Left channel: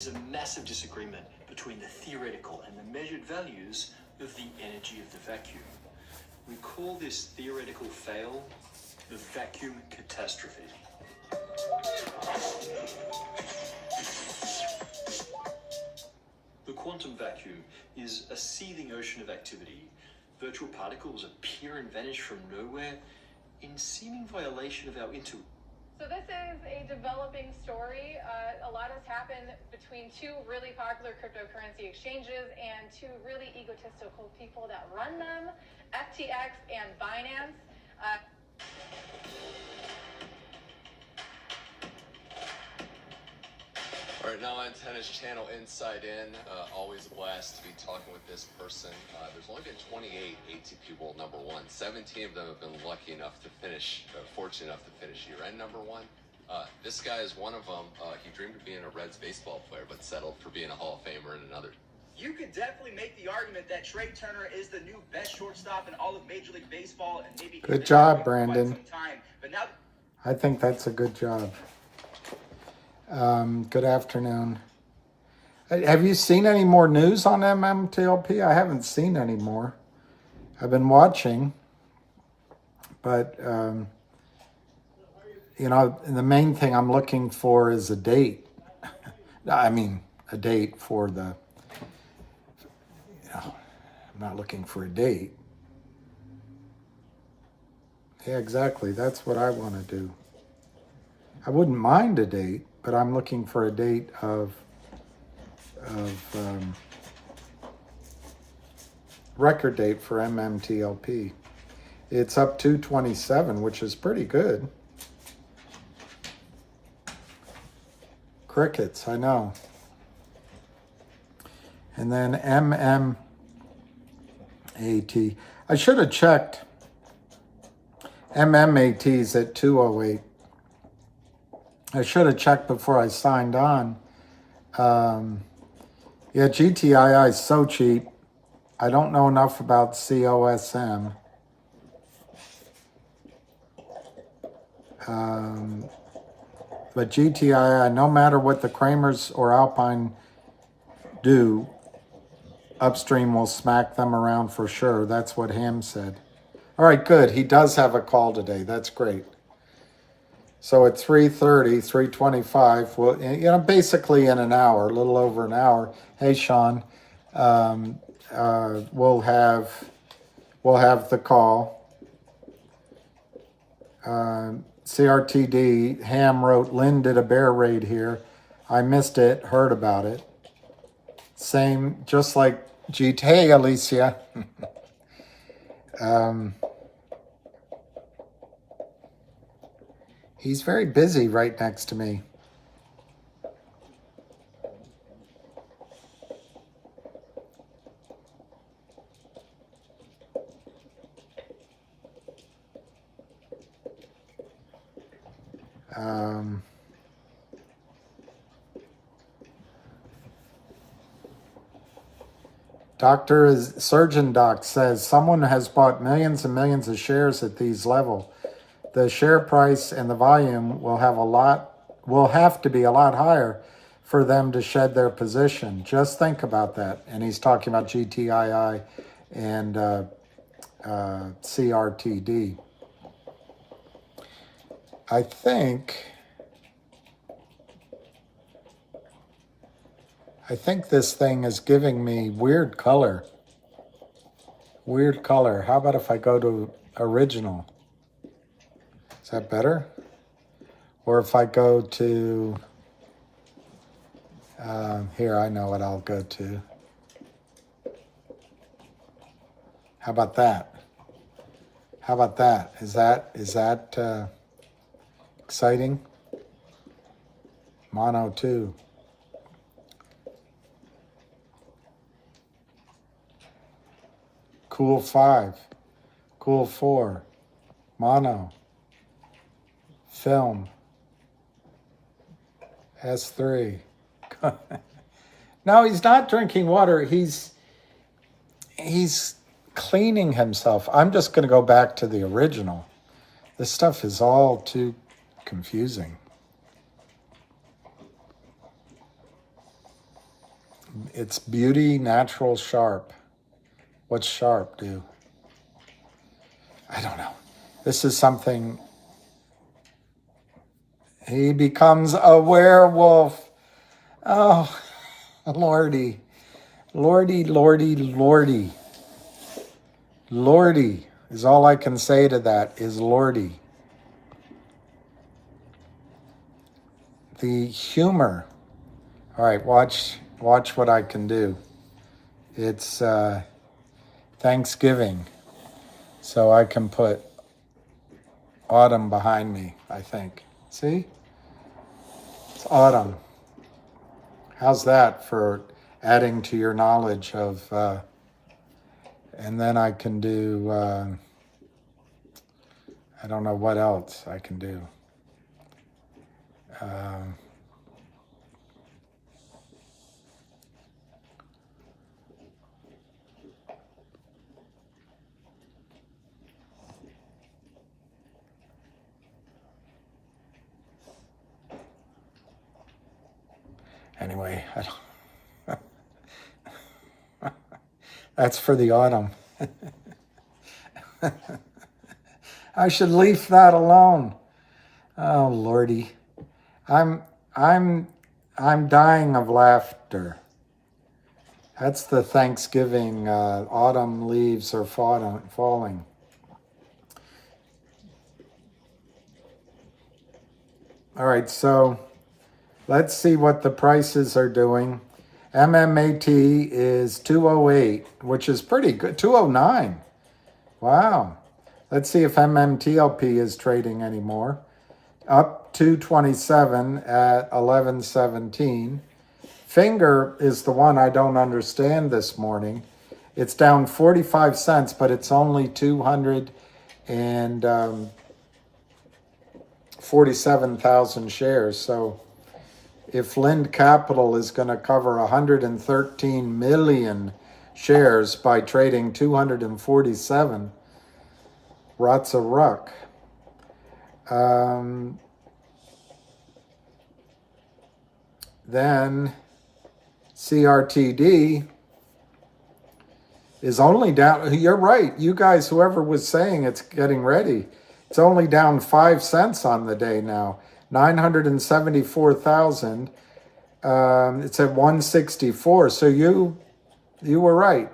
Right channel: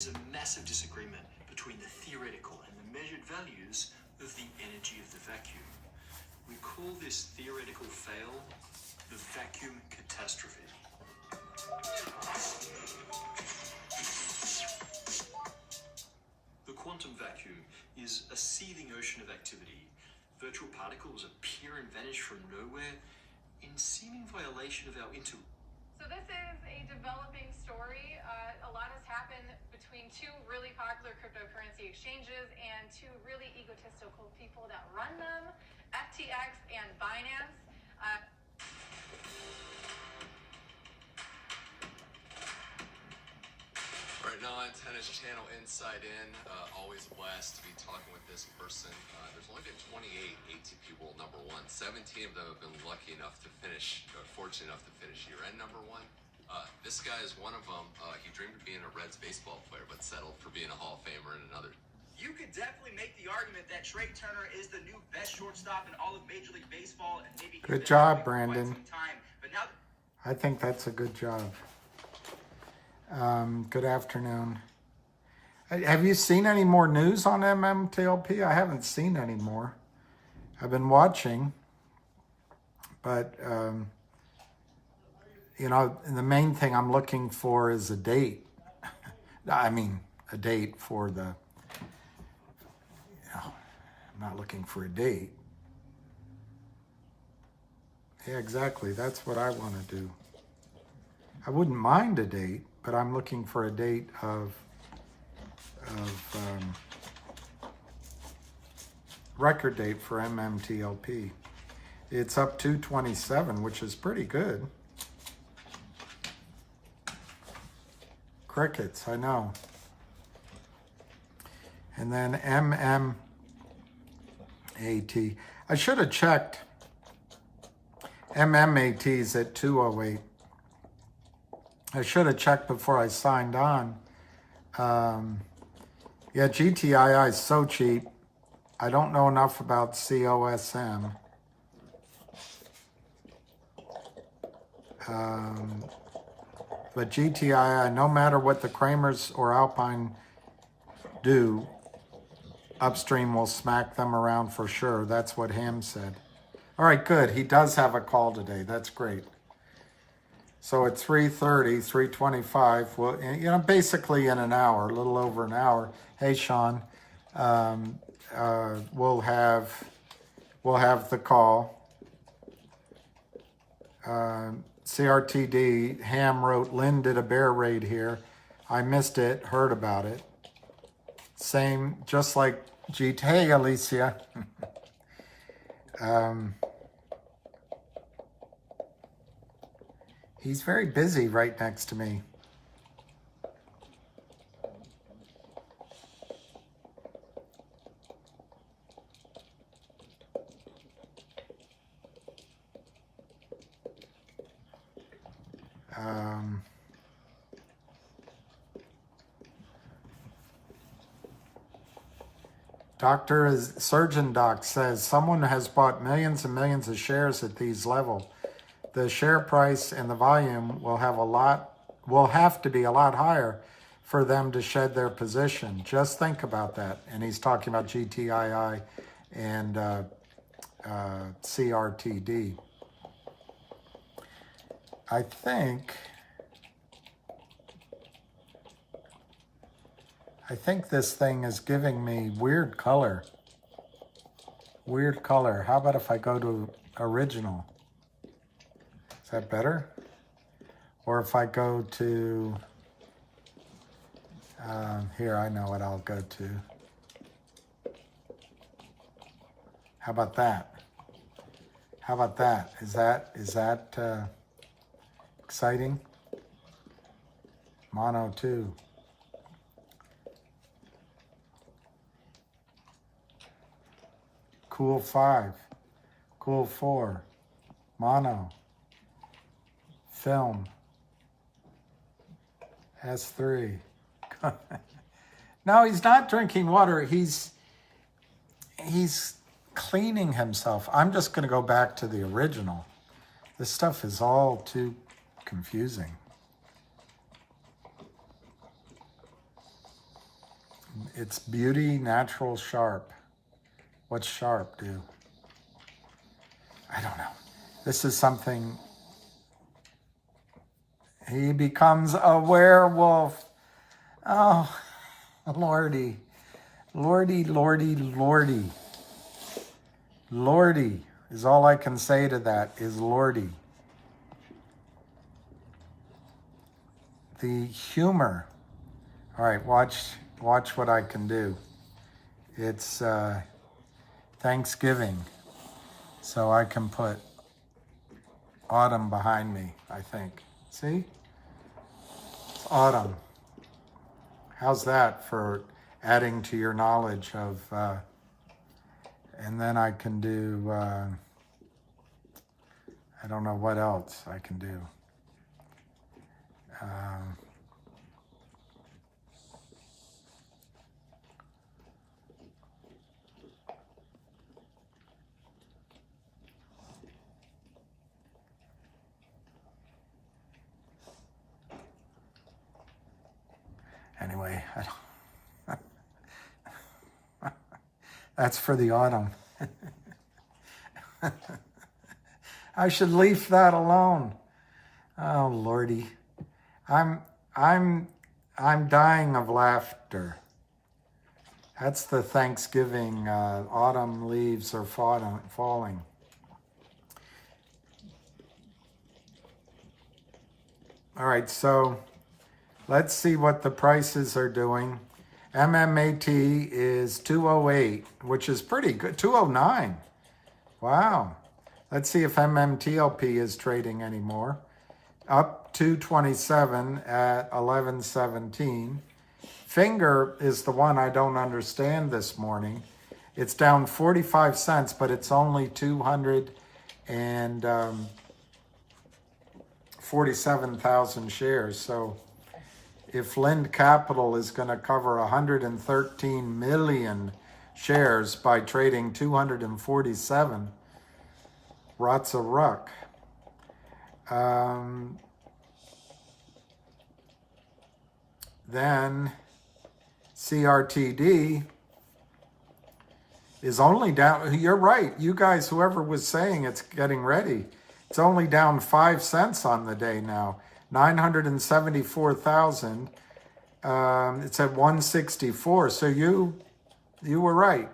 There's a massive disagreement between the theoretical and the measured values of the energy of the vacuum. We call this theoretical fail the vacuum catastrophe. The quantum vacuum is a seething ocean of activity. Virtual particles appear and vanish from nowhere in seeming violation of our intuition. So this is a developing story. A lot has happened between two really popular cryptocurrency exchanges and two really egotistical people that run them, FTX and Binance. All right, now on Tennis Channel Inside In, always a blast to be talking with this person. There's only been 28 ATP World number one. 17 of them have been lucky enough to finish, fortunate enough to finish year-end number one. This guy is one of them. He dreamed of being a Reds baseball player, but settled for being a Hall of Famer in another. You could definitely make the argument that Trea Turner is the new best shortstop in all of Major League Baseball, and maybe good job, Brandon. But now, I think that's a good job. Good afternoon. Have you seen any more news on MMTLP? I haven't seen any more. I've been watching, but you know, the main thing I'm looking for is a date. I mean, a date for the, you know, I'm not looking for a date. Yeah, exactly. That's what I want to do. I wouldn't mind a date, but I'm looking for a date of record date for MMTLP. It's up 227, which is pretty good. Crickets, I know. And then MMAT. I should have checked. MMAT's at 208. I should have checked before I signed on. Yeah, GTII is so cheap. I don't know enough about COSM. But GTII, no matter what the Kramers or Alpine do, upstream will smack them around for sure. That's what Ham said. All right, good. He does have a call today. That's great. So at 3:30, 3:25, well, you know, basically in an hour, a little over an hour. Hey, Sean, we'll have the call. CRTD, Ham wrote, Lynn did a bear raid here. I missed it, heard about it. Same, just like GT. Hey, Alicia. He's very busy right next to me. Surgeon Doc says someone has bought millions and millions of shares at these levels. The share price and the volume will have to be a lot higher for them to shed their position. Just think about that. And he's talking about GTII and CRTD. I think this thing is giving me weird color. Weird color. How about if I go to original? Is that better? Or if I go to, here, I know what I'll go to. How about that? How about that? Is that exciting? Mono 2. Cool 5. Cool 4. Mono. Film. S3. No, he's not drinking water. He's cleaning himself. I'm just going to go back to the original. This stuff is all too confusing. It's beauty, natural, sharp. What's sharp do? I don't know. This is something. He becomes a werewolf. Oh, Lordy. Lordy, Lordy, Lordy. Lordy is all I can say to that is Lordy. The humor. All right, watch what I can do. It's Thanksgiving, so I can put autumn behind me, I think. See? It's autumn. How's that for adding to your knowledge of, and then I can do, I don't know what else I can do. Anyway, I don't, that's for the autumn. I should leave that alone. Oh Lordy, I'm dying of laughter. That's the Thanksgiving. Autumn leaves are falling. All right, so let's see what the prices are doing. MMAT is 208, which is pretty good. 209. Wow. Let's see if MMTLP is trading anymore. Up 227 at 1117. Finger is the one I don't understand this morning. It's down 45 cents, but it's only 247,000 shares. So if Lind Capital is going to cover 113 million shares by trading 247, rots a ruck. Then CRTD is only down. You're right. You guys, whoever was saying it's getting ready, it's only down 5 cents on the day now. 974,000. It's at 164. So you were right.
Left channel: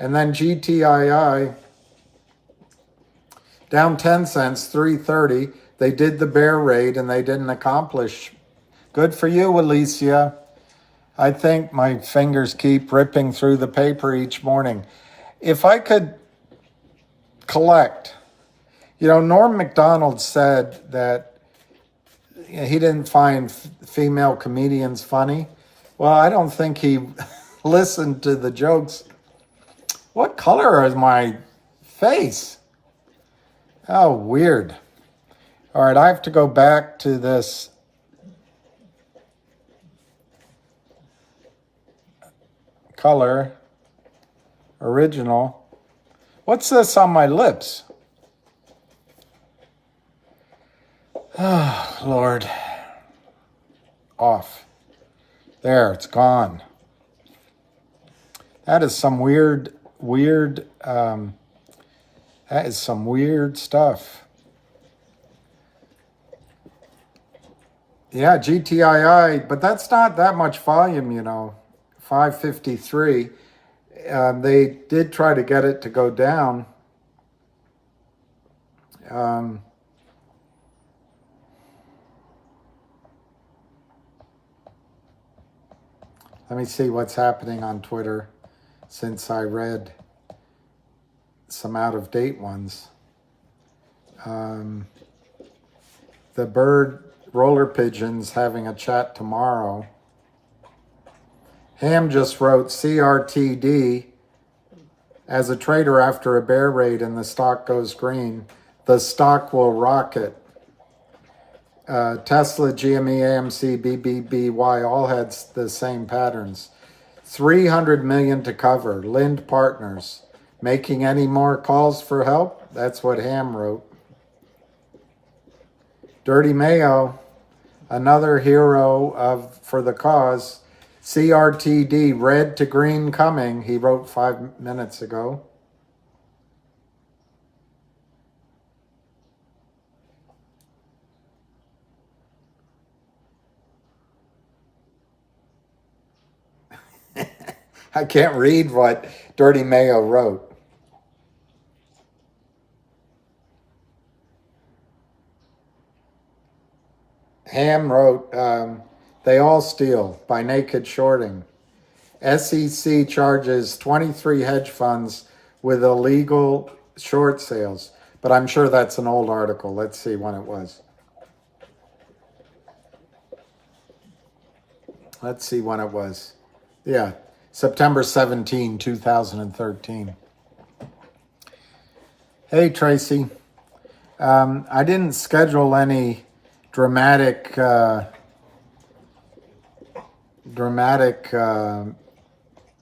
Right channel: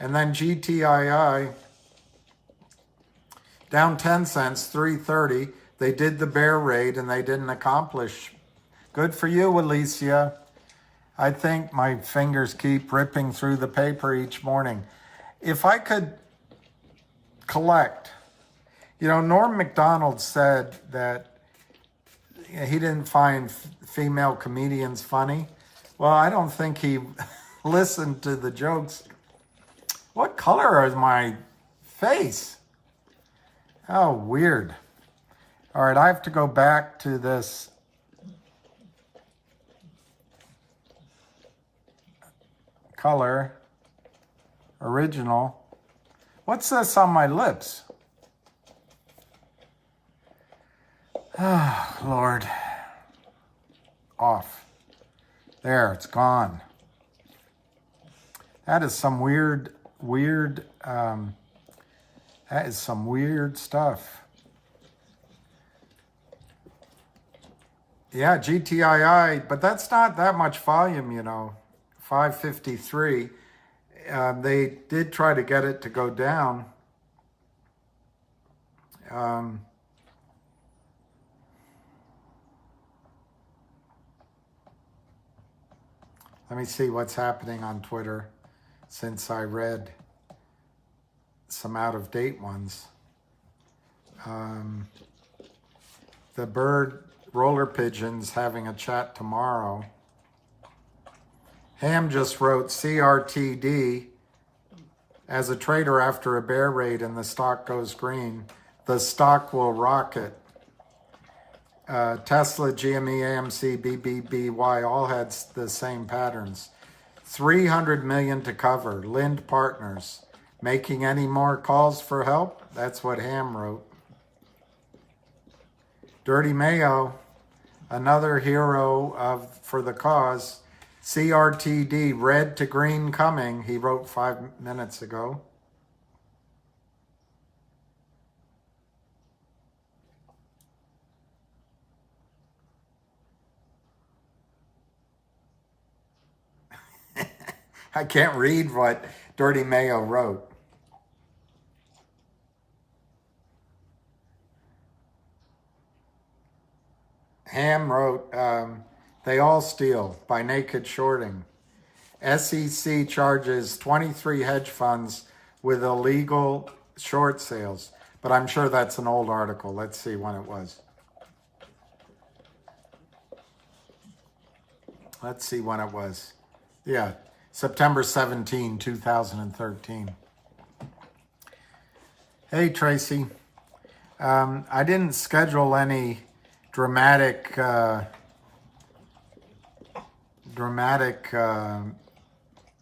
And then GTII down 10 cents, 330. They did the bear raid and they didn't accomplish. Good for you, Alicia. I think my fingers keep ripping through the paper each morning. If I could collect, Norm Macdonald said that he didn't find female comedians funny. Well, I don't think he listened to the jokes. What color is my face? Oh, weird. All right, I have to go back to this color, original. What's this on my lips? Oh, Lord. Off. There, it's gone. That is some weird, that is some weird stuff. Yeah, GTII, but that's not that much volume, 553. They did try to get it to go down. Let me see what's happening on Twitter since I read some out-of-date ones. The bird roller pigeons having a chat tomorrow. Ham just wrote CRTD as a trader after a bear raid and the stock goes green. The stock will rocket. Tesla, GME, AMC, BBBY all had the same patterns. 300 million to cover. Lind Partners. Making any more calls for help? That's what Ham wrote. Dirty Mayo, another hero for the cause, CRTD, red to green coming, he wrote 5 minutes ago. I can't read what Dirty Mayo wrote. Ham wrote, They All Steal by Naked Shorting. SEC charges 23 hedge funds with illegal short sales. But I'm sure that's an old article. Let's see when it was. Let's see when it was. Yeah, September 17, 2013. Hey, Tracy. I didn't schedule any dramatic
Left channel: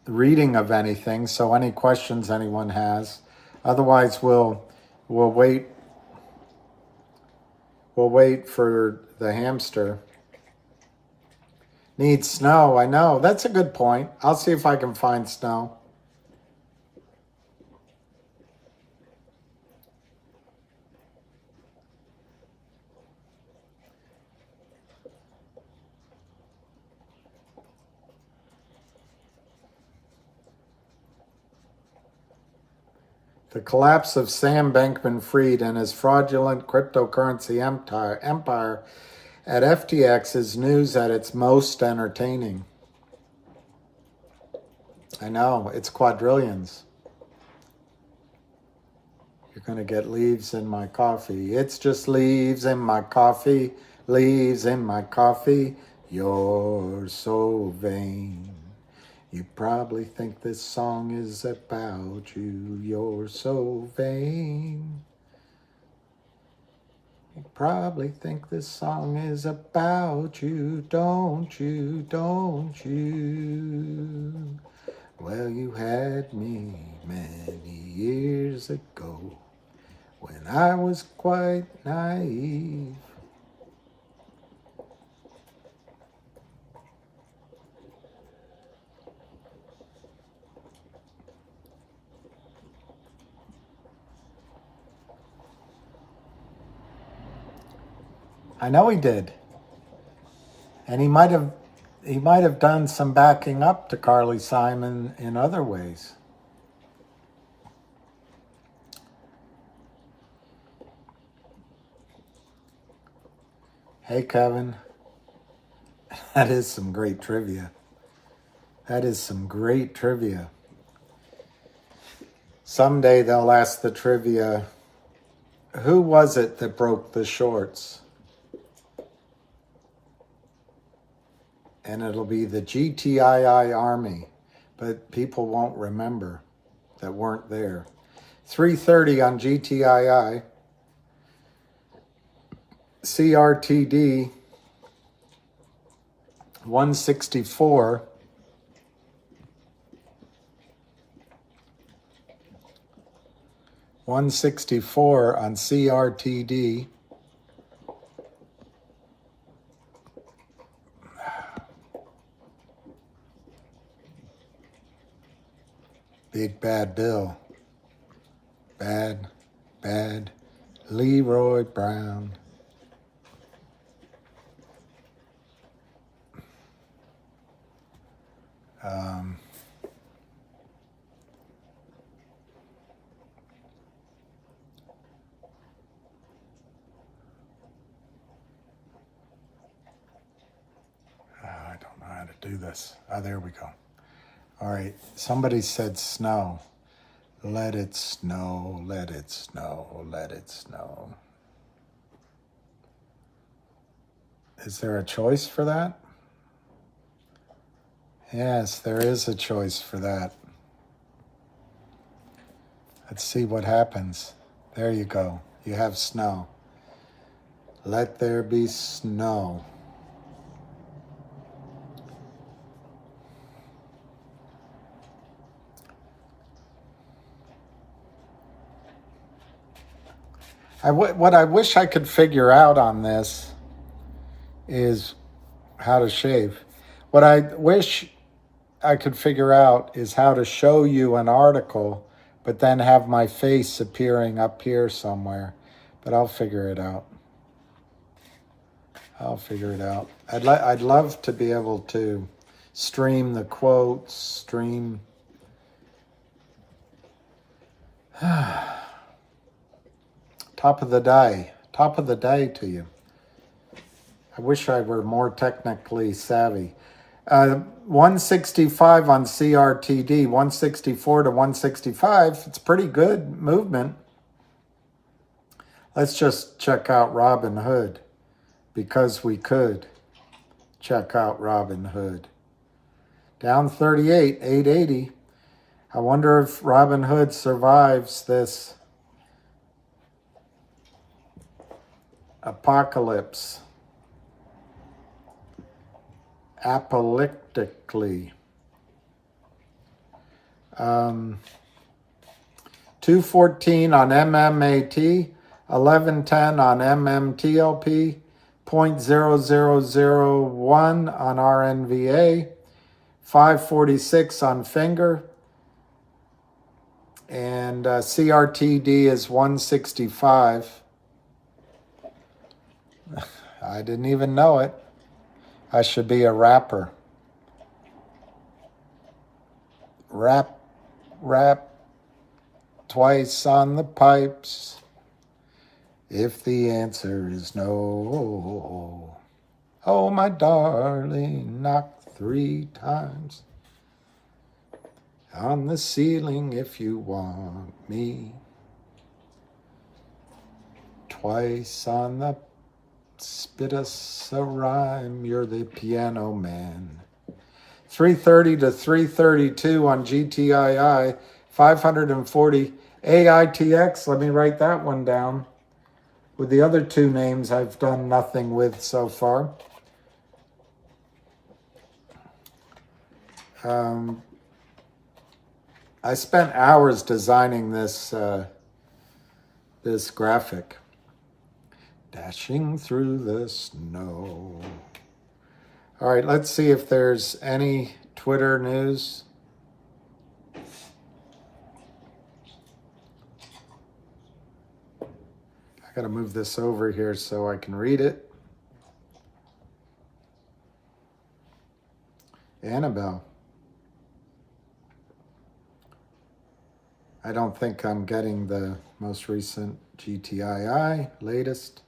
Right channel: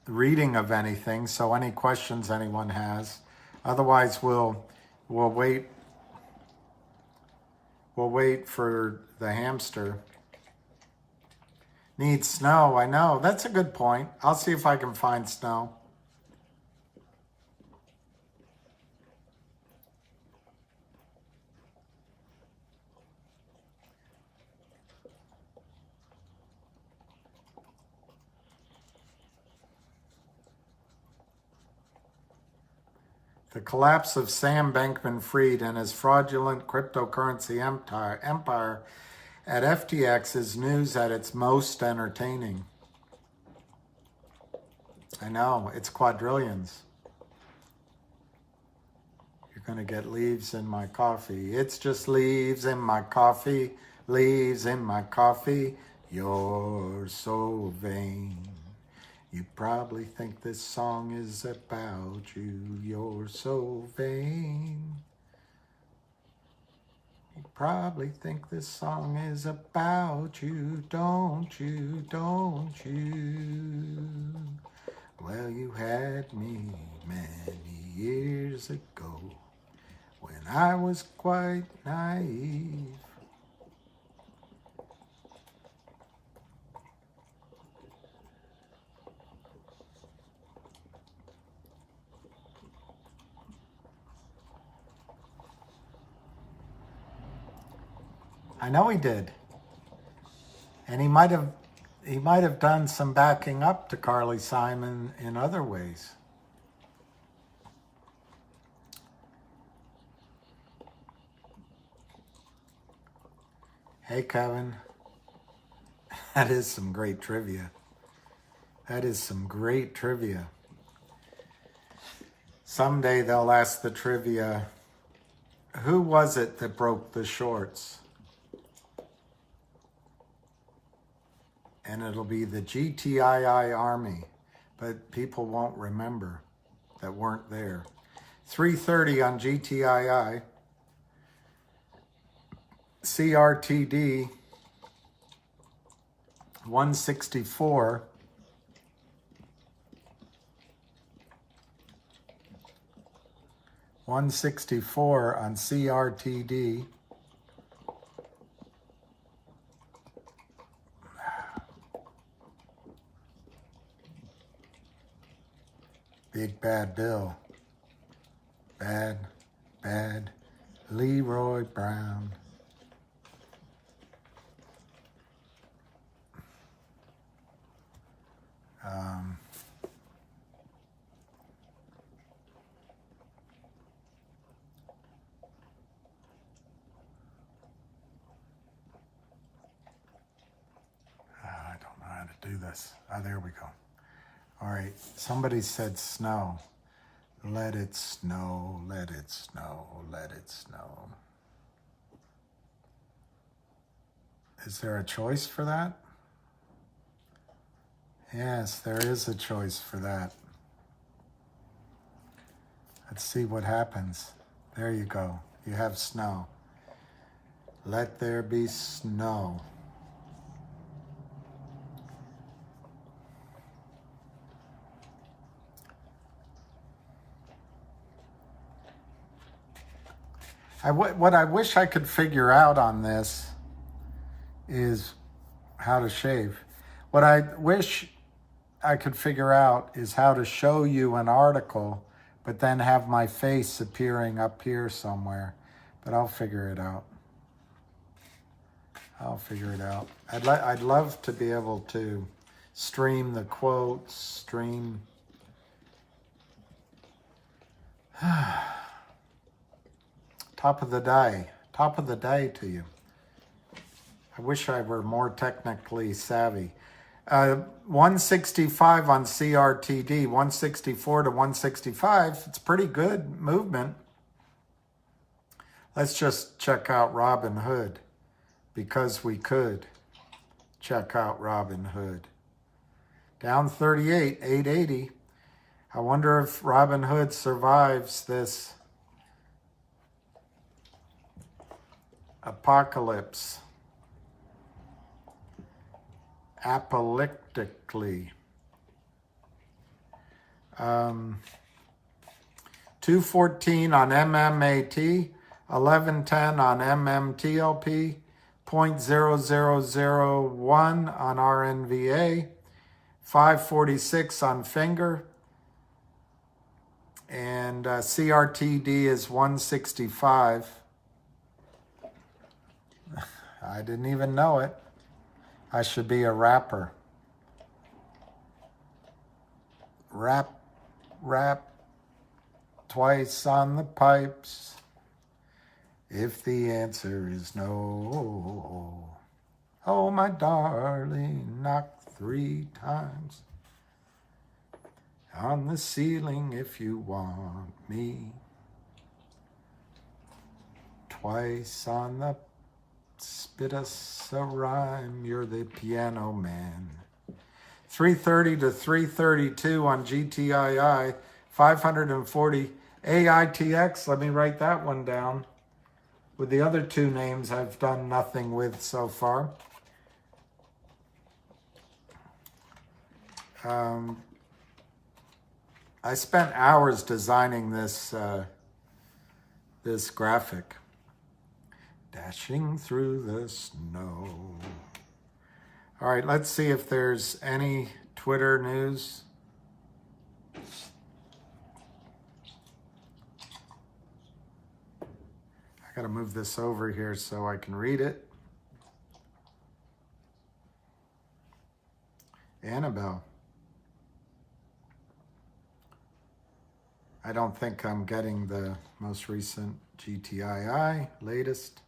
reading of anything, so any questions anyone has. Otherwise, we'll wait for the hamster. Needs snow, I know. That's a good point. I'll see if I can find snow. The collapse of Sam Bankman-Fried and his fraudulent cryptocurrency empire at FTX is news at its most entertaining. I know, it's quadrillions. You're going to get leaves in my coffee. It's just leaves in my coffee, leaves in my coffee. You're so vain. You probably think this song is about you. You're so vain. You probably think this song is about you, don't you, don't you? Well, you had me many years ago when I was quite naive. I know he did. And he might have done some backing up to Carly Simon in other ways. Hey, Kevin. That is some great trivia. That is some great trivia. Someday they'll ask the trivia, who was it that broke the shorts? And it'll be the GTII Army, but people won't remember that weren't there. 3:30 on GTII. CRTD 164. On CRTD. Big Bad Bill. Bad Leroy Brown. I don't know how to do this. There we go. All right, somebody said snow. Let it snow, let it snow, let it snow. Is there a choice for that? Yes, there is a choice for that. Let's see what happens. There you go. You have snow. Let there be snow. What I wish I could figure out on this is how to shave. What I wish I could figure out is how to show you an article, but then have my face appearing up here somewhere. But I'll figure it out. I'll figure it out. I'd love to be able to stream the quotes, stream. Top of the day to you. I wish I were more technically savvy. 165 on CRTD, 164 to 165. It's pretty good movement. Let's just check out Robinhood, because we could check out Robinhood. Down 38, 880. I wonder if Robinhood survives this apocalypse. Apocalyptically. 214 on MMAT, 1110 on MMTLP, 0.0001 on RNVA, 546 on finger, and CRTD is 165. I didn't even know it. I should be a rapper. Rap, twice on the pipes. If the answer is no, oh my darling, knock 3 times on the ceiling if you want me. Twice on the spit us a rhyme, you're the piano man. 330 to 332 on GTII, 540 AITX. Let me write that one down. With the other 2 names I've done nothing with so far. I spent hours designing this this graphic. Dashing through the snow. All right, let's see if there's any Twitter news. I gotta move this over here so I can read it. Annabelle. I don't think I'm getting the most recent GTII, latest.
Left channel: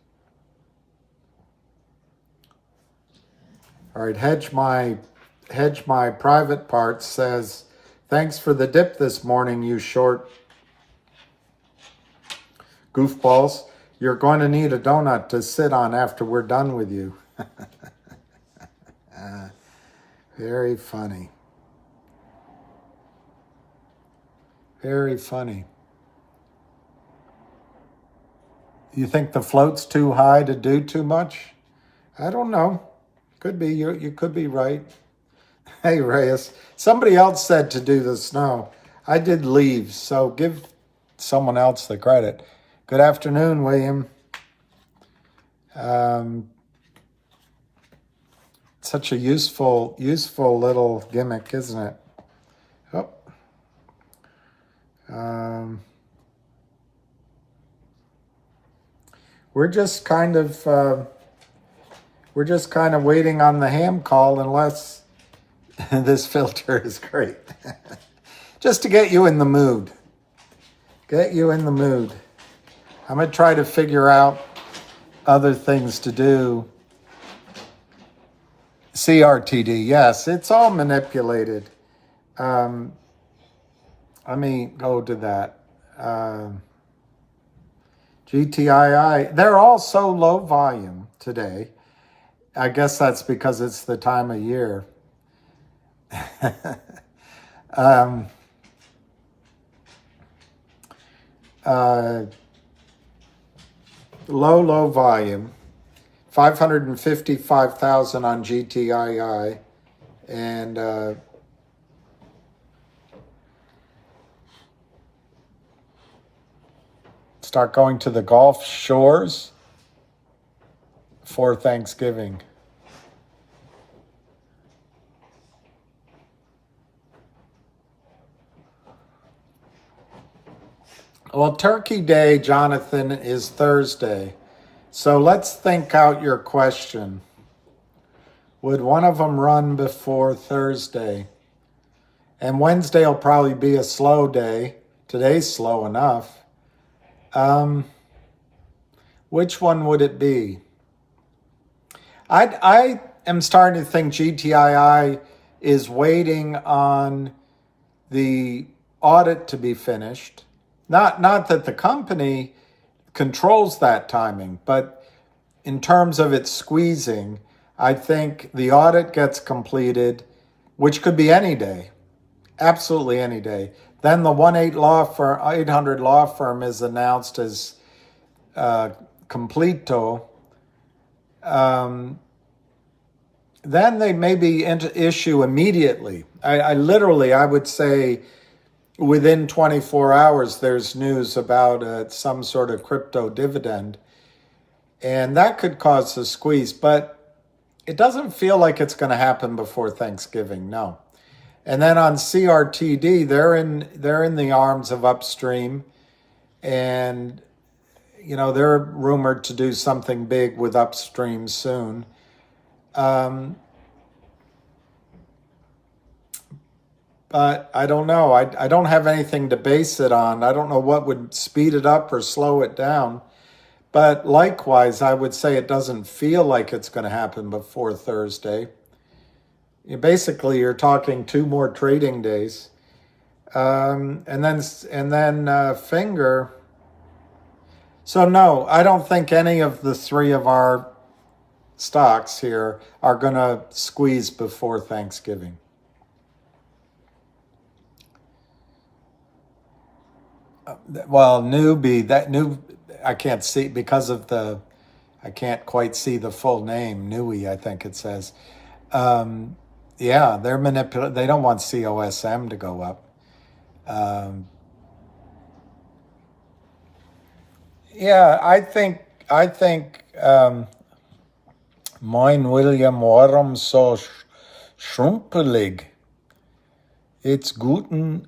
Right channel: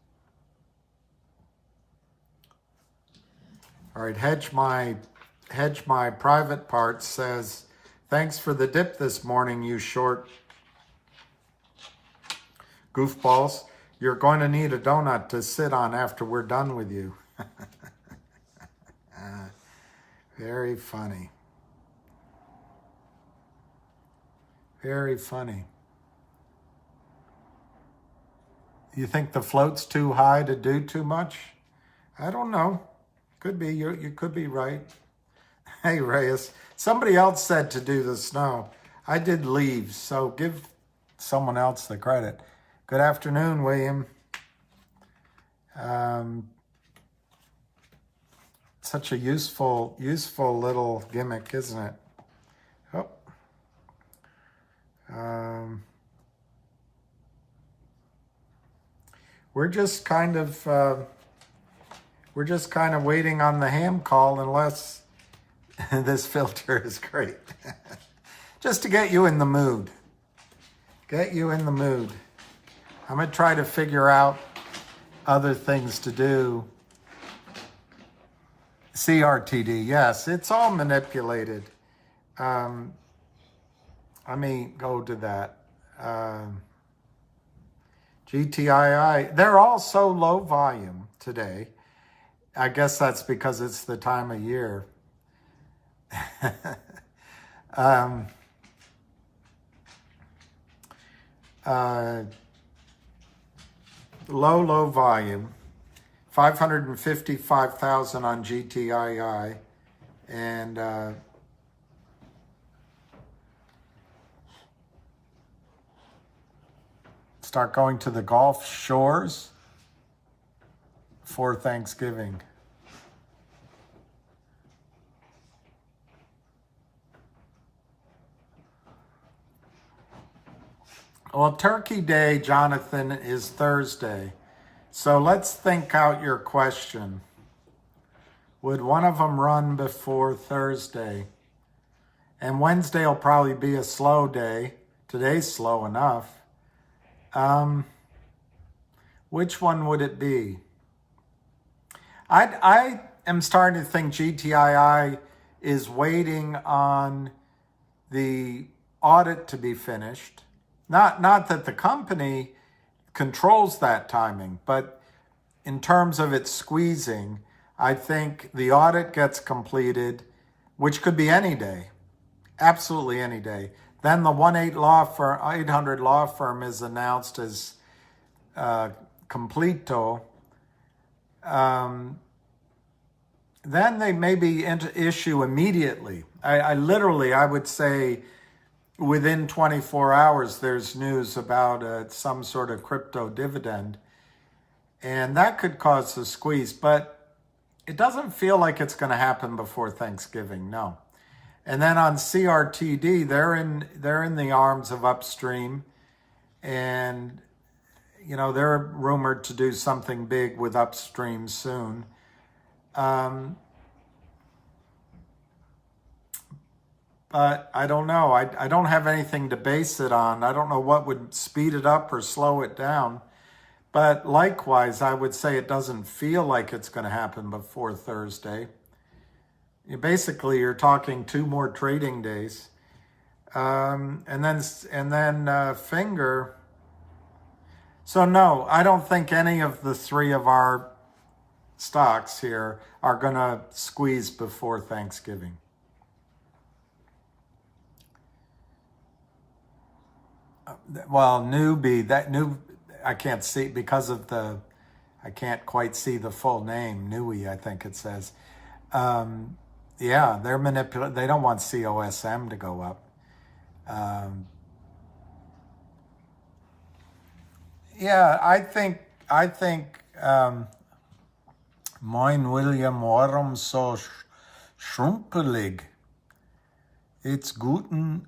All right, hedge my private parts says, thanks for the dip this morning, you short goofballs. You're going to need a donut to sit on after we're done with you. Very funny. Very funny. You think the float's too high to do too much? I don't know. Could be. You could be right. Hey, Reyes. Somebody else said to do the snow. I did leaves, so give someone else the credit. Good afternoon, William. Such a useful little gimmick, isn't it? Oh. We're just kind of waiting on the ham call, unless this filter is great. Just to get you in the mood. Get you in the mood. I'm going to try to figure out other things to do. CRTD, yes, it's all manipulated. Let me go to that. GTII, they're all so low volume today. I guess that's because it's the time of year. Low volume. 555,000 on GTII, and start going to the Gulf shores for Thanksgiving. Well, Turkey Day, Jonathan, is Thursday. So let's think out your question. Would one of them run before Thursday? And Wednesday will probably be a slow day. Today's slow enough. Which one would it be? I am starting to think GTII is waiting on the audit to be finished. Not that the company controls that timing, but in terms of its squeezing, I think the audit gets completed, which could be any day, absolutely any day. Then the 800 law firm is announced as completo. Then they maybe issue immediately. I would say within 24 hours, there's news about some sort of crypto dividend. And that could cause a squeeze, but it doesn't feel like it's going to happen before Thanksgiving, no. And then on CRTD, they're in the arms of Upstream, and they're rumored to do something big with Upstream soon. But I don't know. I don't have anything to base it on. I don't know what would speed it up or slow it down. But likewise, I would say it doesn't feel like it's going to happen before Thursday. You're talking 2 more trading days. And then Finger. So no, I don't think any of the 3 of our stocks here are going to squeeze before Thanksgiving. Well, I can't see because of I can't quite see the full name. Nui, I think it says. Yeah, they're manipulating. They don't want COSM to go up. Yeah, I think Moin William, warum so schrumpelig? It's guten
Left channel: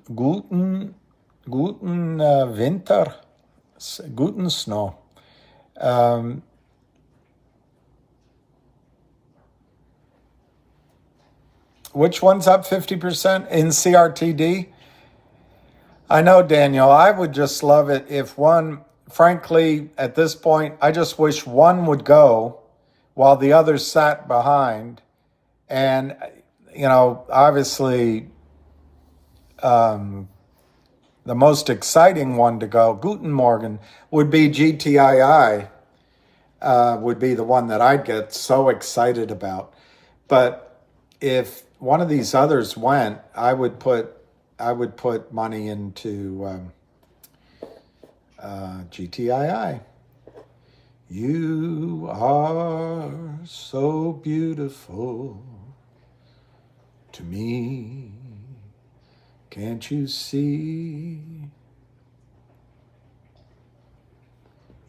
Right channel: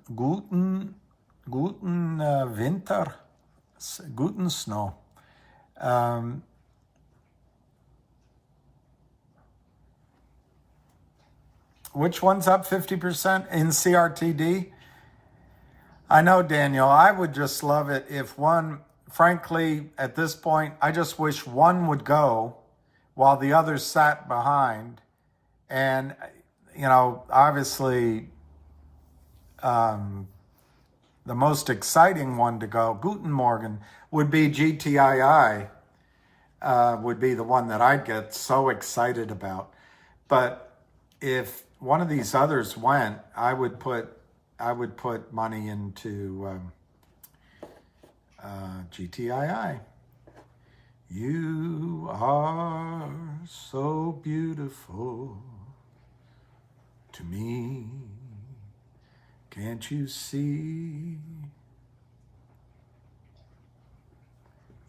Winter, guten Snow. Which one's up 50% in CRTD? I know, Daniel. I would just love it if one, frankly, at this point, I just wish one would go while the others sat behind. And, obviously, the most exciting one to go, Guten Morgen, would be GTII, would be the one that I'd get so excited about. But if one of these others went, I would put money into GTII. You are so beautiful to me. Can't you see?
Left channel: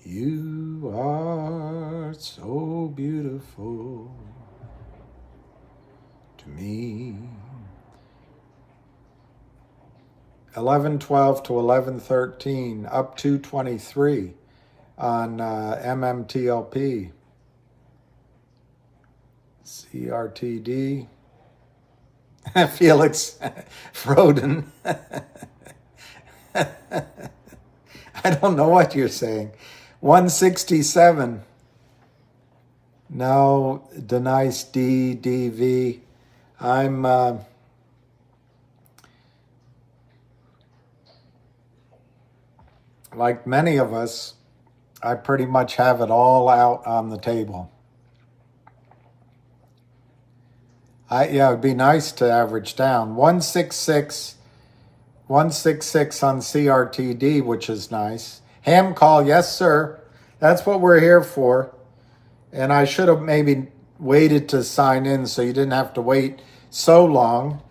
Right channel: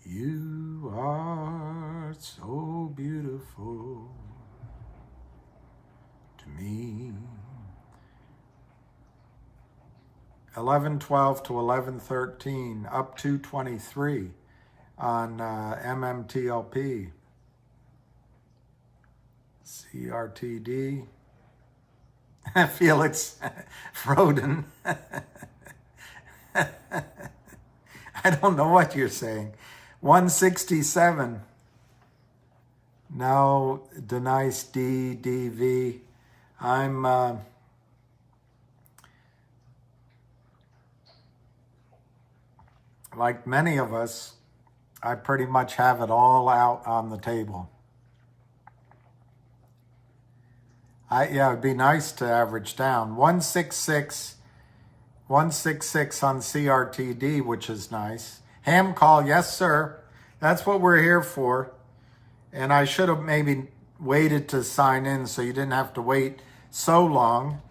You are so beautiful to me. 11:12 to 11:13, up 223 on MMTLP. CRTD. Felix Froden. I don't know what you're saying. 167. No, Denise DV. I'm like many of us, I pretty much have it all out on the table. It'd be nice to average down. 166 on CRTD, which is nice. Ham call, yes, sir. That's what we're here for. And I should have maybe waited to sign in so you didn't have to wait so long.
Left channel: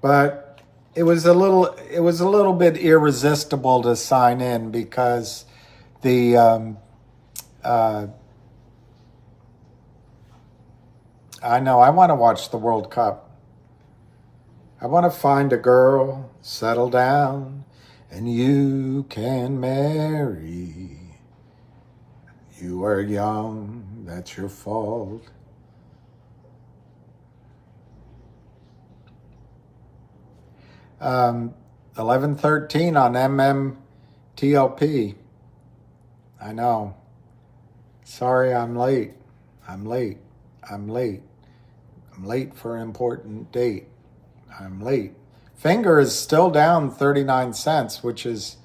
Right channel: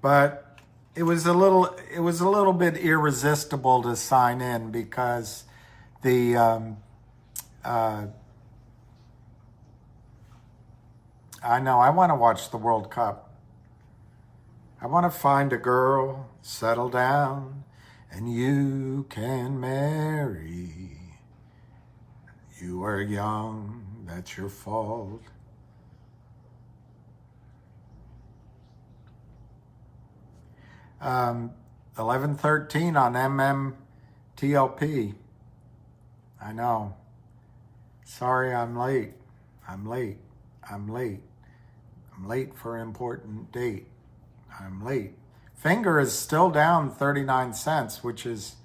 But it was a little bit irresistible to sign in because I know, I want to watch the World Cup. I want to find a girl, settle down, and you can marry. You are young, that's your fault. Um, 11:13 on MMTLP. I know. Sorry, I'm late. I'm late. I'm late. I'm late for an important date. I'm late. Finger is still down 39 cents, which is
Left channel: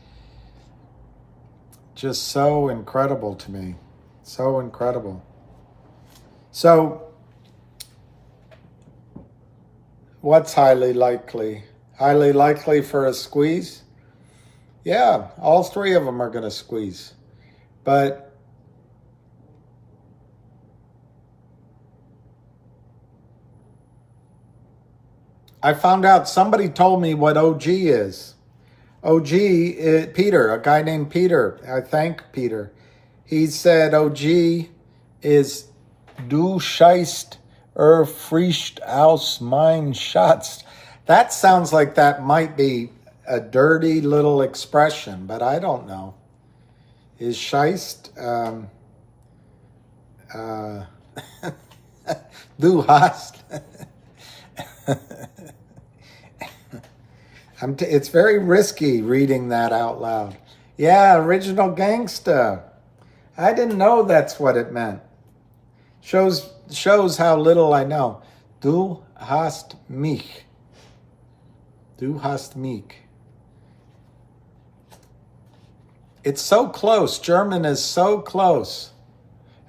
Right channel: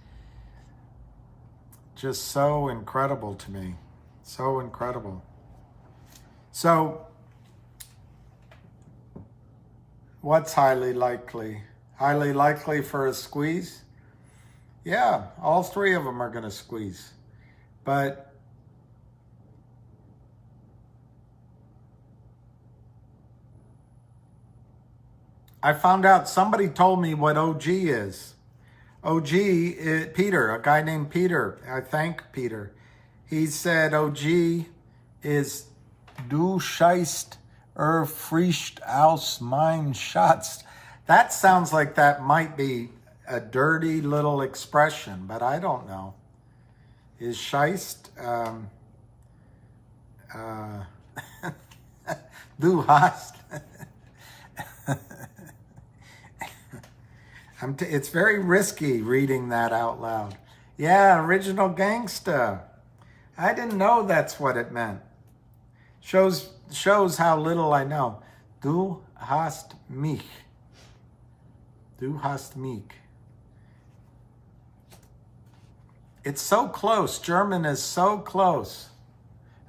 just so incredible to me. So incredible. So, what's highly likely? Highly likely for a squeeze? Yeah, all three of them are going to squeeze. But I found out, somebody told me what OG is. OG is Peter, a guy named Peter. I thank Peter. He said OG is Du scheißt frischt aus mein Schatz. That sounds like that might be a dirty little expression, but I don't know. Is scheist du hast it's very risky reading that out loud. Yeah, original gangsta. I didn't know that's what it meant. Shows how little I know. Du hast mich. Du hast mich. It's so close. German is so close.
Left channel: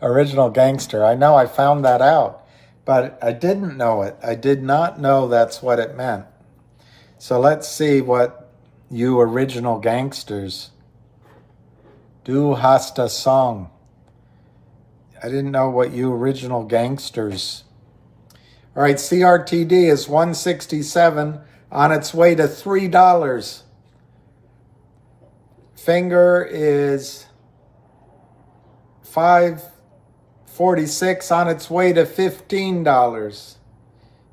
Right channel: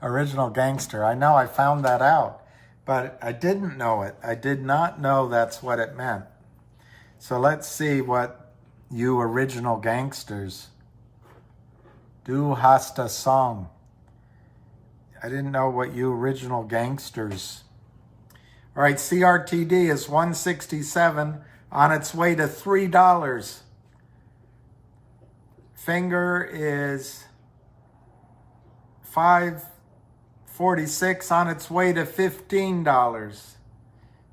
Original gangster. I know, I found that out. But I didn't know it. I did not know that's what it meant. So let's see what you original gangsters. Du hast a song. I didn't know what you original gangsters. All right, CRTD is 167 on its way to $3. Finger is 546 on its way to $15.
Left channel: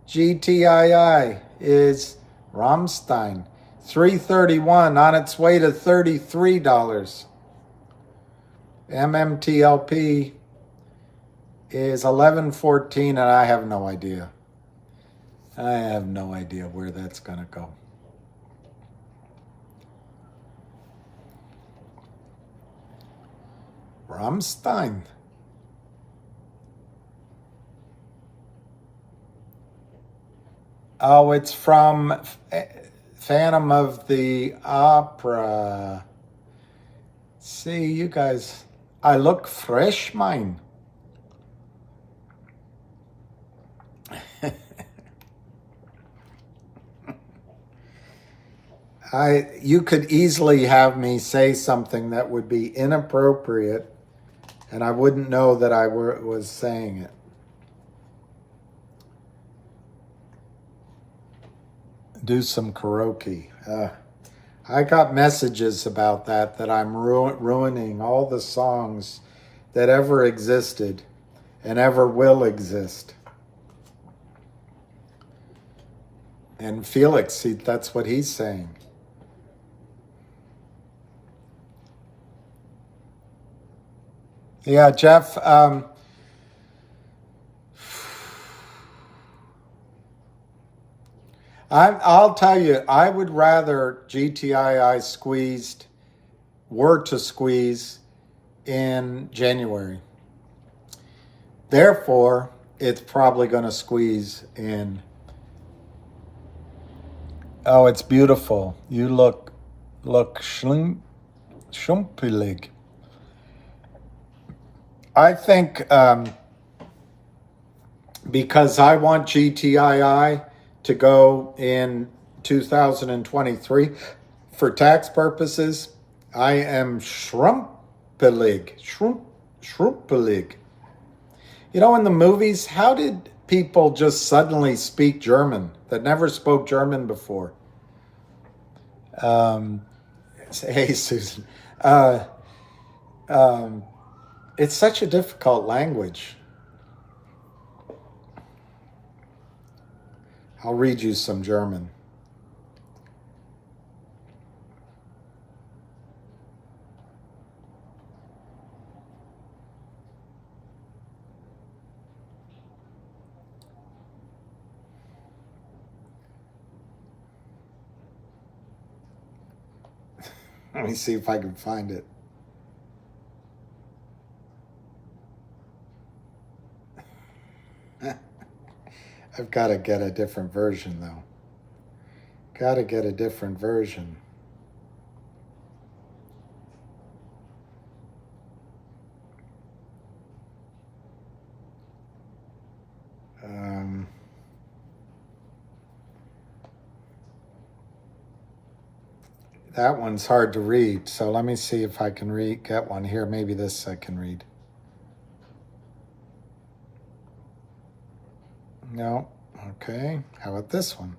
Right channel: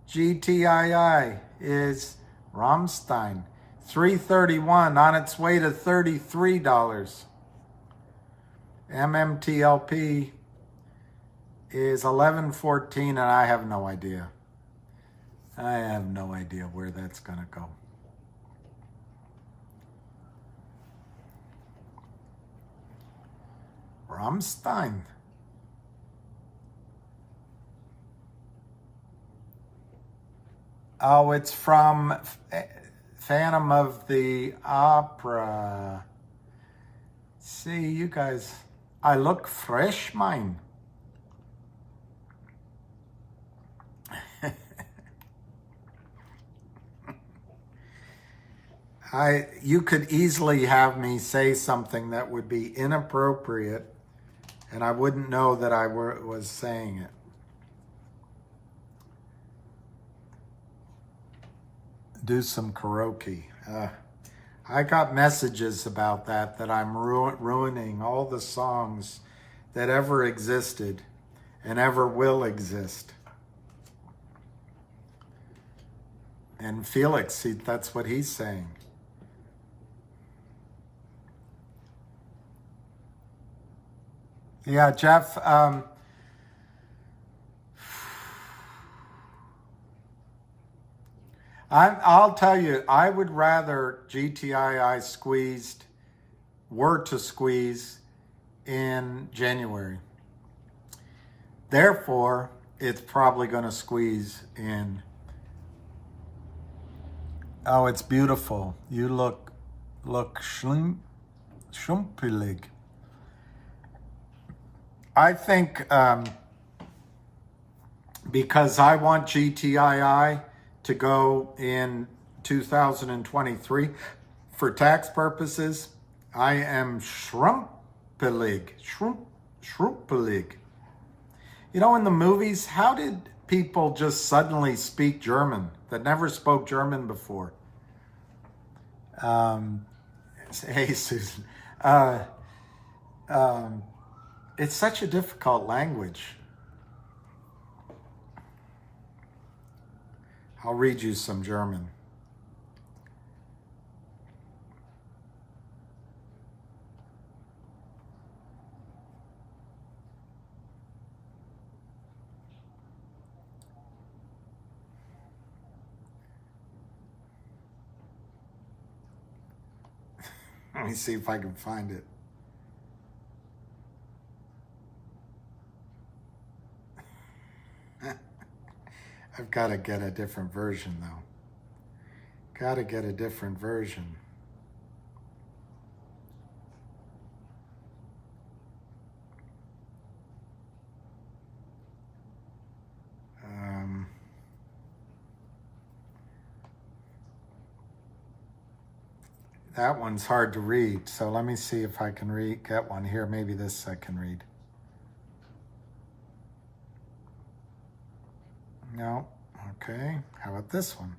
GTII is Rammstein, 331 on its way to $33. MMTLP is 1114, and I have no idea. I have no idea where that's going to go. Rammstein. Oh, it's from Phantom of the Opera. See, you guys, I look fresh, mine. You could easily have me say something that would be inappropriate, and I wouldn't know that I was saying it. Do some karaoke. I got messages about that I'm ruining all the songs that ever existed and ever will exist. And Felix, that's what he's saying. Yeah, Jeff, I'll tell you, I would rather GTII were to squeeze in January. Therefore, it's probably going to squeeze in. Oh, it's beautiful. You look schlumpelig. I think because I want GTII to go in 2023 for tax purposes, I am schrumpelig. You know, in the movies, how did people just suddenly speak German that never spoke German before? Hey, Susan. It's such a difficult language. I'll read you some German. Let me see if I can find it. I've got to get a different version, though. Got to get a different version. That one's hard to read, so let me see if I can get one here. Maybe this I can read. No. Okay. How about this one?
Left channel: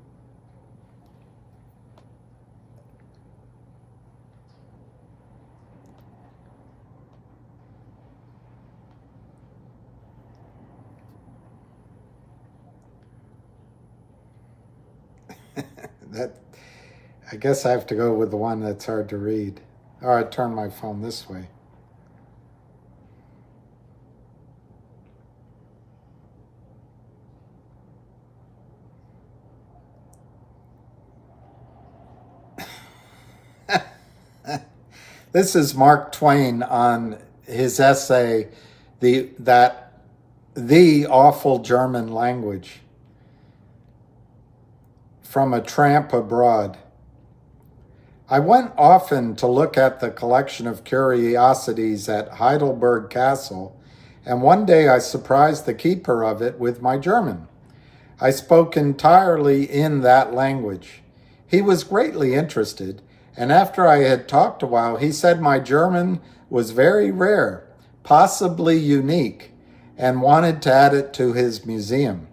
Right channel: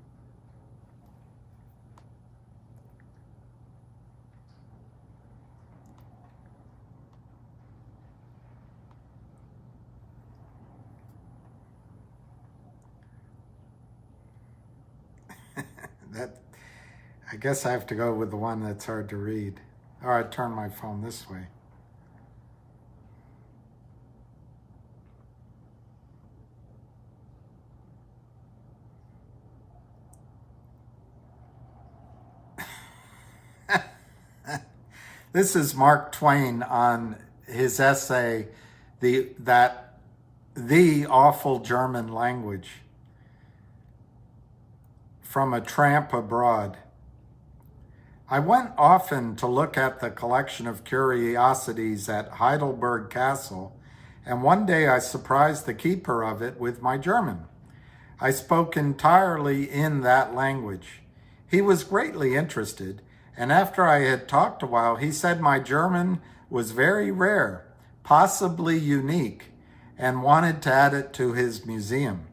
I guess I have to go with the one that's hard to read. Or I turn my phone this way. This is Mark Twain on his essay, The Awful German Language, from A Tramp Abroad. I went often to look at the collection of curiosities at Heidelberg Castle, and one day I surprised the keeper of it with my German. I spoke entirely in that language. He was greatly interested, and after I had talked a while, he said my German was very rare, possibly unique, and wanted to add it to his museum.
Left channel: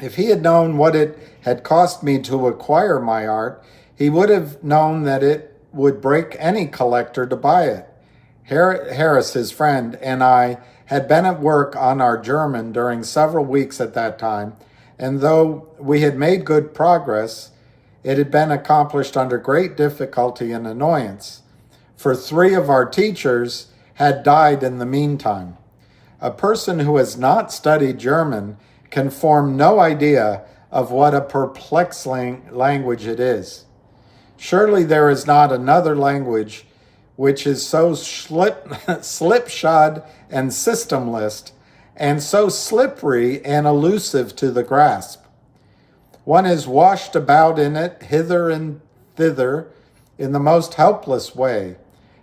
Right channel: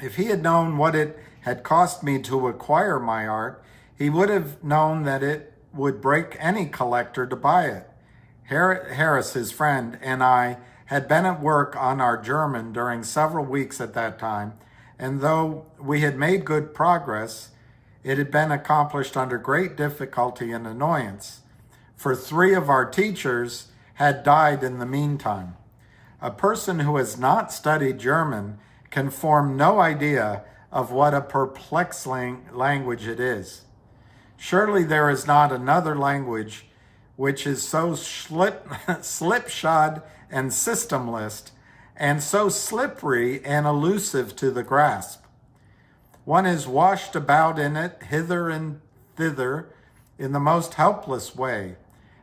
If he had known what it had cost me to acquire my art, he would have known that it would break any collector to buy it. Harris, his friend, and I had been at work on our German during several weeks at that time, and though we had made good progress, it had been accomplished under great difficulty and annoyance, for 3 of our teachers had died in the meantime. A person who has not studied German can form no idea of what a perplexing language it is. Surely there is not another language which is so slipshod and systemless, and so slippery and elusive to the grasp. One is washed about in it hither and thither in the most helpless way,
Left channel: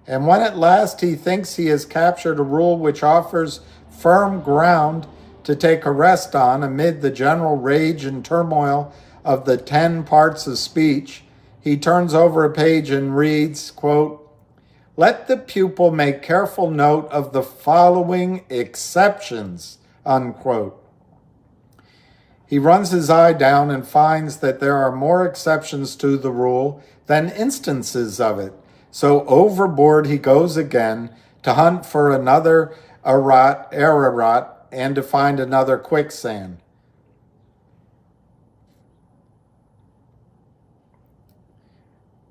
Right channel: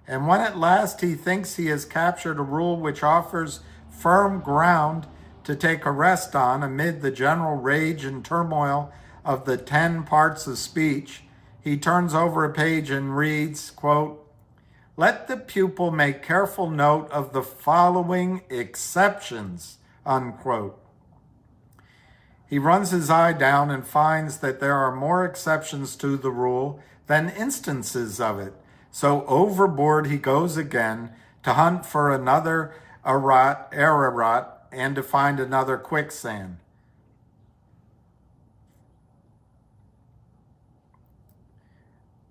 and when at last he thinks he has captured a rule which offers firm ground to take a rest on amid the general rage and turmoil of the 10 parts of speech, he turns over a page and reads, quote, "Let the pupil make careful note of the following exceptions," unquote. He runs his eye down and finds that there are more exceptions to the rule than instances of it. So overboard he goes again to hunt for another Ararat and to find another quicksand.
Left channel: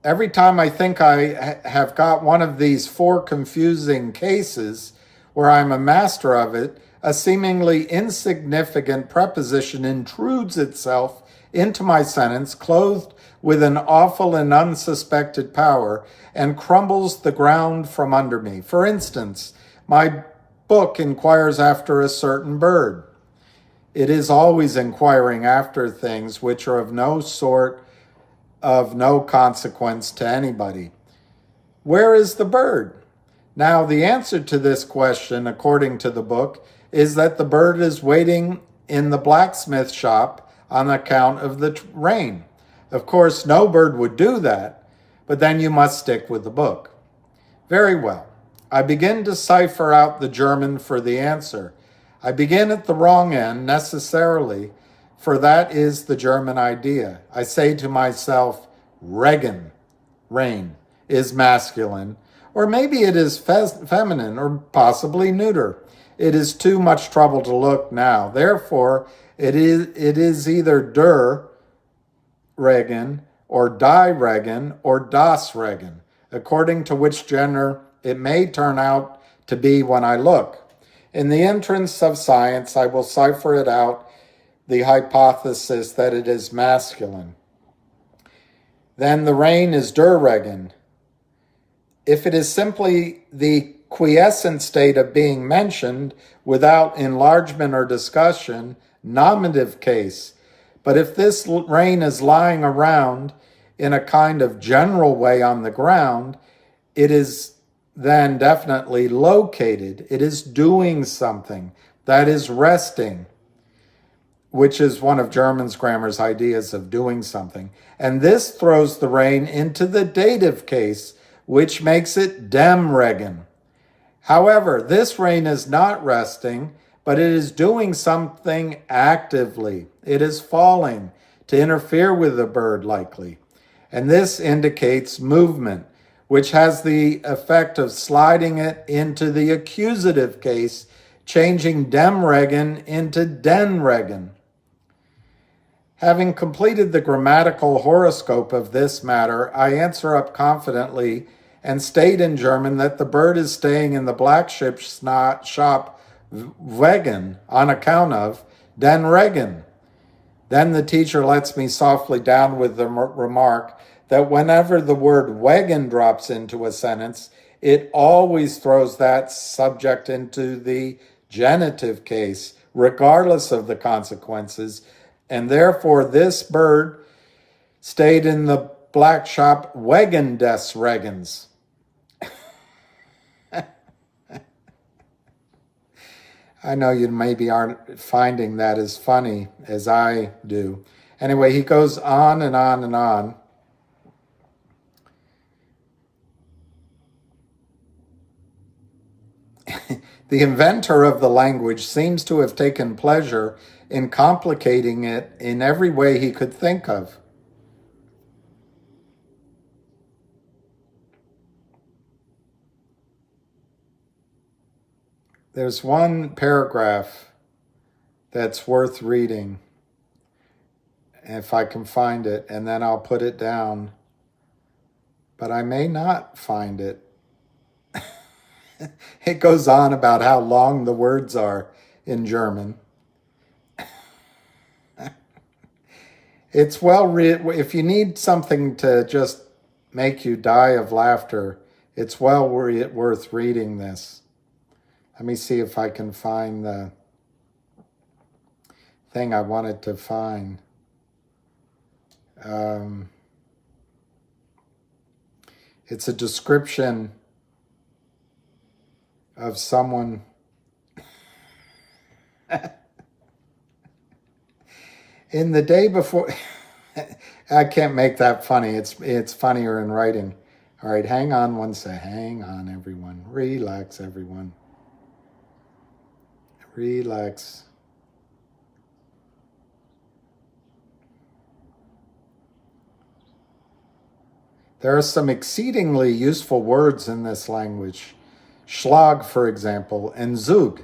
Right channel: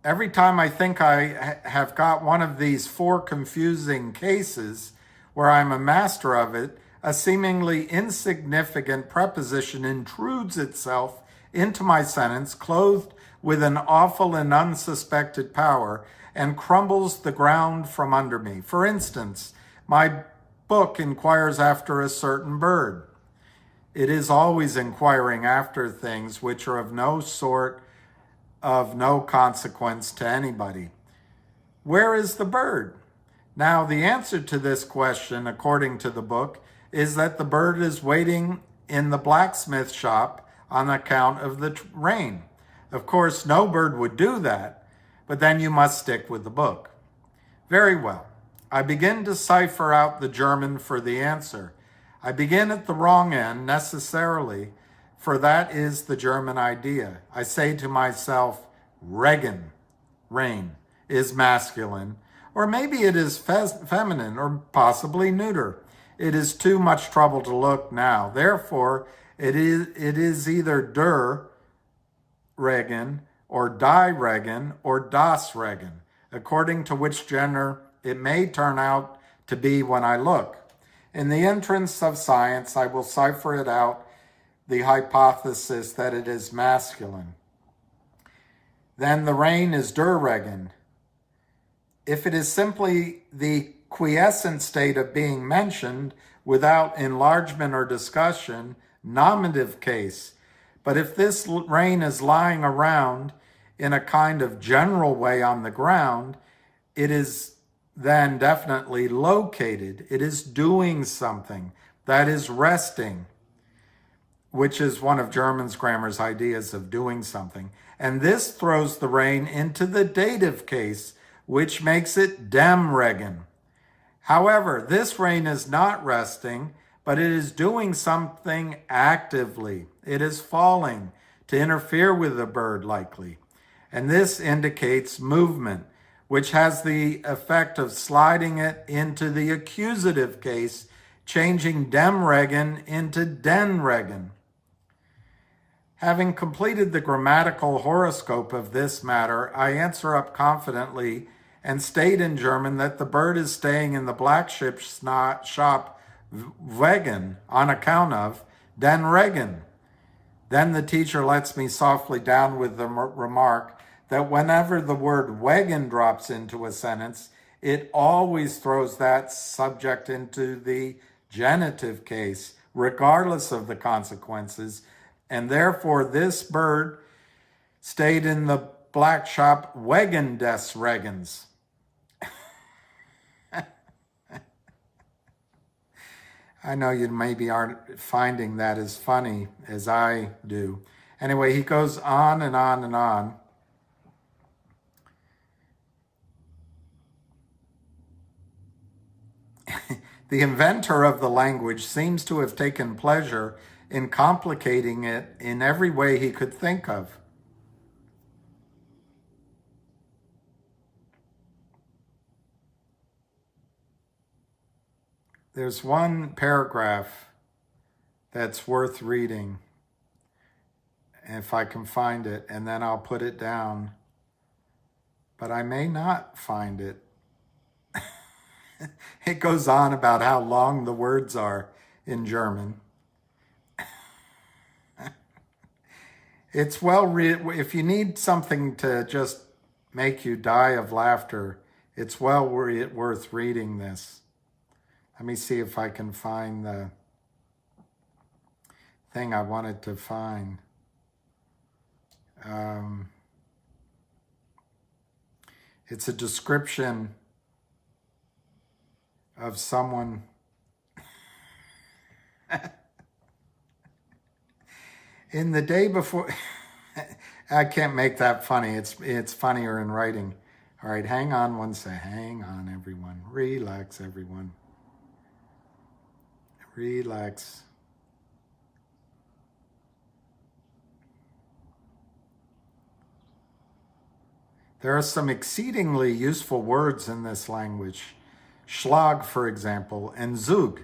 Every time I think I have got one of these 4 confusing cases where I'm a master of it, a seemingly insignificant preposition intrudes itself into my sentence, clothed with an awful and unsuspected power, and crumbles the ground from under me. For instance, my book inquires after a certain bird. It is always inquiring after things which are of no consequence to anybody. Where is the bird? Now, the answer to this question, according to the book, is that the bird is waiting in the blacksmith shop on account of the rain. Of course, no bird would do that, but then you must stick with the book. Very well. I begin to cipher out the German for the answer. I begin at the wrong end, necessarily, for that is the German idea. I say to myself, Regen, rain, is masculine, or maybe it is feminine, or possibly neuter. It is too much trouble to look now. Therefore, it is either der Regen, or die Regen, or das Regen, according to which gender it may turn out to be when I look. In the entrance of science, I will cipher it out the hypothesis that it is masculine. Then the rain is der Regen. If it is simply the quiescent state of being mentioned without enlargement or discussion, nominative case. But if this rain is lying around in a kind of general way on the ground, it is then definitely located. It is doing something. That is resting, which is one of German's grammar's ideas of doing something. And this throws the rain into the dative case, which makes it dem Regen. However, this rain is not resting, but it is doing something actively. It is falling to interfere with the bird, likely. And this indicates movement, which has the effect of sliding it into the accusative case, changing dem Regen into den Regen. Having completed the grammatical horoscope of this matter, I answer up confidently and state in German that the bird is staying in the black shop wegen, on account of, den Regen. Then the teacher lets me softly down with the remark that whenever the word wegen drops into a sentence, it always throws that subject into the genitive case, regardless of the consequences, and therefore this bird stayed in the black shop wegen des Regens. I know you maybe aren't finding that as funny as I do. Anyway, he goes on and on and on. The inventor of the language seems to have taken pleasure in complicating it in every way he could think of. There's one paragraph that's worth reading, if I can find it, and then I'll put it down. But I may not find it. It goes on about how long the words are in German. It's well written. If you need something to just make you die of laughter, it's well worth reading this. Let me see if I can find the thing I wanted to find. It's a description of someone in the day before. I can't make that funny. It's funnier in writing. All right, hang on one sec. Hang on, everyone. Relax, everyone. Relax. There are some exceedingly useful words in this language. Schlag, for example, and Zug.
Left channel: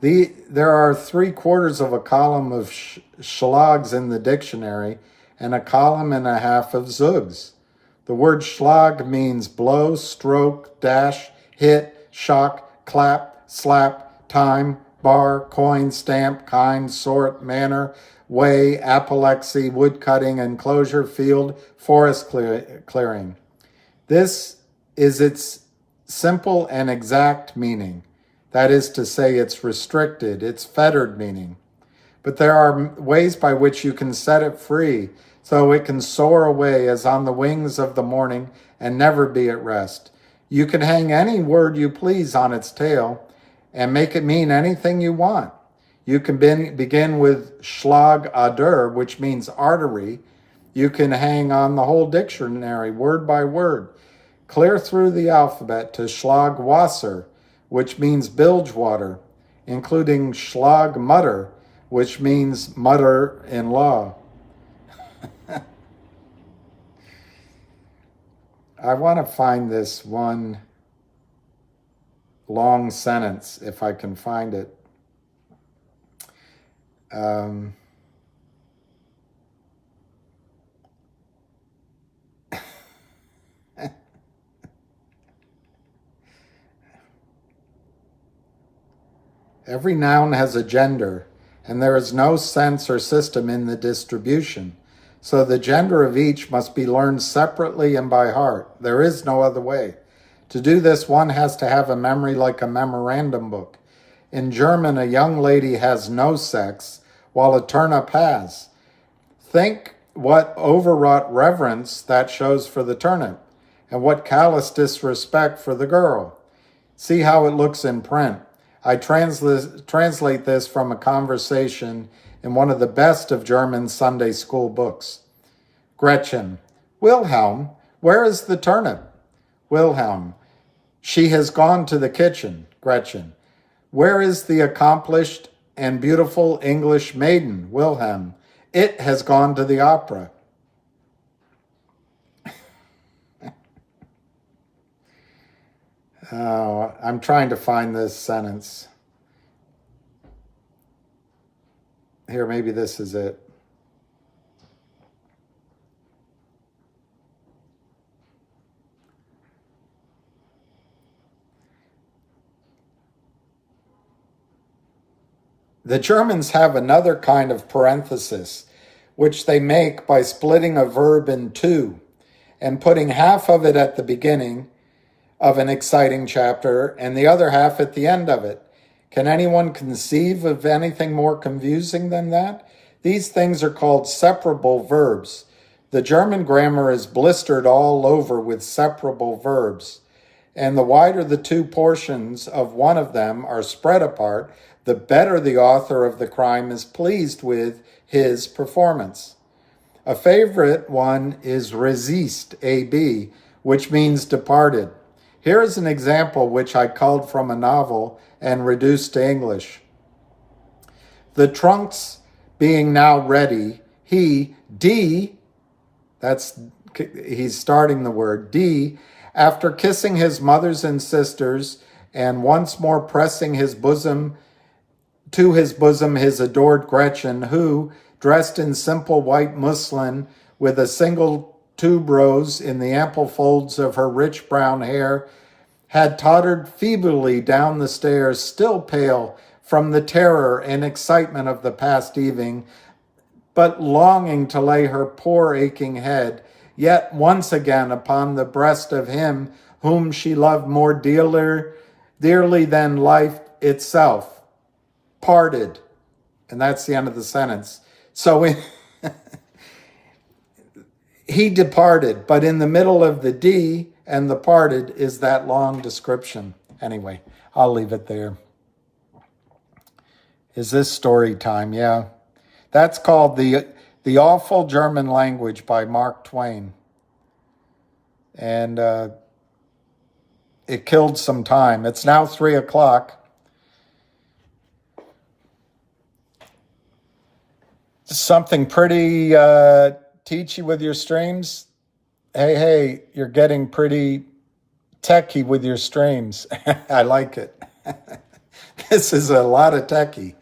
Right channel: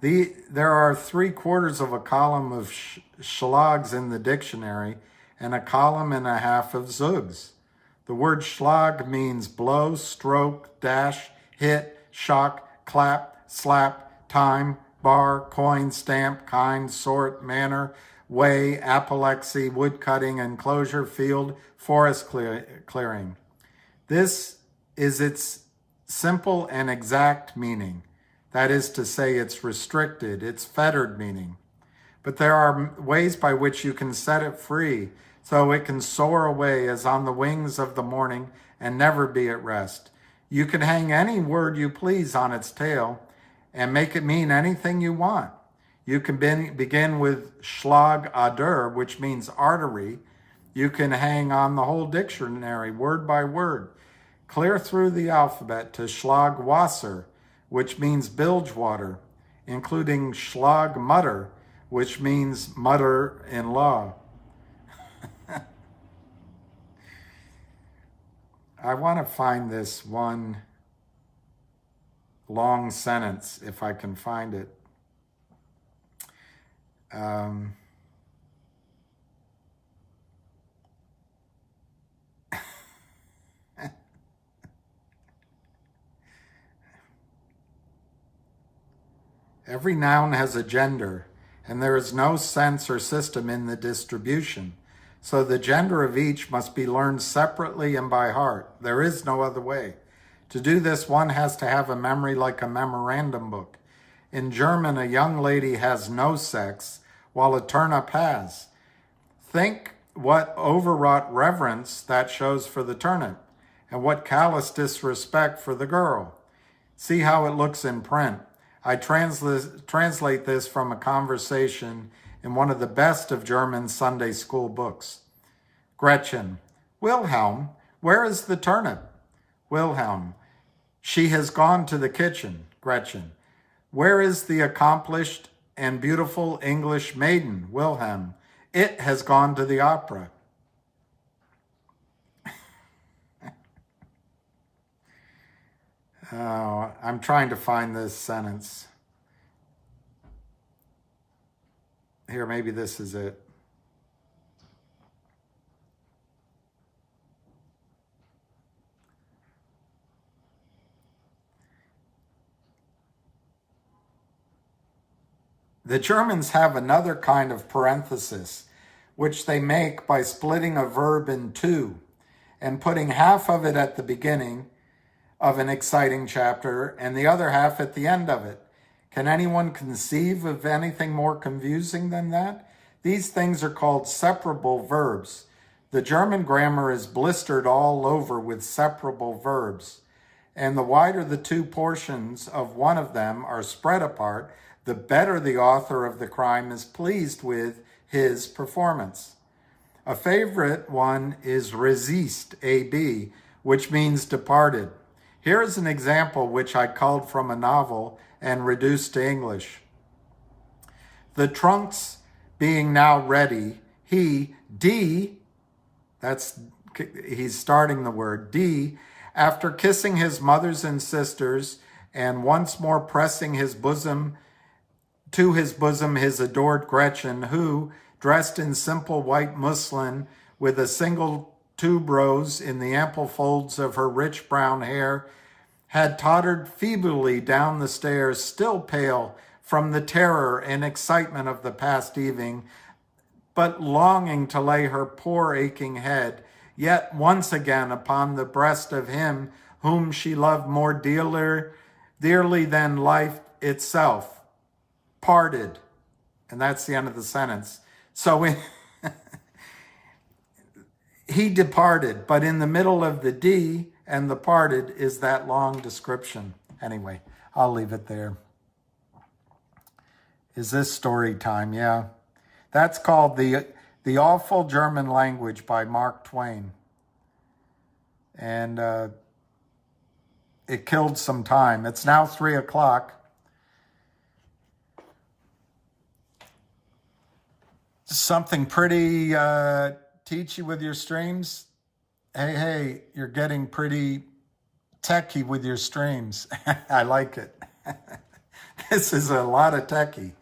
There are 3/4 of a column of Schlags in the dictionary and a column and a half of Zugs. The word Schlag means blow, stroke, dash, hit, shock, clap, slap, time, bar, coin, stamp, kind, sort, manner, way, apoplexy, wood cutting, enclosure, field, forest clearing. This is its simple and exact meaning. That is to say, it's restricted, it's fettered meaning. But there are ways by which you can set it free so it can soar away as on the wings of the morning and never be at rest. You can hang any word you please on its tail and make it mean anything you want. You can begin with Schlagader, which means artery. You can hang on the whole dictionary, word by word, clear through the alphabet to Schlagwasser, which means bilge water, including Schlagmutter, which means mother-in-law. I want to find this one long sentence, if I can find it. Every noun has a gender, and there is no sense or system in the distribution. So the gender of each must be learned separately and by heart. There is no other way. To do this, one has to have a memory like a memorandum book. In German, a young lady has no sex, while a turnip has. Think what overwrought reverence that shows for the turnip, and what callous disrespect for the girl. See how it looks in print. I translate this from a conversation in one of the best of German Sunday school books. Gretchen: Wilhelm, where is the turnip? Wilhelm: she has gone to the kitchen. Gretchen: where is the accomplished and beautiful English maiden? Wilhelm: it has gone to the opera. Oh, I'm trying to find this sentence. Here, maybe this is it. The Germans have another kind of parenthesis, which they make by splitting a verb in two and putting half of it at the beginning of an exciting chapter and the other half at the end of it. Can anyone conceive of anything more confusing than that? These things are called separable verbs. The German grammar is blistered all over with separable verbs, and the wider the two portions of one of them are spread apart, the better the author of the crime is pleased with his performance. A favorite one is resist, AB, which means departed. Here is an example which I culled from a novel and reduced to English. The trunks being now ready, he, D, he's starting the word, D, after kissing his mothers and sisters and once more pressing his bosom his adored Gretchen, who, dressed in simple white muslin with a single tuberose in the ample folds of her rich brown hair, had tottered feebly down the stairs, still pale from the terror and excitement of the past evening, but longing to lay her poor aching head yet once again upon the breast of him whom she loved more dearly than life itself. Parted. And that's the end of the sentence. So he departed, but in the middle of the D and the parted is that long description. Anyway, I'll leave it there. Is this story time? Yeah. That's called The Awful German Language by Mark Twain. And it killed some time. It's now 3:00. Something pretty teachy with your streams. Hey, you're getting pretty techie with your streams. I like it. This is a lot of techie.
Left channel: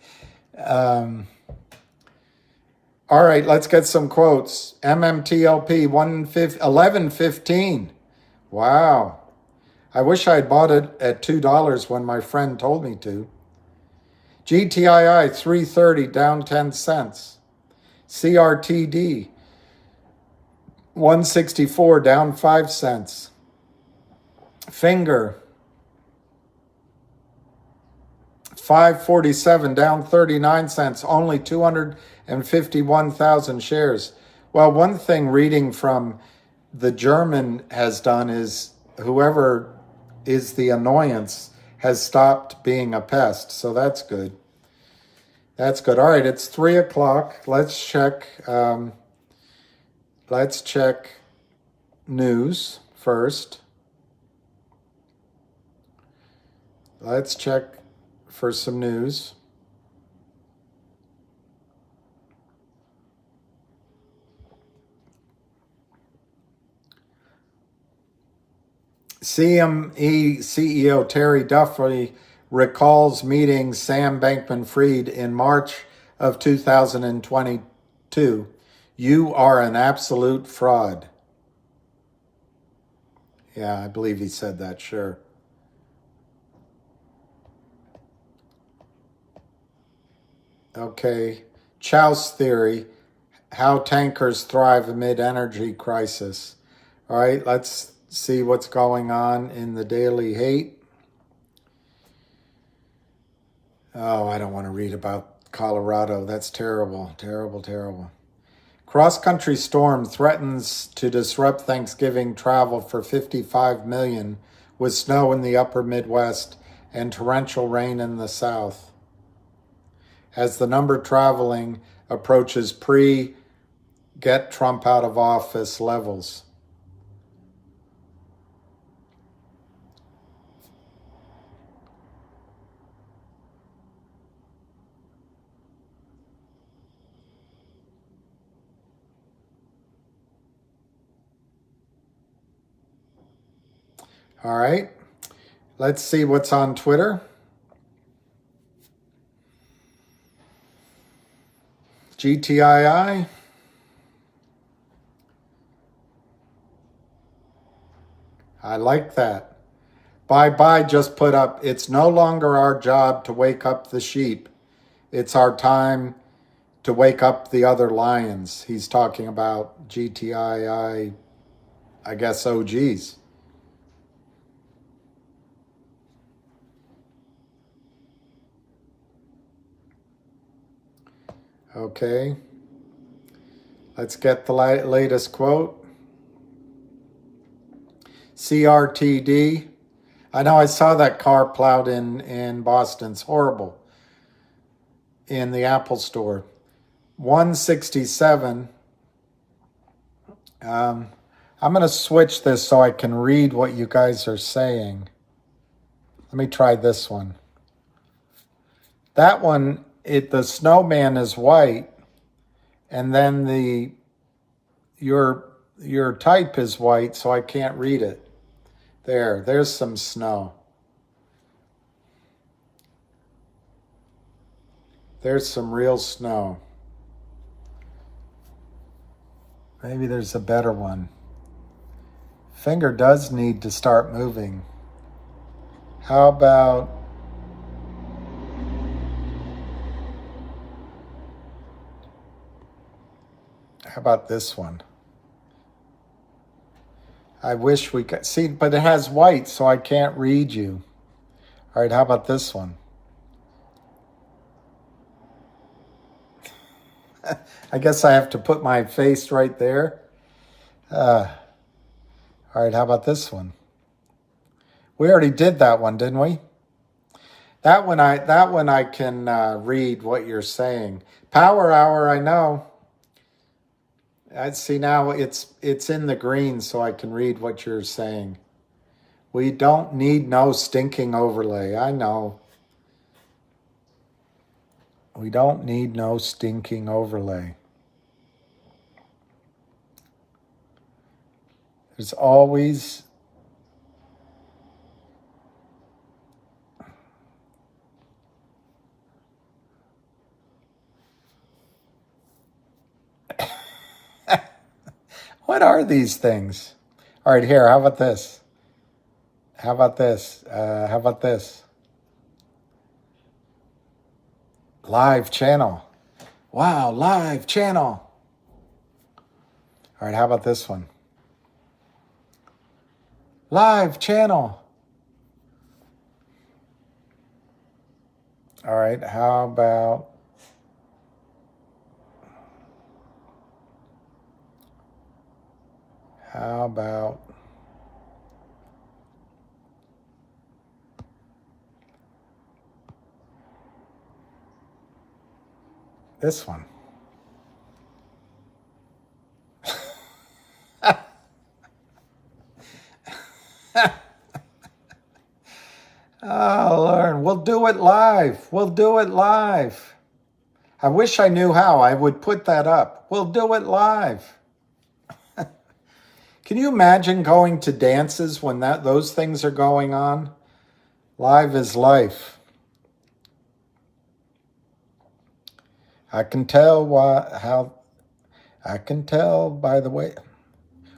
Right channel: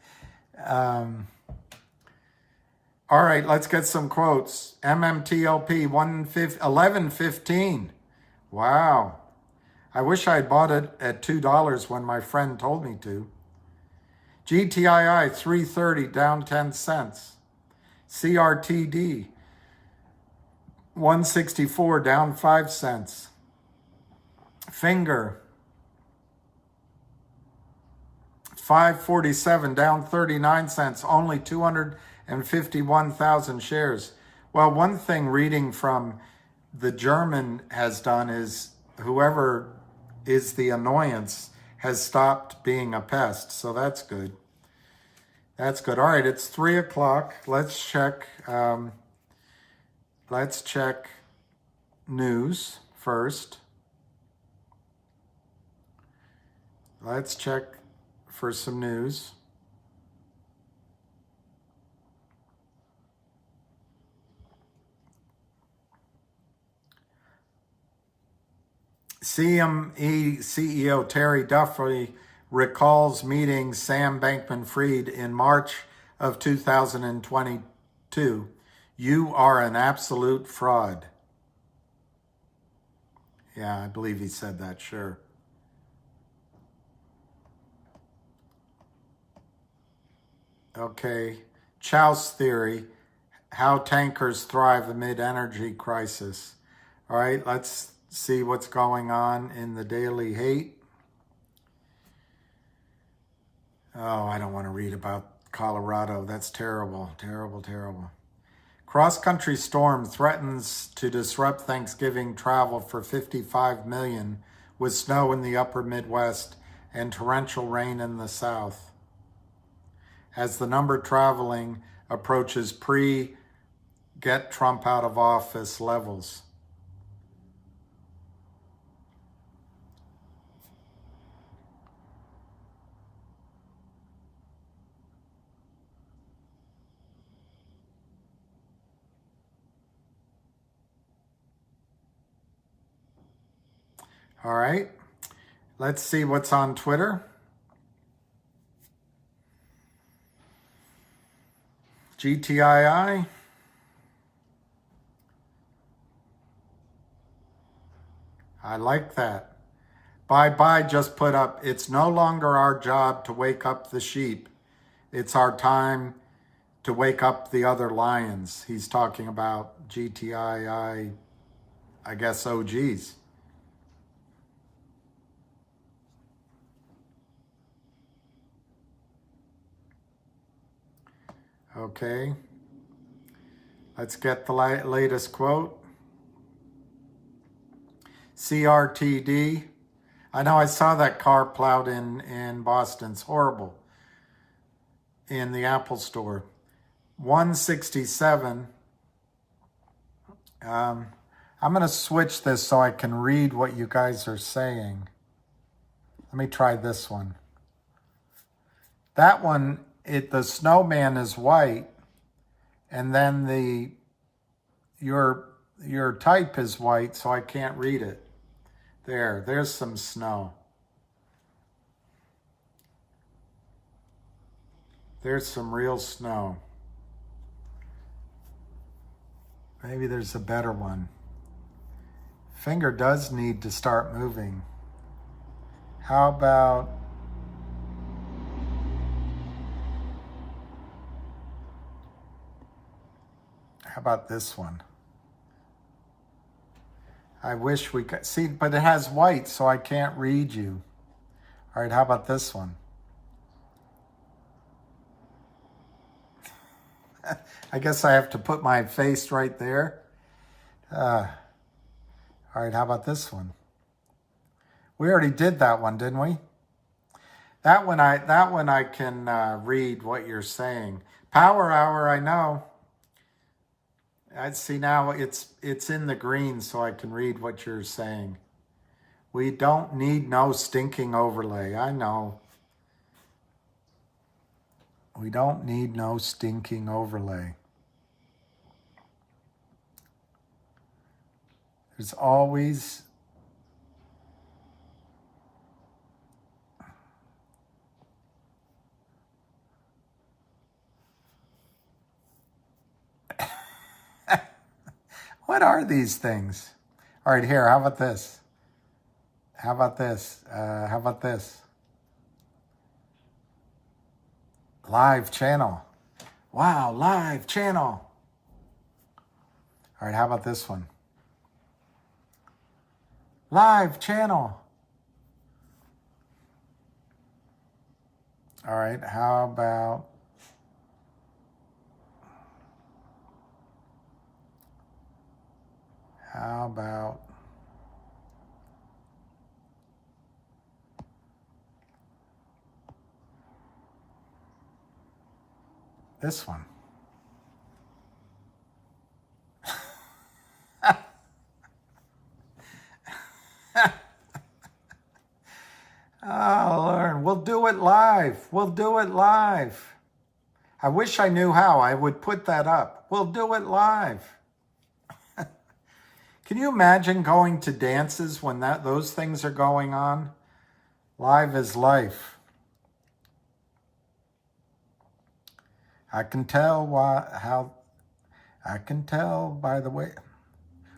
All right, let's get some quotes. MMTLP 11:15. Wow. I wish I'd bought it at $2 when my friend told me to. GTII 330 down 10 cents. CRTD 164 down 5 cents. Finger 547 down 39 cents. Only 251,000 shares. Well, one thing reading from the German has done is whoever is the annoyance has stopped being a pest. So that's good. That's good. All right, it's 3:00. Let's check news first. Let's check for some news. CME CEO Terry Duffy recalls meeting Sam Bankman-Fried in March of 2022. You are an absolute fraud. Yeah, I believe he said that, sure. Okay. Chouse theory, how tankers thrive amid energy crisis. All right, let's see what's going on in the Daily Hate. Oh, I don't want to read about Colorado. That's terrible, terrible, terrible. Cross-country storm threatens to disrupt Thanksgiving travel for 55 million with snow in the upper Midwest and torrential rain in the South. As the number traveling approaches pre-get Trump out of office levels. All right, let's see what's on Twitter. GTII. I like that. Bye just put up, it's no longer our job to wake up the sheep. It's our time to wake up the other lions. He's talking about GTII, I guess OGs. Okay, let's get the latest quote. CRTD. I know I saw that car plowed in Boston. It's horrible. In the Apple store. 167. I'm going to switch this so I can read what you guys are saying. Let me try this one. That one, the snowman is white, and then your type is white, so I can't read it. There's some snow. There's some real snow. Maybe there's a better one. Finger does need to start moving. How about this one? I wish we could see, but it has white, so I can't read you. All right, how about this one? I guess I have to put my face right there. All right, how about this one? We already did that one, didn't we? That one I can read what you're saying. Power hour, I know. I see now it's in the green, so I can read what you're saying. We don't need no stinking overlay. I know. We don't need no stinking overlay. There's always what are these things? All right, here, how about this? How about this? How about this? Live channel. Wow, live channel. All right, how about this one? Live channel. All right, how about this one? Oh, Lord, we'll do it live. We'll do it live. I wish I knew how. I would put that up. We'll do it live. Can you imagine going to dances when those things are going on? Live is life. I can tell I can tell by the way.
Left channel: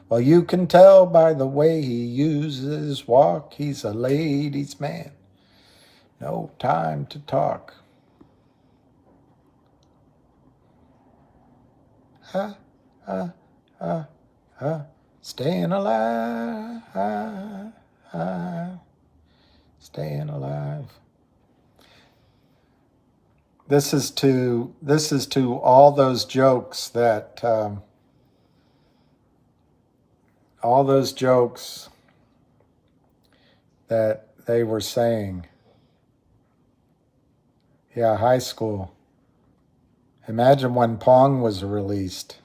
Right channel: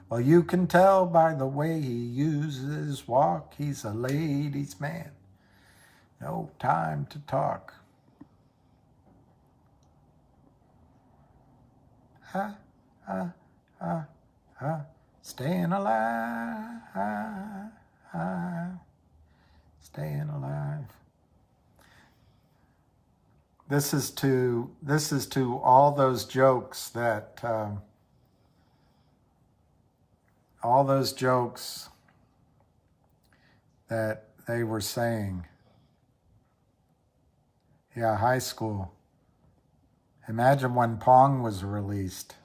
Well, you can tell by the way he uses walk. He's a ladies' man. No time to talk. staying alive, staying alive. This is to all those jokes that they were saying. Yeah, high school. Imagine when Pong was released.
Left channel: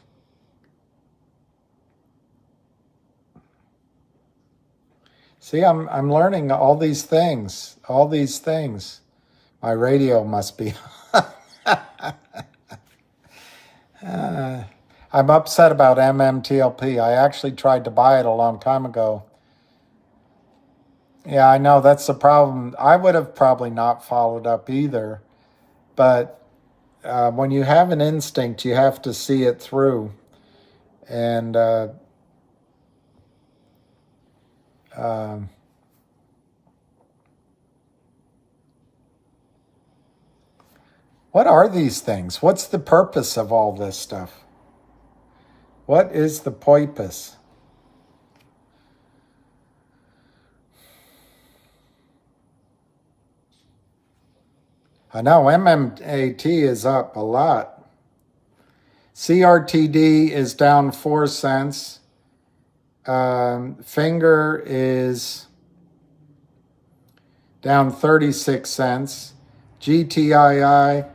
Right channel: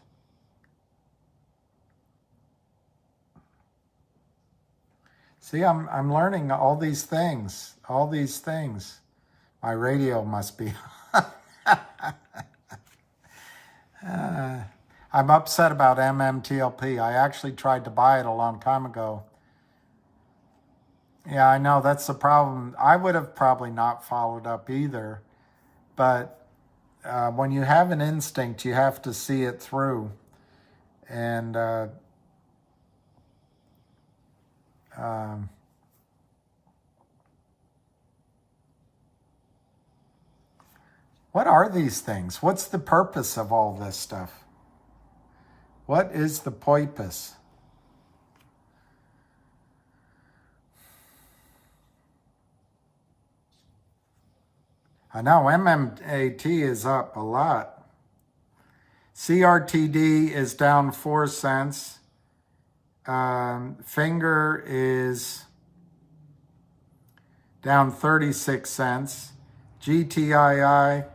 See, I'm learning all these things. All these things. My radio must be. I'm upset about MMTLP. I actually tried to buy it a long time ago. Yeah, I know, that's the problem. I would have probably not followed up either. But when you have an instinct, you have to see it through. And what are these things? What's the purpose of all this stuff? What is the purpose? I know MMAT is up a lot. CRTD is down 4 cents. Finger is down 36 cents. GTII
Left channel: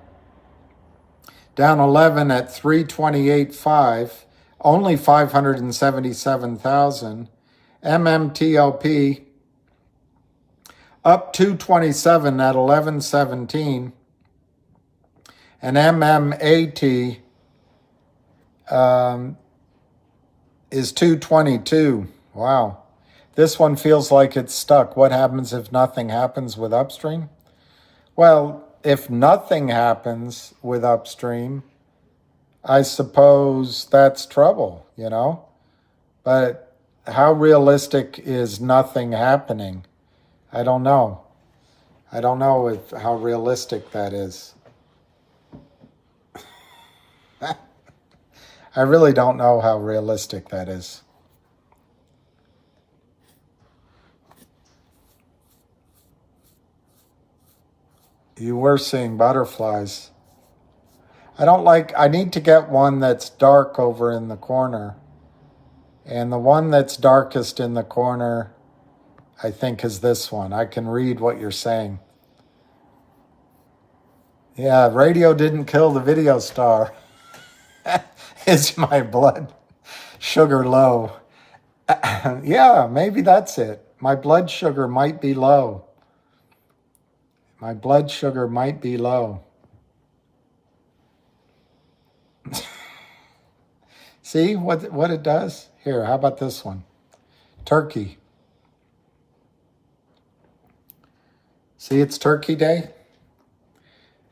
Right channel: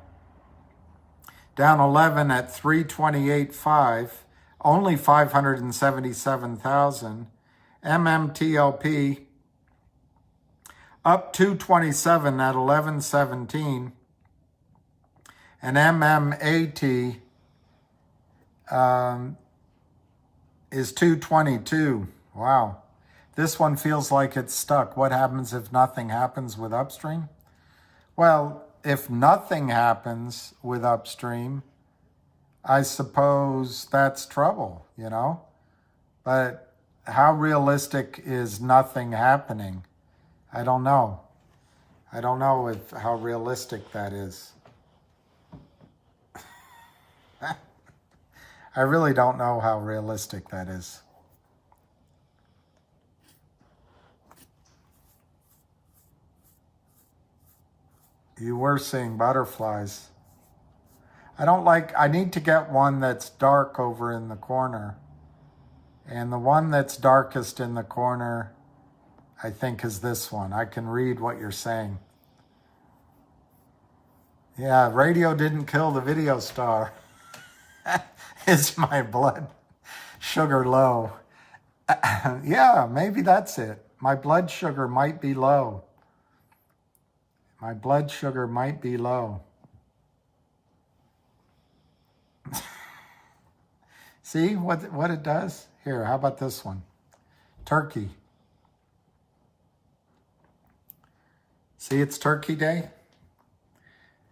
down 11 at 328.5. Only 577,000. MMTLP up 227 at 1117. And MMAT is 222. Wow. This one feels like it's stuck. What happens if nothing happens with upstream? Well, if nothing happens with upstream, I suppose that's trouble, you know? But how realistic is nothing happening? I don't know. I don't know how realistic that is. I really don't know how realistic that is. You were seeing butterflies. I need to get one that's dark over in the corner. And the one that's darkest in the corner, I think, is this one. I can read what you're saying. Yeah, radio didn't kill the video star. Is my blood sugar low? Yeah, maybe that's it. My blood sugar might be low. My blood sugar might be low. See what it does? Here, how about this one? Turkey. See, it's Turkey Day.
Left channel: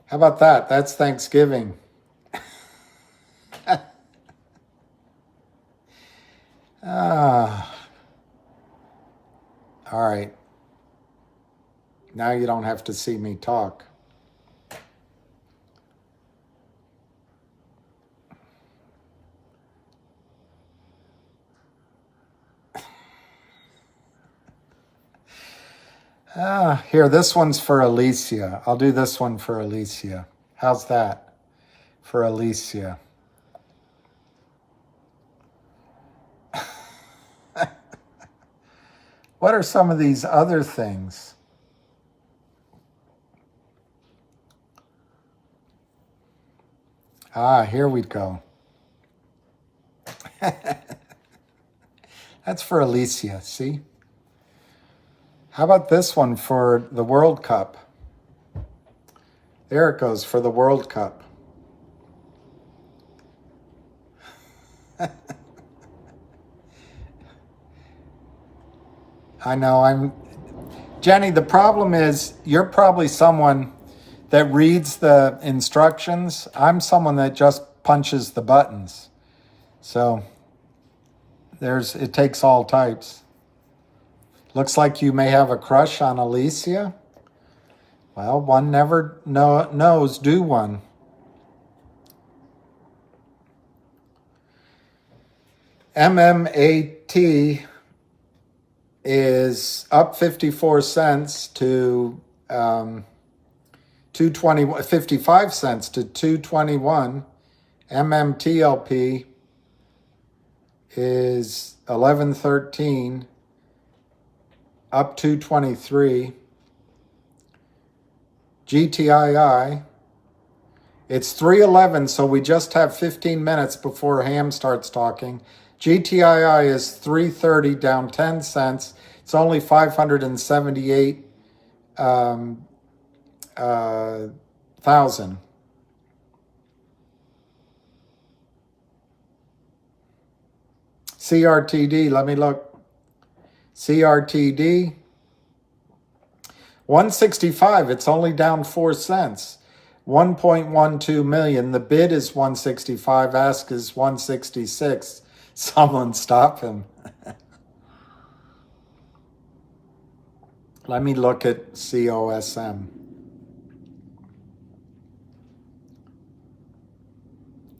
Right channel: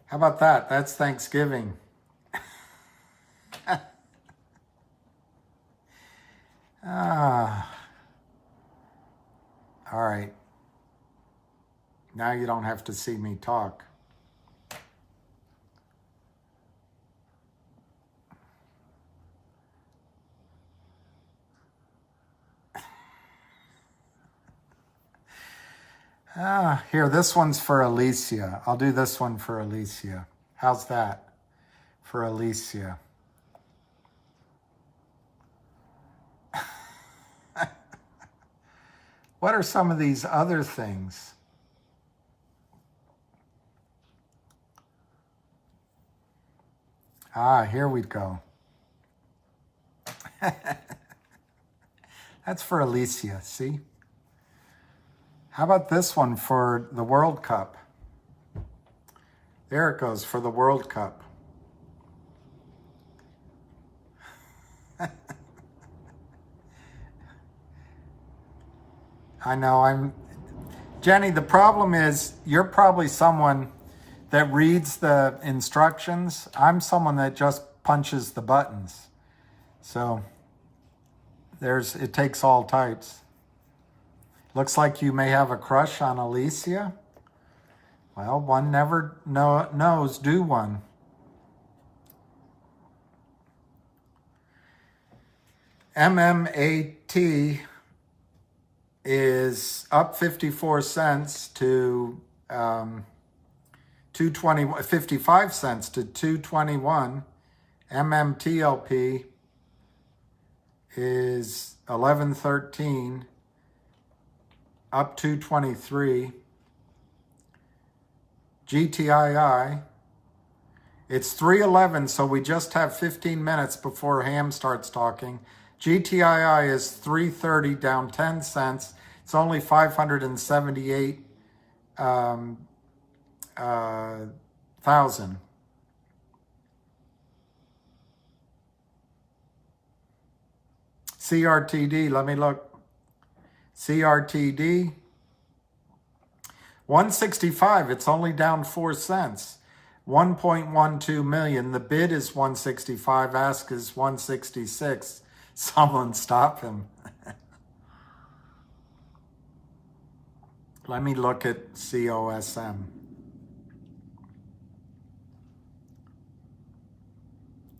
How about that? That's Thanksgiving. All right. Now you don't have to see me talk. Here, this one's for Alicia. I'll do this one for Alicia. How's that? For Alicia. What are some of these other things? Here we go. That's for Alicia, see? How about this one for the World Cup? There it goes, for the World Cup. I know, Jenny, the problem is you're probably someone that reads the instructions. I'm someone that just punches the buttons. So it takes all types. Looks like you may have a crush on Alicia. Well, one never knows, do one? MMAT is up 54 cents to 55 cents to 221. MMTLP is 11.13, up 223. GTII, it's 3:11, so we just have 15 minutes before Ham starts talking. GTII is 330, down 10 cents. It's only 578,000. CRTD, let me look. CRTD, 165, it's only down 4 cents. 1.12 million. The bid is 165, ask is 166. Someone stop him. Let me look at COSM.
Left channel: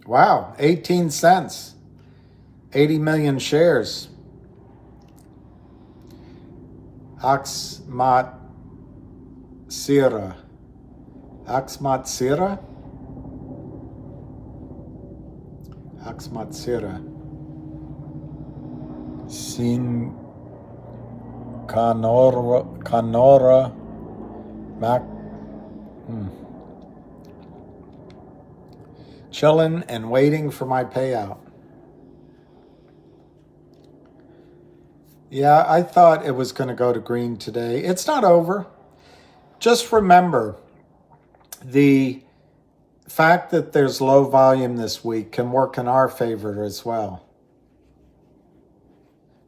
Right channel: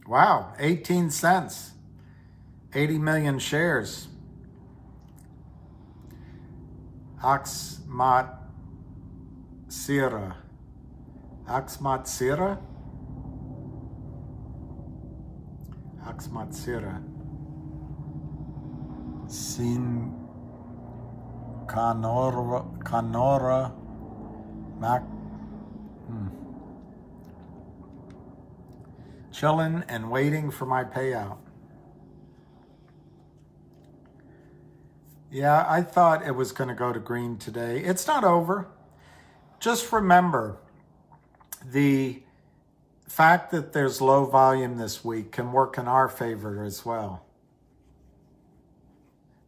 Wow, 18 cents. 80 million shares. Axmat Sira. Axmat Sira? Axmat Sira. Sin Canora Mac. Chilling and waiting for my payout. Yeah, I thought it was going to go to green today. It's not over. Just remember, the fact that there's low volume this week can work in our favor as well.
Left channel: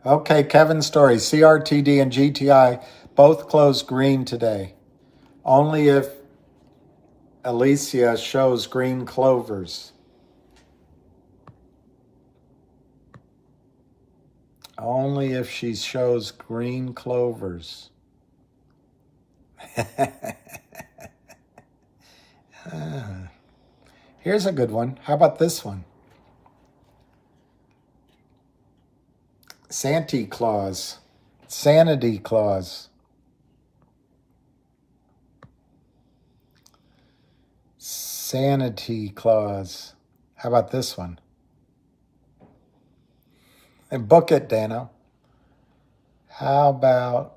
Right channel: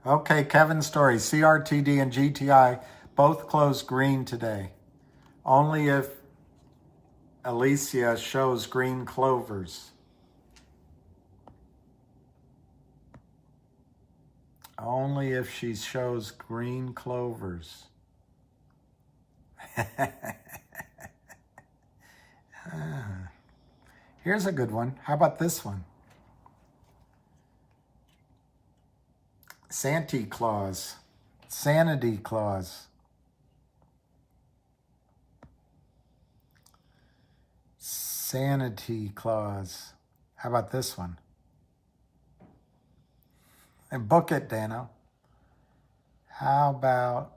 Okay, Kevin's story. CRTD and GTI both closed green today. Only if Alicia shows green clovers. Only if she shows green clovers. Here's a good one. How about this one? Santy Claus. Sanity Claus. Sanity Claus. How about this one? And book it, Dano. How about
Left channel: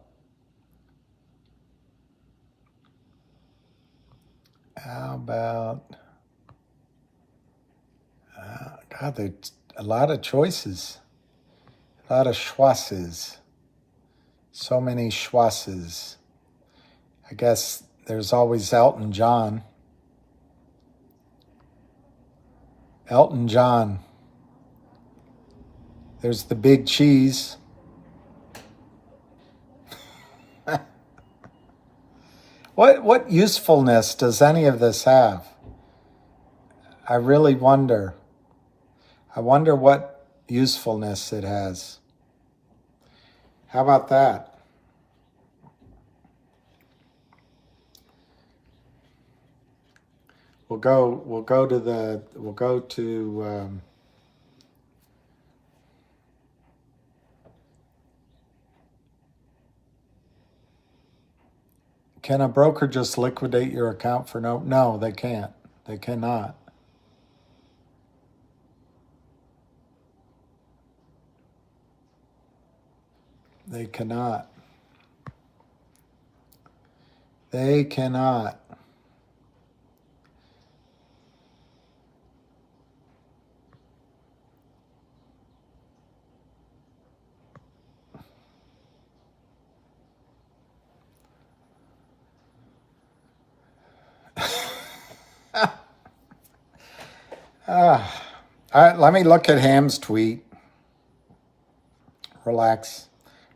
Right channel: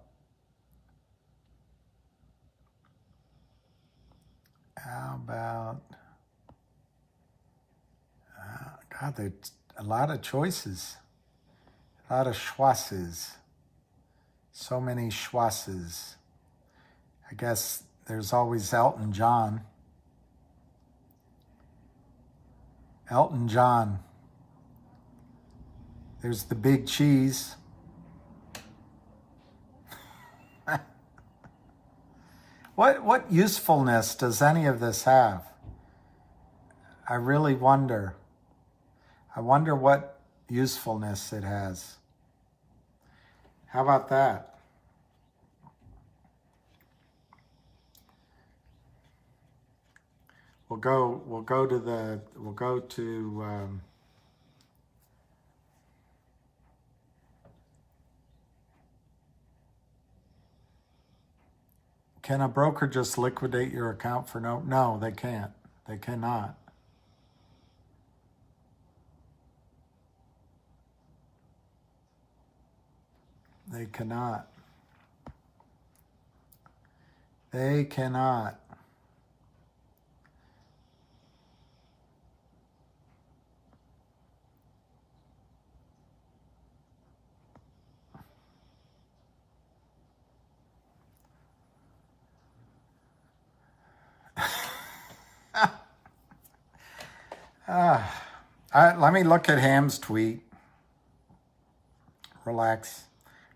God, there's a lot of choices. A lot of schwasses. So many schwasses. I guess there's always Elton John. Elton John. There's the big cheese. What usefulness does any of this have? I really wonder. I wonder what usefulness it has. How about that? We'll go to can a broker just liquidate your account for no, they can't. They cannot. They cannot. They cannot. Let me look at Ham's tweet. Relax.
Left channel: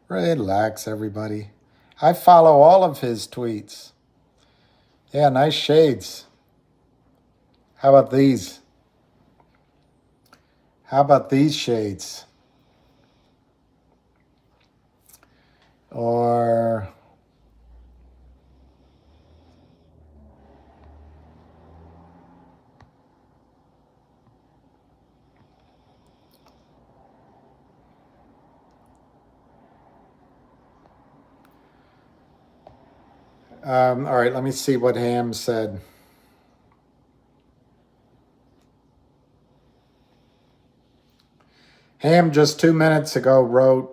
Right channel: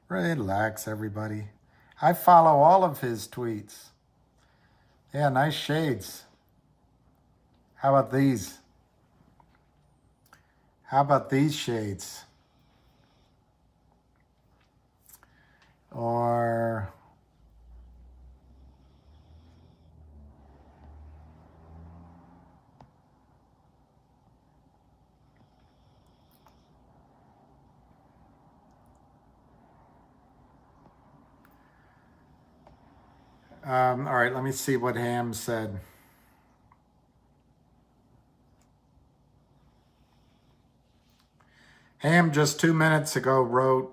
Relax, everybody. I follow all of his tweets. Yeah, nice shades. How about these? How about these shades? Or All right, let me see what Ham said. Ham just 2 minutes ago wrote,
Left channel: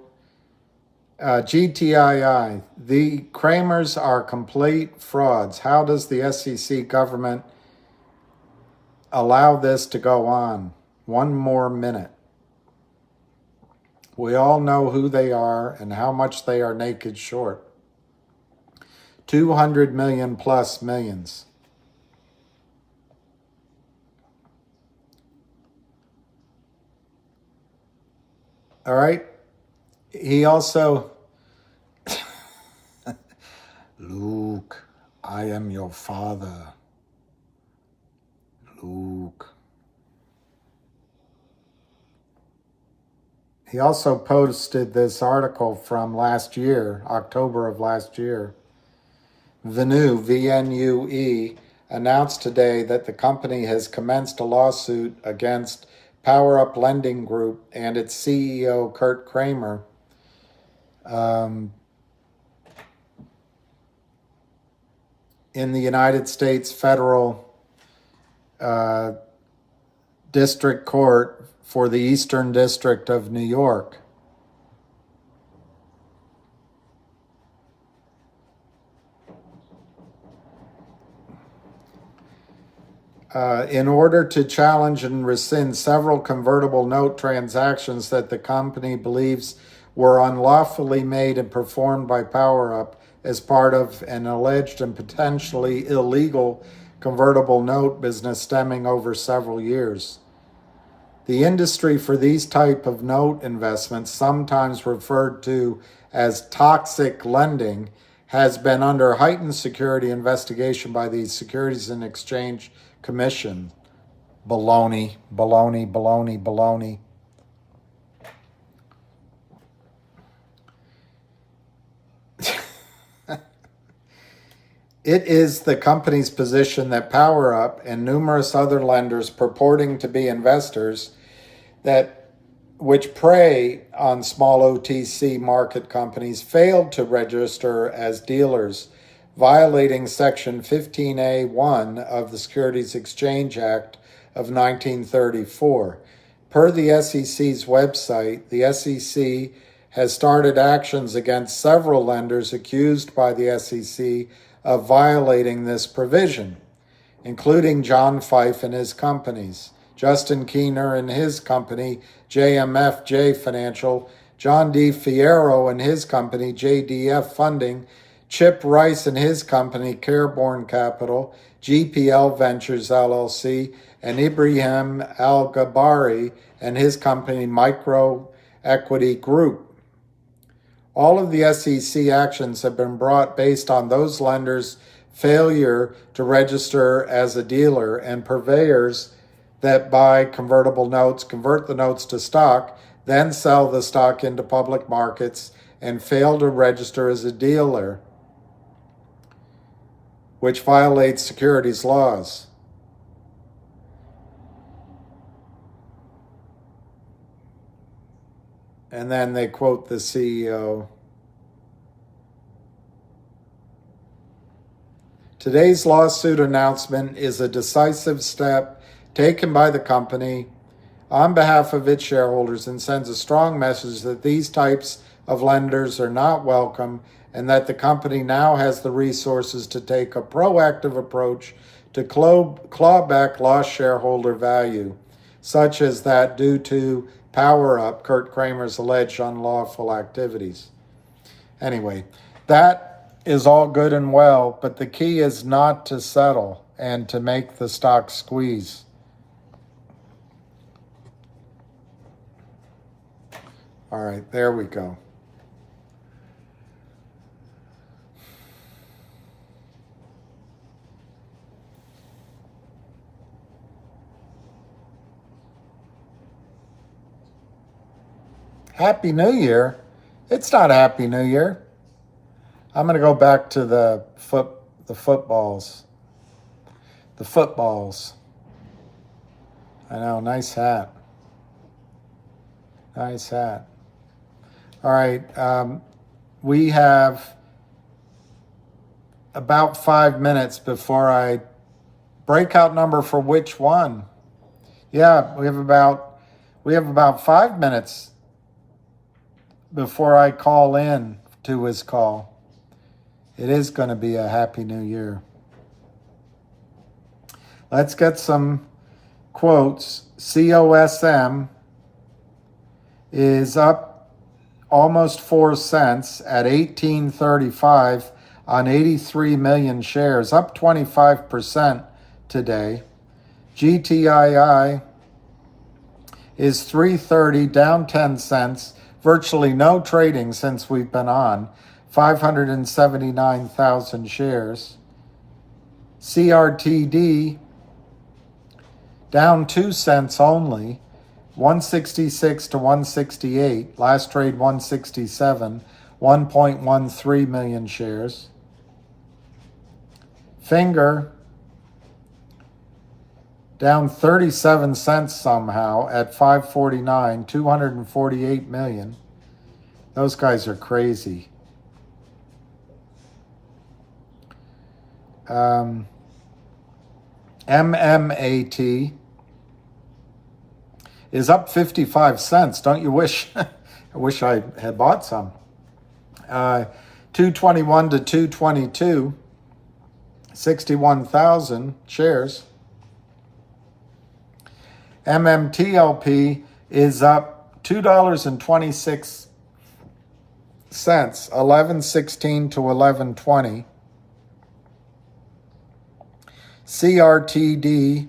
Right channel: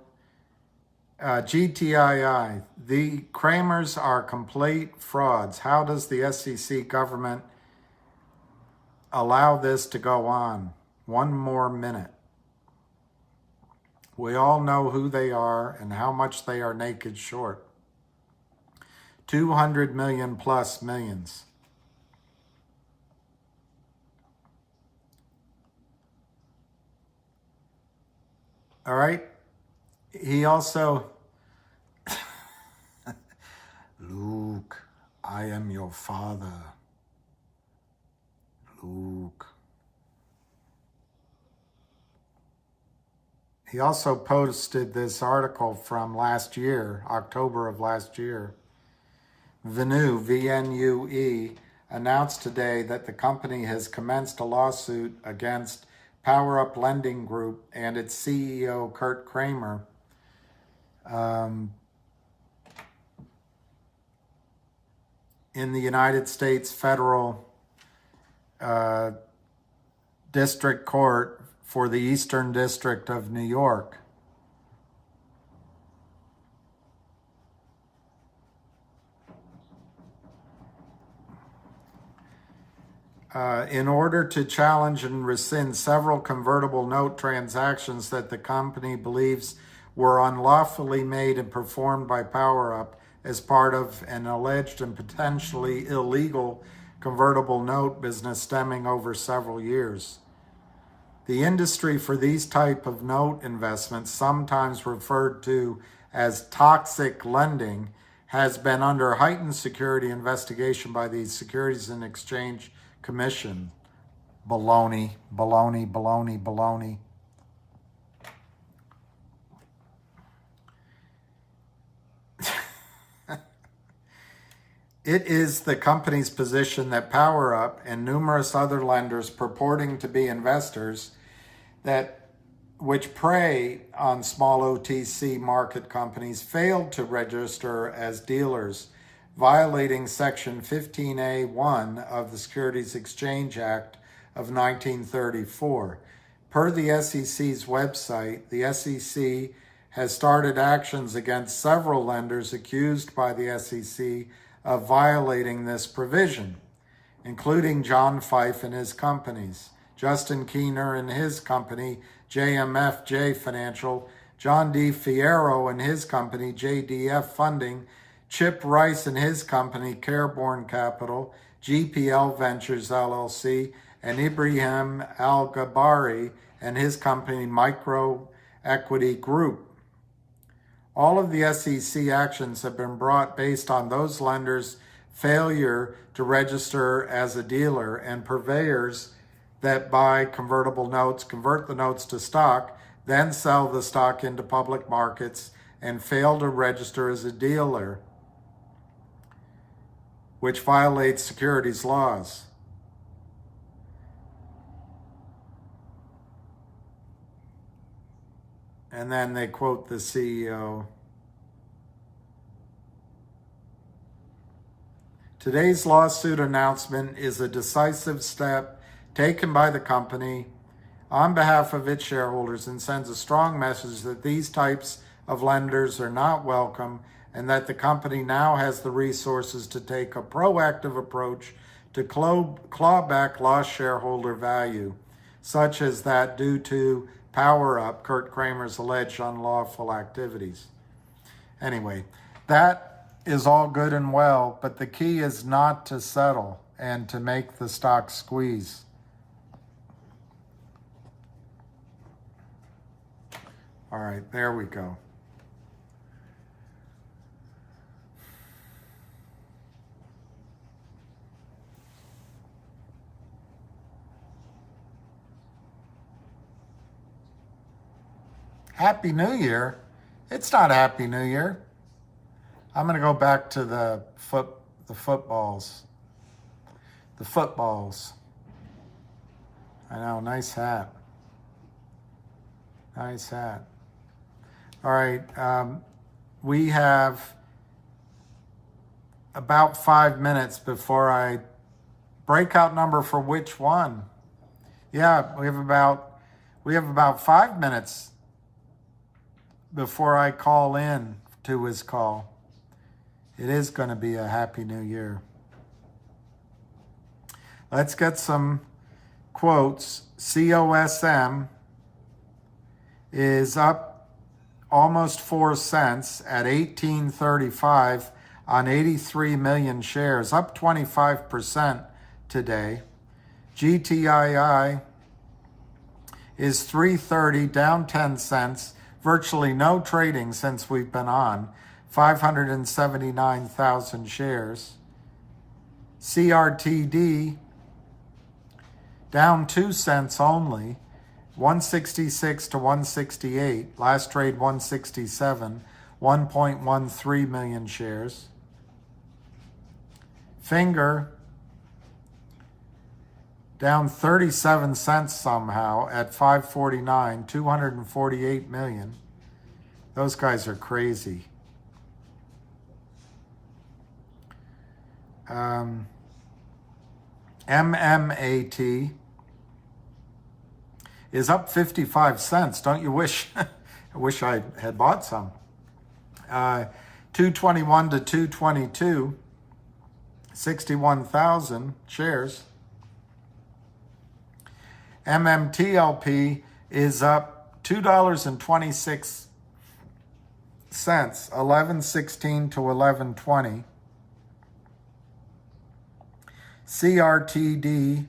GTII, the Kramers are complete frauds. How does the SEC government allow this to go on? One more minute. We all know who they are and how much they are naked short. 200 million plus millions. All right. He also, Luke, I am your father. Luke. He also posted this article from last year, October of last year. Venue, V-N-U-E, announced today that the company has commenced a lawsuit against Power Up Lending Group and its CEO, Kurt Kramer. In the United States Federal District Court for the Eastern District of New York. In order to challenge and rescind several convertible note transactions that the company believes were unlawfully made and performed by PowerUp as part of an alleged and potentially illegal convertible note business stemming over several years. The industry for these type of note investments, sometimes referred to as toxic lending, has been under heightened security investigation by the Securities and Exchange Commission. Baloney, baloney, baloney, baloney. It is the company's position that PowerUp and numerous other lenders purporting to be investors which prey on small OTC market companies failed to register as dealers, violating Section 15A1 of the Securities Exchange Act of 1934. Per the SEC's website, the SEC has started actions against several lenders accused by the SEC of violating this provision, including John Fife and his companies, Justin Keener and his company, JMFJ Financial, John D. Fierro and his company, JDF Funding, Chip Rice and his company, Careborn Capital, GPL Ventures LLC, and Ibrahim Al-Gabari and his company, Micro Equity Group. All of the SEC actions have been brought based on those lenders' failure to register as a dealer and purveyors that buy convertible notes, convert the notes to stock, then sell the stock into public markets and fail to register as a dealer, which violates securities laws. And then they quote the CEO. Today's lawsuit announcement is a decisive step taken by the company on behalf of its shareholders and sends a strong message that these types of lenders are not welcome and that the company now has the resources to take a proactive approach to claw back lost shareholder value, such as that due to PowerUp, Kurt Kramer's alleged unlawful activities. Anyway, that is all good and well, but the key is not to settle and to make the stock squeeze. All right, there we go. Happy New Year. It's not Happy New Year. I'm going to go back to the footballs. The footballs. I know, nice hat. Nice hat. All right, we have about 5 minutes before I breakout number for which one? Yeah, we have about 5 minutes before I call in to his call. It is going to be a Happy New Year. Let's get some quotes. COSM is up almost 4 cents at 18.35 on 83 million shares, up 25% today. GTII is 3.30, down 10 cents. Virtually no trading since we've been on. 579,000 shares. CRTD down 2 cents only. 166 to 168. Last trade 167. 1.13 million shares. Finger down 37 cents somehow at 549, 248 million. Those guys are crazy. MMAT is up 55 cents. Don't you wish? I wish I had bought some. 221 to 222, 61,000 shares. MMTLP is up $2.26, 11.16 to 11.20. CRTD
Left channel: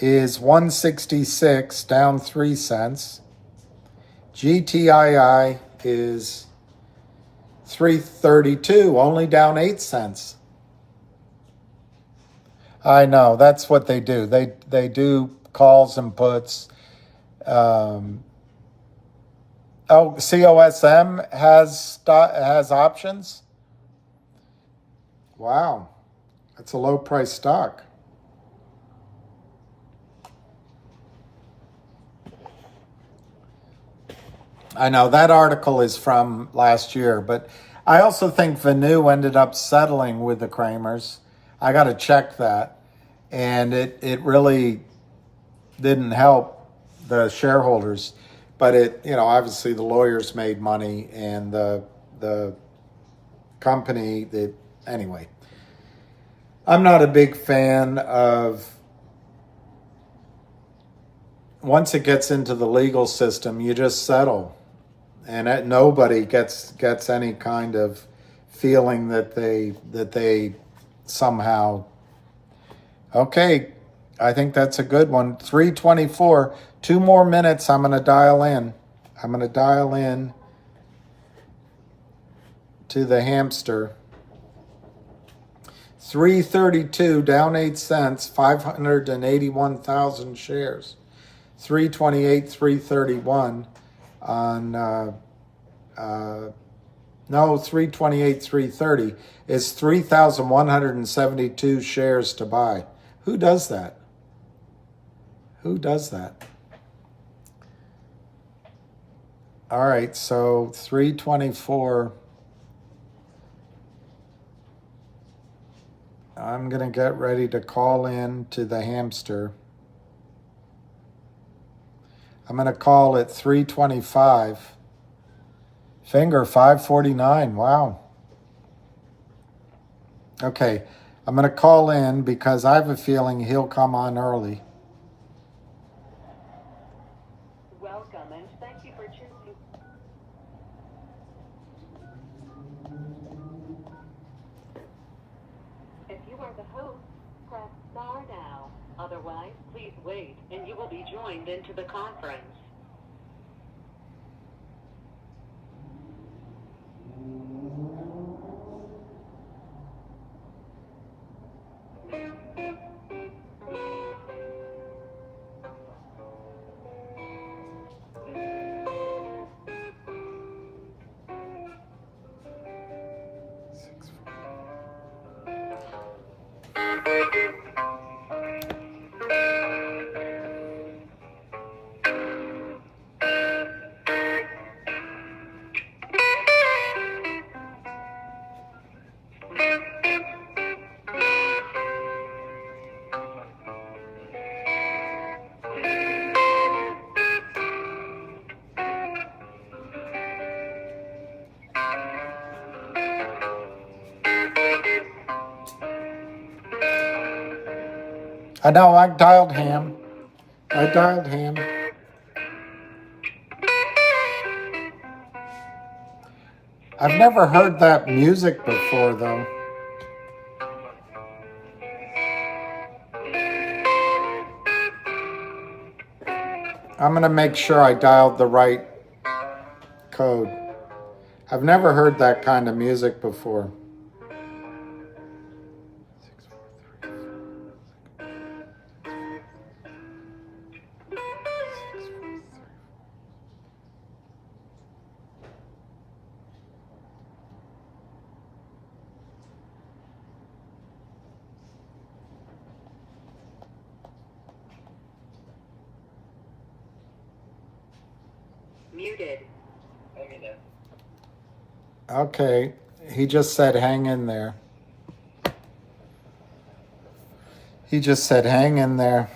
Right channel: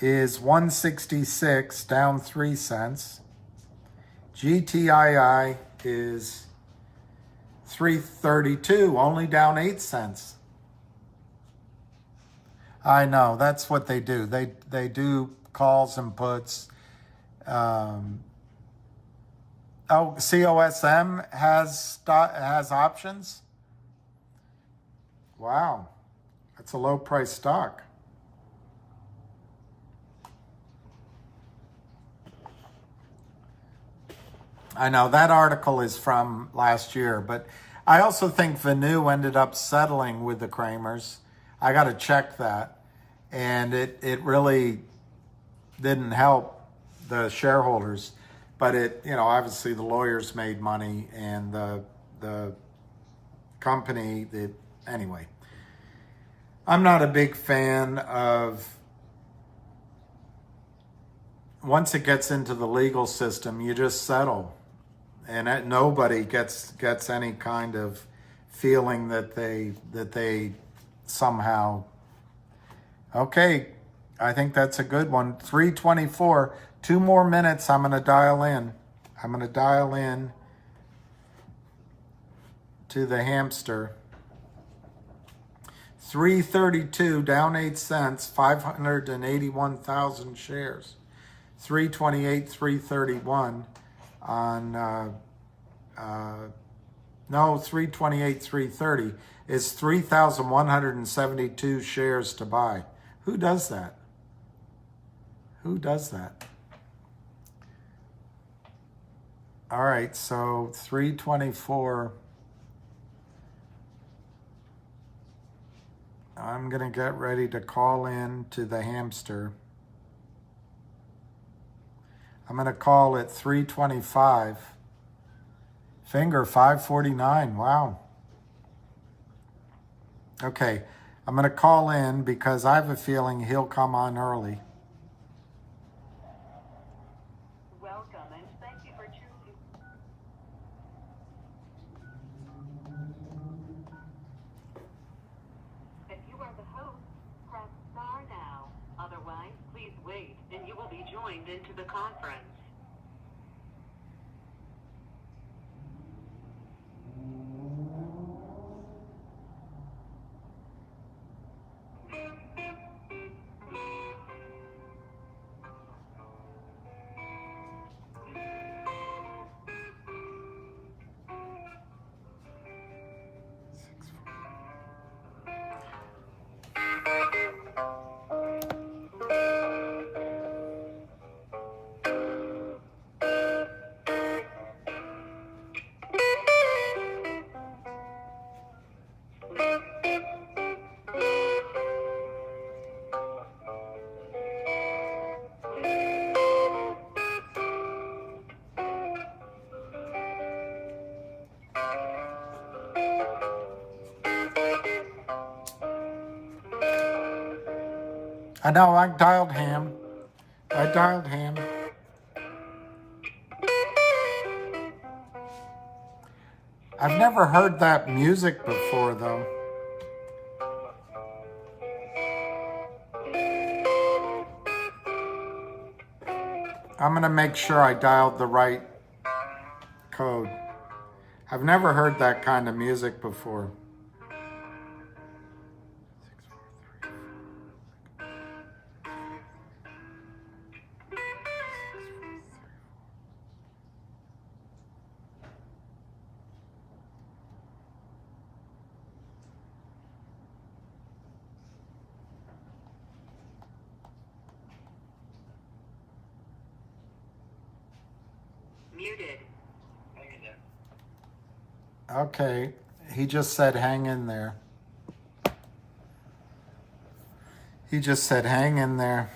is 166, down 3 cents. GTII is 332, only down 8 cents. I know, that's what they do. They do calls and puts. COSM has options? Wow, that's a low price stock. I know that article is from last year, but I also think Vanu ended up settling with the Kramers. I got to check that. And it really didn't help the shareholders, but obviously the lawyers made money and the company anyway. I'm not a big fan of, once it gets into the legal system, you just settle. And nobody gets any kind of feeling that they somehow, okay, I think that's a good one. 3:24, 2 more minutes. I'm going to dial in. I'm going to dial in to the hamster. 332, down 8 cents, 581,000 shares. 328, 331 on, 328, 330 is 3,172 shares to buy. Who does that? Who does that? All right, so 324. I'm going to get ready to call in to the hamster. I'm going to call at 325. Finger 549. Wow. Okay, I'm going to call in because I have a feeling he'll come on early. Welcome and thank you for choosing. If you are the host, press star now. Otherwise, please wait and you will be joined into the conference. I know, I dialed Ham. I dialed Ham. I've never heard that music before, though. I'm going to make sure I dialed the right code. I've never heard that kind of music before. Muted. Okay, he just said hang in there. He just said hang in there.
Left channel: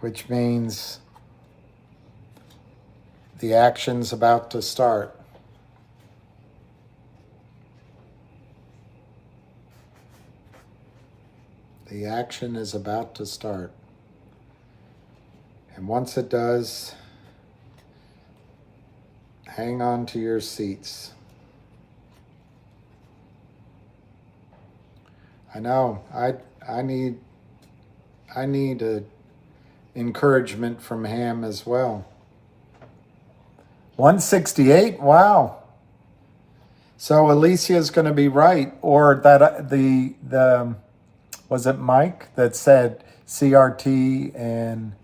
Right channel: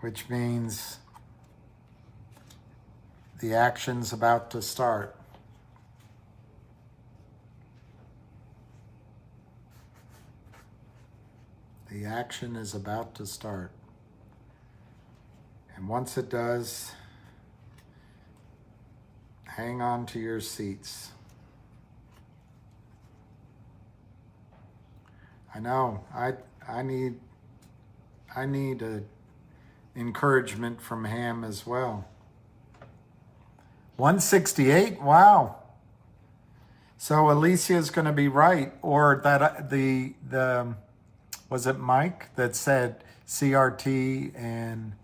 Which means the action's about to start. The action is about to start. And once it does, hang on to your seats. I know, I need a encouragement from Ham as well. 168, wow. So Alicia's going to be right, or that the was it Mike that said CRT and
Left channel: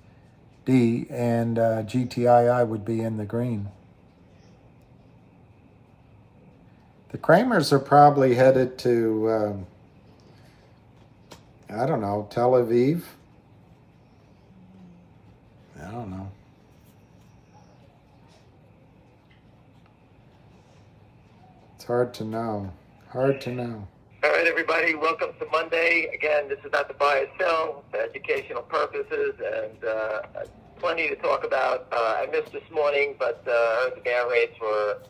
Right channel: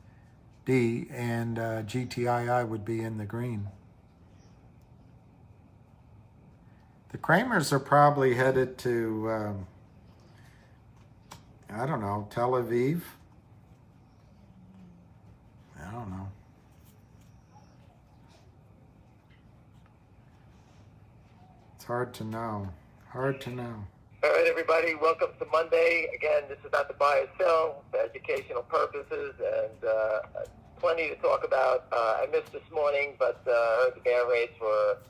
D and GTII would be in the green. The Kramers are probably headed to, I don't know, Tel Aviv. I don't know. It's hard to know. Hard to know. All right, everybody, welcome to Monday. Again, this is not to buy or sell, for educational purposes, and plenty to talk about. I missed this morning, but the bear rates were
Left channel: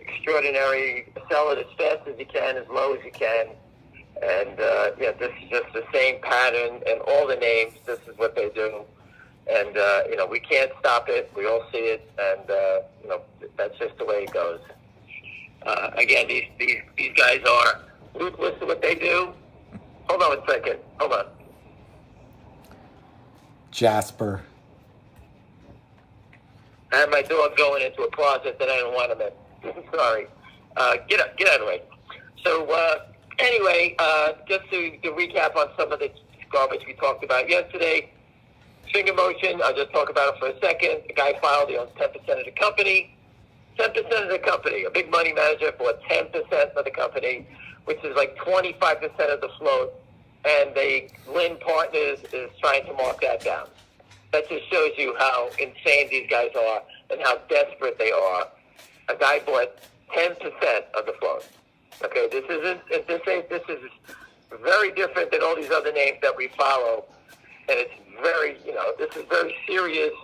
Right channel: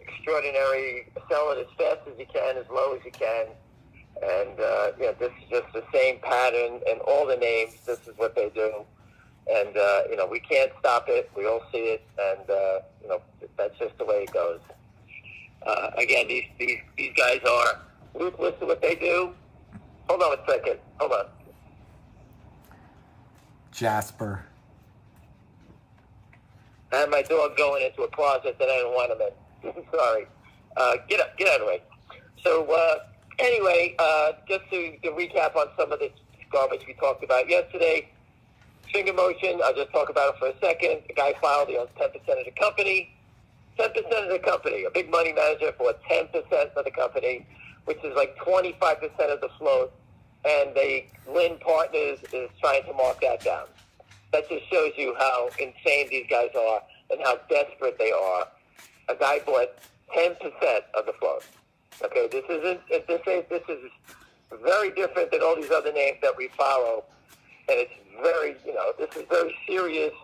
extraordinary. Sell it as fast as you can, as low as you can. And yeah, this is just the same pattern, and all the names, this is what they do. And, you know, we can't stop it. We all see it, and, you know, that's just the way it goes. Again, these guys are ruthless in what they do. Hold on a second. Hold on. Jasper. I had my dog going into a closet that I didn't want him in. Sorry. Get out of the way. So, anyway, just to recap on some of the garbage we talked about yesterday. Finger motion, I'll just talk about it for a second. The guy filed, 10% of the company. 10% of the company. A big money manager bought 10% of the company, which is like 25% of the float. And Lynn Partners is trying to mark that down. That just shows you how insane these guys are and how desperate they are. A guy bought 10% of the float. Okay, this is very different than all these other names that we follow. And it's very, this is very serious,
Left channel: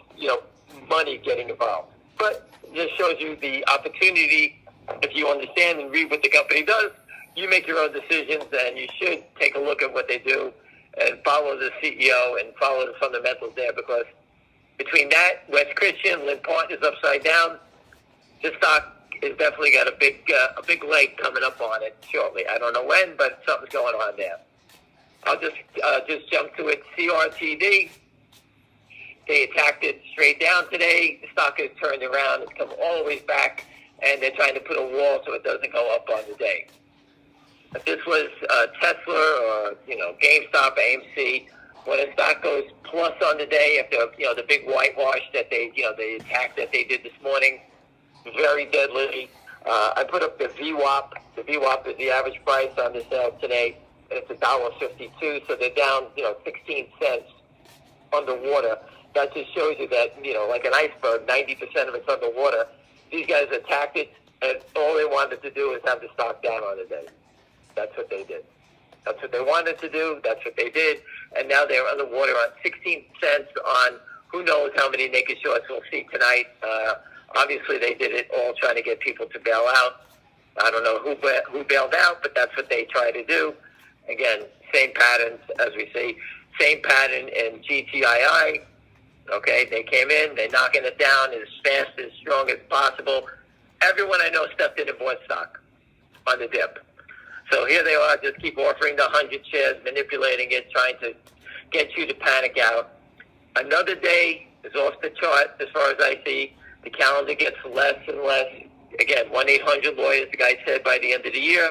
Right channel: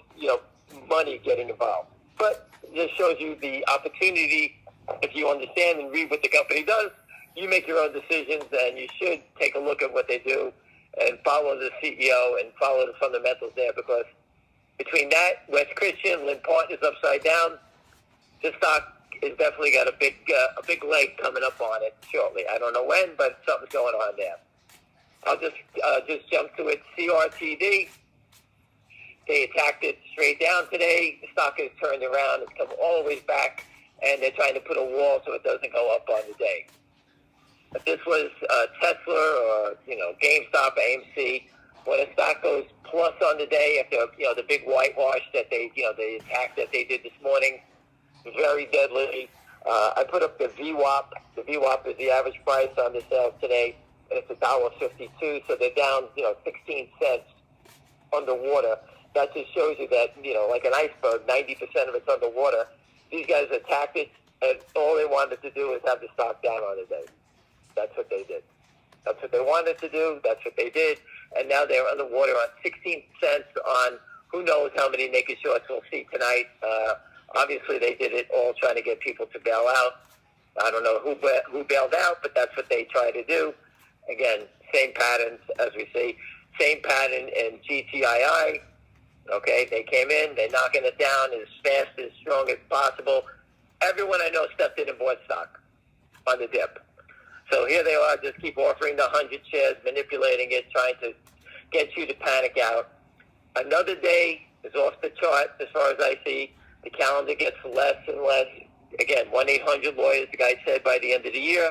money getting involved. But it just shows you the opportunity. If you understand and read what the company does, you make your own decisions, and you should take a look at what they do and follow the CEO and follow the fundamentals there, because between that, West Christian, Lynn Partners upside down, this stock has definitely got a big leg coming up on it shortly. I don't know when, but something's going on there. I'll just jump to it. CRTD. They attacked it straight down today. The stock has turned around. It's come all the way back, and they're trying to put a wall so it doesn't go up on the day. If this was Tesla or GameStop, AMC, when the stock goes plus on the day, if the big whitewash that the attack that they did this morning, very deadly. I put up the VWAP. The VWAP is the average price on this today. It's $1.52, so they're down, 16 cents underwater. That just shows you that, like an iceberg, 90% of it's underwater. These guys attacked it, and all they wanted to do is have the stock down on the day. That's what they did. That's what they wanted to do. That's what they did. And now they're underwater on 16 cents on who knows how many naked shorts we'll see tonight. Obviously, they did it all trying to get people to bail out. I don't know who bailed out, but that's what they tried to do. Again, same patterns, as we say, same pattern in GTII. Okay, they came in, they knocking it down as fast and strong as possible. Everyone I know stepped into one stock on the dip. So here they are, just keep offering the 100 shares, manipulating it, trying to get you to panic out. Another day is off the chart as far as I see. The calendar gets less and less. Again, 1-800-LAWYERS, the guy said by the end of the year,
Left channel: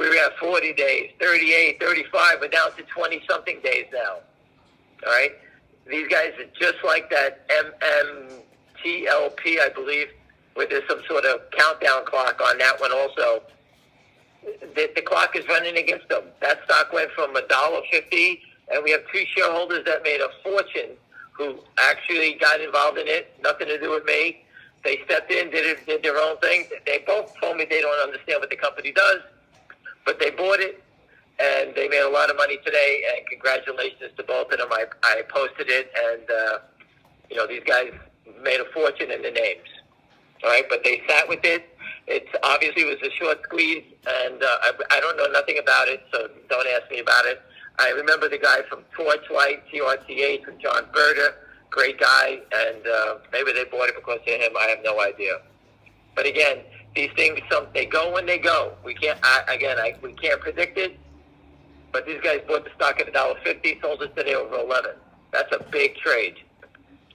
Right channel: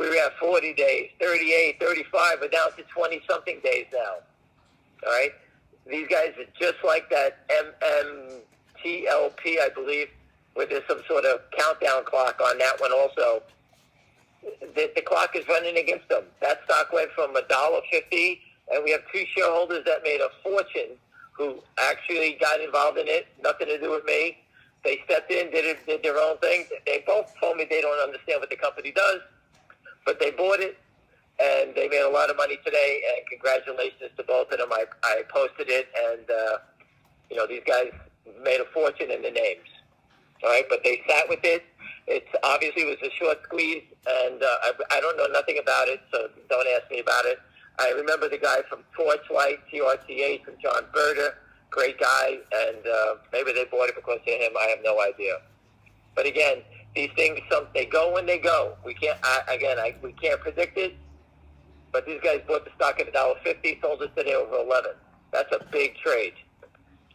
we were at 40 days, 38, 35, but now to 20-something days now. All right? These guys are just like that MMTLP, I believe, where there's some sort of countdown clock on that one also. The clock is running against them. That stock went from $1.50, and we have two shareholders that made a fortune who actually got involved in it, nothing to do with me. They stepped in, did their own thing. They both told me they don't understand what the company does, but they bought it, and they made a lot of money today, and congratulations to both of them. I posted it, and, these guys made a fortune in the names. All right, but they sat with it. It's obviously was a short squeeze, and I don't know nothing about it, so don't ask me about it. I remember the guy from Twain, TRCH, John Berger, great guy, and maybe they bought it because of him. I have no idea. But again, these things, they go when they go. We can't, we can't predict it. But these guys bought the stock at $1.50, sold it today over 11. That's a big trade.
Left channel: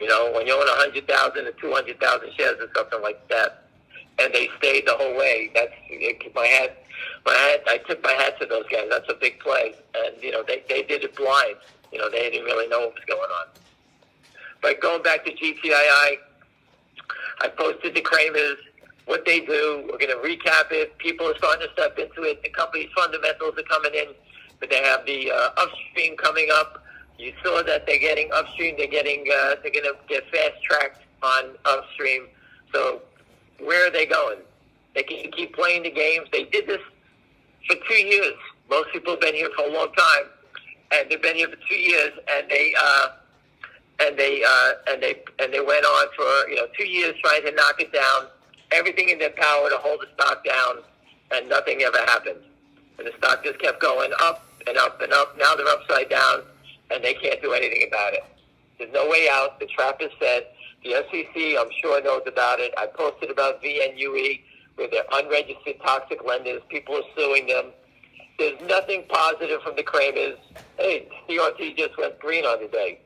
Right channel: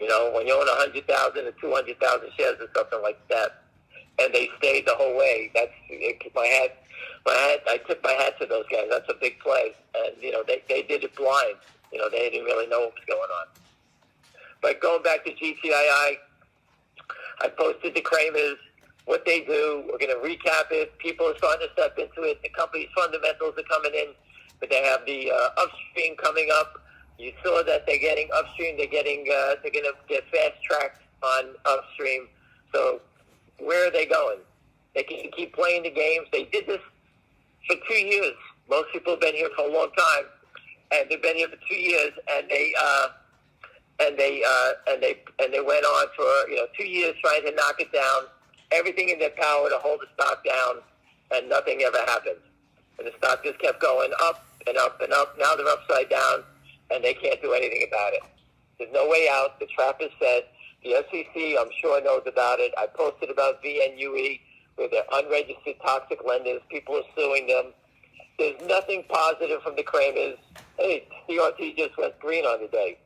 When you own 100,000 or 200,000 shares or something like that, and they stayed the whole way. I took my hat to those guys. That's a big play, and they did it blind. They didn't really know what was going on. But going back to GTII, I posted the Kramers, what they do. We're going to recap it. People are starting to step into it. The company's fundamentals are coming in, but they have the upstream coming up. You saw that they're getting upstream. They're going to get fast tracked on upstream. So where are they going? They can keep playing the games. They did this for 2 years. Most people have been here for a long time, and they've been here for 2 years, and they went on for 2 years trying to knock it down. Everything in their power to hold the stock down, and nothing ever happened. And the stock just kept going up and up and up. Now they're upside down, and they can't do anything about it. There's no way out. The trap is set. The SEC, I'm sure, knows about it. I posted about VNUE, where they're unregistered toxic lenders. People are suing them. There's nothing positive from the Kramers. Hey, CRT just went green on the day.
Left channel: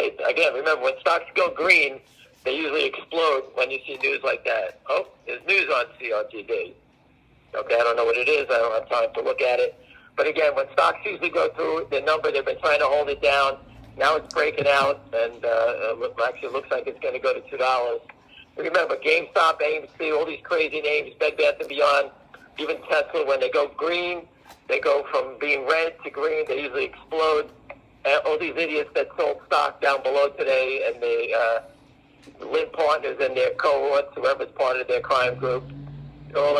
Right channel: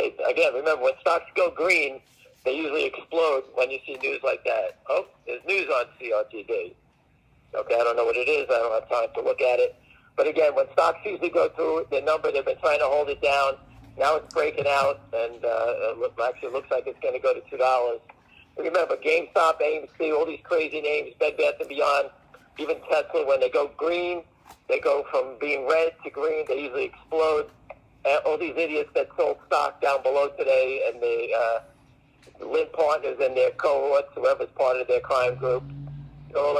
And again, remember, when stocks go green, they usually explode when you see news like that. Oh, there's news on CRTD. Okay, I don't know what it is. I don't have time to look at it. But again, when stocks usually go through the number, they've been trying to hold it down. Now it's breaking out, and actually looks like it's going to go to $2. Remember, GameStop, ABC, all these crazy names, Bed Bath & Beyond, even Tesla, when they go green, they go from being red to green. They usually explode. And all these idiots that sold stock down below today, and they live partners in their cohorts, whoever's part of their crime group, they're all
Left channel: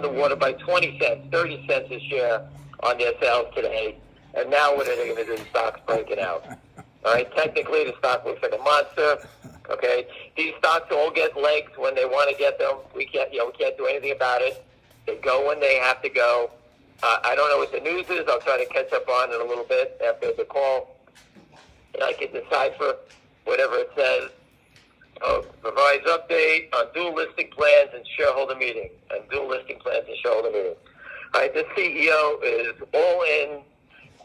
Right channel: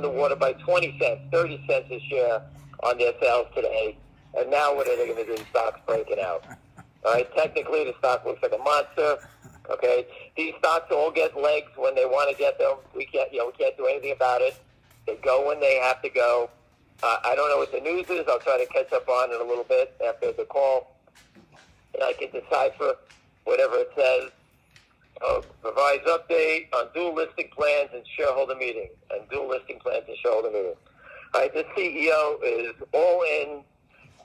underwater by 20 cents, 30 cents a share on their sales today. And now what are they going to do? The stock's breaking out. All right, technically the stock looks like a monster. Okay, these stocks all get legs when they want to get them. We can't do anything about it. They go when they have to go. I don't know what the news is. I'll try to catch up on it a little bit after the call, and I can decipher whatever it says. Provides update on dual listing plans and shareholder meeting. All right, the CEO is all in.